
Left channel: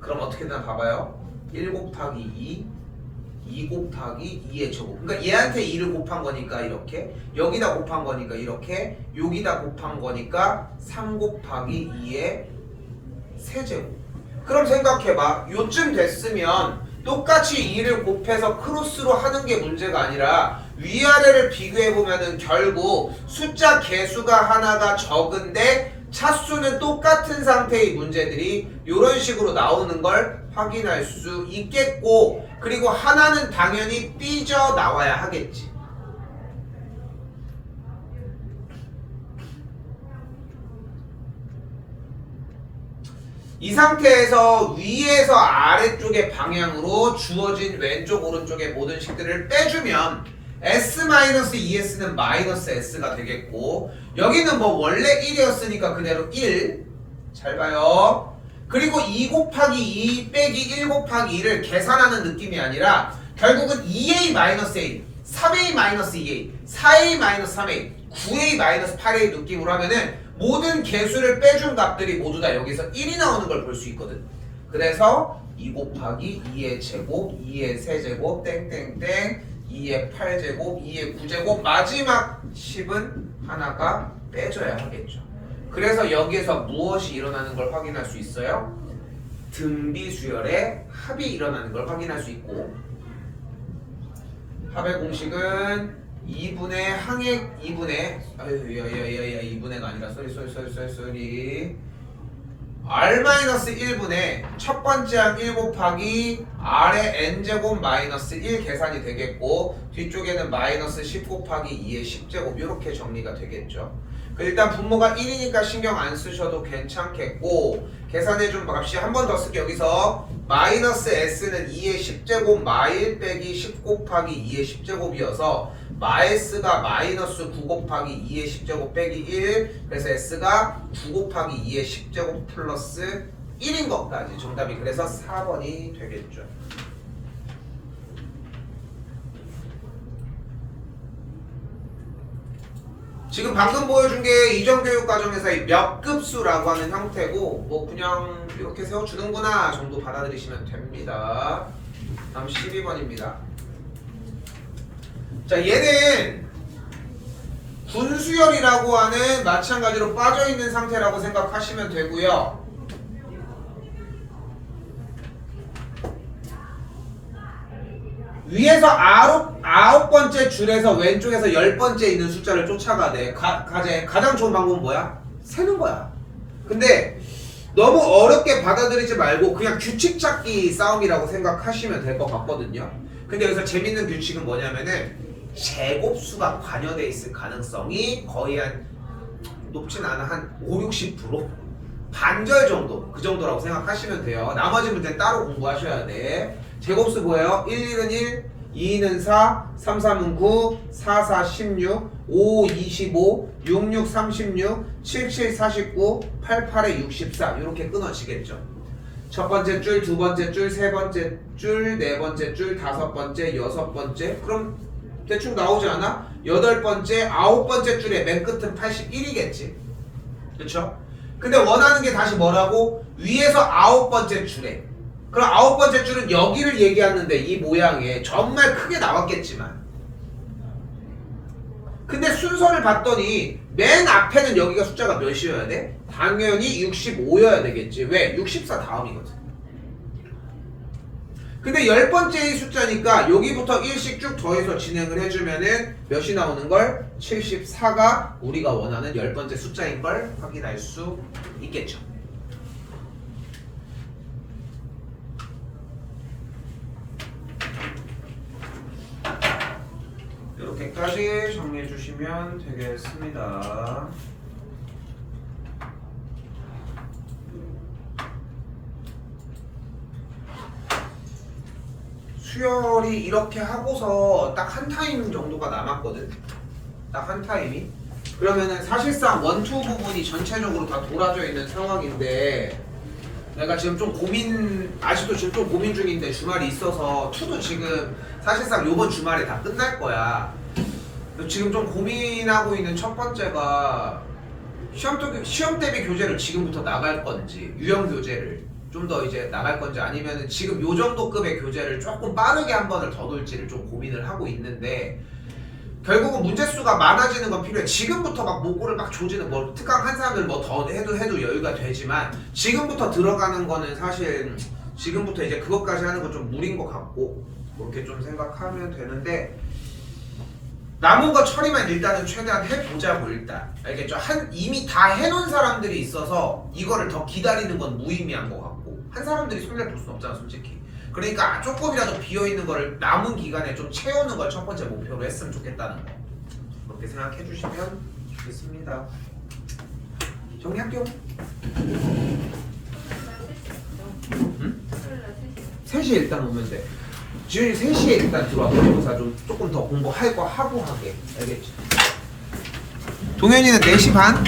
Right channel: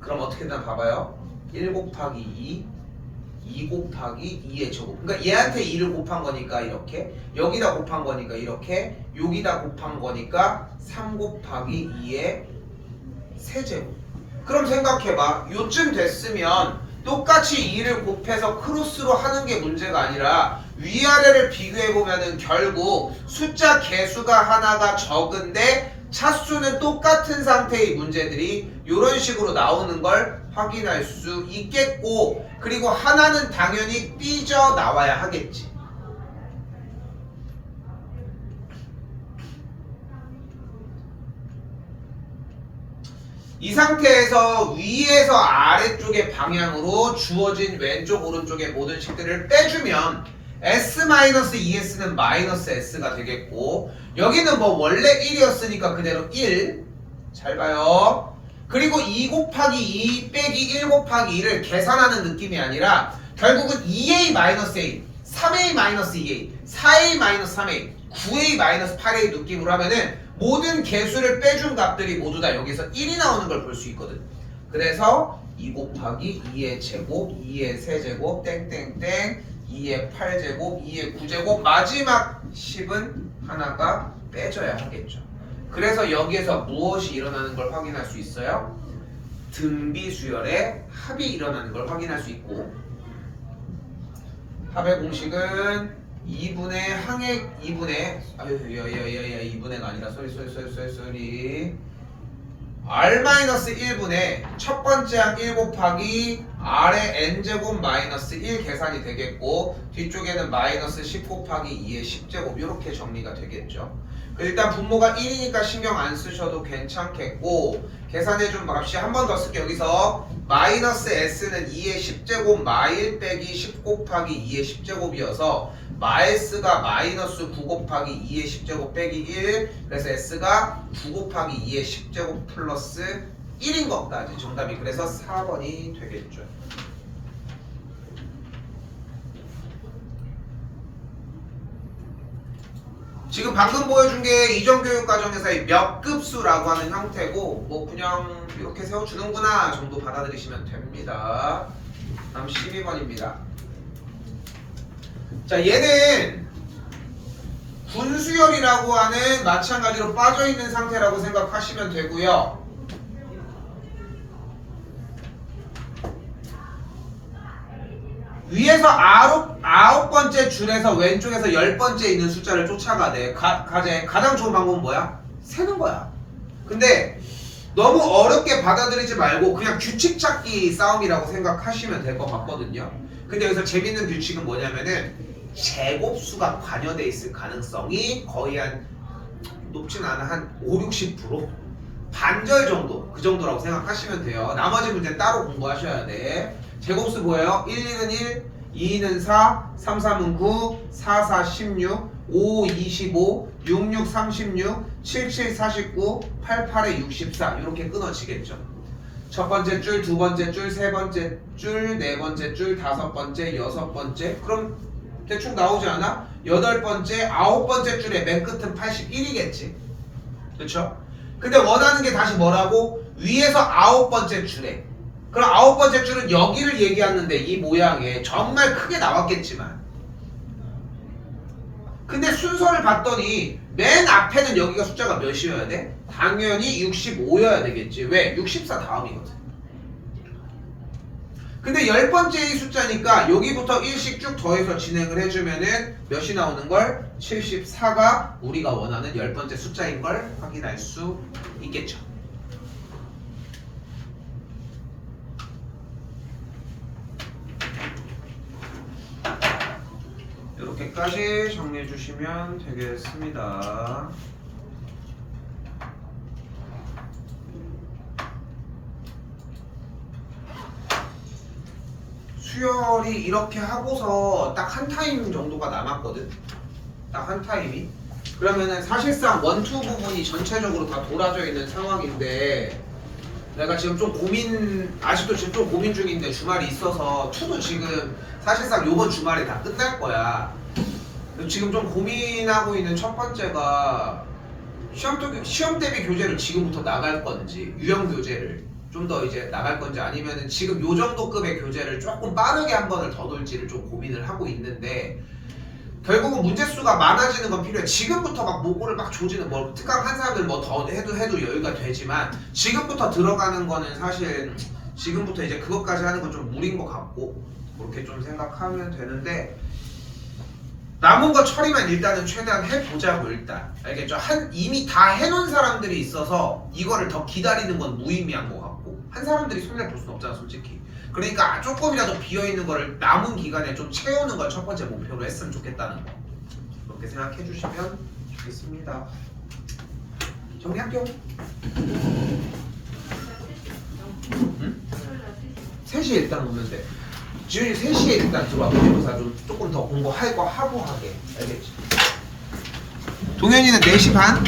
그럼 어떻게 되나 봐봐요. 1 곱하기 2, 2 곱하기 2의 제곱. 그러니까 얘한테 2를 곱한 거니까 이렇게, 여기다 곱한 거니까 이렇게, 여기다 곱한 거니까 3 곱하기 2의 세제곱. 그럼 생각해봐. 요쯤 됐으면 똑같이 2를 곱해서 크로스로 하는 게 문제가 아니라 위아래를 비교해보면은 결국 숫자 개수가 하나가 적은데 차수는 똑같은 상태의 문제들이 이런 식으로 나오는 걸 확인할 수 있겠고, 그리고 하나는 당연히 삐져 나와야 하겠지. 이 상태에서 위에서 아래쪽의 방향으로 주어진 왼쪽 오른쪽의 모든 식들을 빼주면 S-2S는 마이너스 S가 되겠고, 여기는 뭐 원래 1이었으니까 그대로 1. 잘 봐요. 그리고 2 곱하기 2 빼기 1 곱하기 2를 계산하는 느낌이 아니라 결국은 2A-A, 3A-2A, 4A-3A, 9A-8A 느낌으로 하면은 모든 개수를 빼준 값들이 모두 다 여기서 1이 나오는 걸 볼 수 있거든. 그래서 2 곱하기 2의 제곱, 2의 세제곱, 땡땡땡, 2의 8제곱, 2의 9제곱, 마지막 10은 하나가 빼줘야 하겠죠. 그래서 여기에서 무엇이 일어나는 걸 확인할 수 있어요? 등비수열의 합이 일어나는 걸 확인할 수 있고, 합의 공식은 2분의 항액 2분의 2분의가 아니라 쏘리 R-1분의 첫 번째 항 1 곱하기 R의 n제곱 마이너스 1 계산이 되겠고 뒤쪽에는 마이너스 10 곱하기 2의 10제곱 이렇게 정리가 되겠죠. 일단 분모가 1이니까 신경 안 쓰셔도 괜찮겠고 계산해준 값이 한 번 더 쓸게요. 여기서 마이너스 s는 2의 10제곱 마일 빼기 10 곱하기 2의 10제곱이어서 마S가 마이너스 9 곱하기 2의 10제곱 빼기 1 그래서 s가 9 곱하기 2의 10제곱 플러스 1인 것까지 정답이 그래서 4번이 되겠죠. 지금 방금 보여준 게 이전 교육 과정에서의 몇 급수라고 하는 형태고 뭐 그냥 이렇게 세워주는구나 정도 받아들이시면 됩니다. 다음 12번입니다. 자 얘는 분수열이라고 하는 마찬가지로 빠져있는 상태라고 생각하시면 되고요. 위에서 아홉 번째 줄에서 왼쪽에서 10번째 있는 숫자를 쫓아가되 가장 좋은 방법은 뭐야? 세는 거야. 근데 너무 어렵게 받아들이지 말고 그냥 규칙 찾기 싸움이라고 생각하시면 될 것 같거든요. 근데 여기서 재밌는 규칙은 뭐냐면은 제곱수가 관여돼 있을 가능성이 거의 한 높진 않아 한 5-60% 반절 정도 그 정도라고 생각하시면 돼요. 나머지 문제 따로 공부하셔야 돼. 제곱수 뭐예요? 1, 1은 1, 2는 4, 3, 3은 9, 4, 4, 16, 5, 25, 6, 6, 36, 7, 7, 49, 8, 8에 64 이렇게 끊어지겠죠. 첫 번째 줄, 두 번째 줄, 세 번째 줄, 네 번째 줄, 다섯 번째, 여섯 번째 그럼 대충 나오지 않아? 여덟 번째, 아홉 번째 줄에 맨 끝은 81이겠지. 그쵸? 근데 원하는 게 다시 뭐라고? 위에서 아홉 번째 줄에 그럼 아홉 번째 줄은 여기를 얘기하는데 이 모양에 정말 크게 나왔겠지만 근데 순서를 봤더니 맨 앞에는 여기가 숫자가 몇이어야 돼? 당연히 65여야 되겠지. 왜? 64 다음이거든. 근데 10번째의 숫자니까 여기부터 1씩 쭉 더해서 진행을 해주면은 몇이 나오는 걸? 74가 우리가 원하는 10번째 숫자인 걸 확인할 수 있겠죠. 이렇게까지 정리해 주시면 되겠습니다. 수열이 이렇게 하고서 딱 한 타임 정도가 남았거든. 딱 한 타임이. 그러면은 사실상 원투 부분이 전체적으로 다 돌아져 있는 상황인데 내가 지금 좀 아직도 지금 좀 고민 중인데 주말이 있어서 투도 지금 사실상 요번 주말에 다 끝날 거야. 지금 좀 고민하고 있는 첫 번째가 시험 대비 교재를 지금부터 나갈 건지 유형 교재를 좀 더 이제 나갈 건지 아니면은 지금 요 정도 급의 교재를 조금 빠르게 한 번을 더 돌지를 좀 고민을 하고 있는데 결국은 문제수가 많아지는 건 필요해. 지금부터 막 목표를 막 조지는 뭐 특강 한 사람들 뭐 더 해도 여유가 되지만 지금부터 들어가는 거는 사실 지금부터 이제 그것까지 하는 건 좀 무리인 것 같고 그렇게 좀 생각하면 되는데 남은 거 처리만 일단은 최대한 해보자고 일단 알겠죠? 이미 다 해놓은 사람들이 있어서 이거를 더 기다리는 건 무의미한 것 같고 한 사람들이 손해를 볼 수는 없잖아 솔직히. 그러니까 조금이라도 비어있는 거를 남은 기간에 좀 채우는 걸 첫 번째 목표로 했으면 좋겠다는 거 그렇게 생각해 주시면 좋겠습니다. 정리할게요. 응? 3시에 일단 오면 돼. 지훈이 3시에 일단 들어와. 그래서 좀 조금 더 공부할 거 하고 하게. 알겠지? 동현이는 4시 반?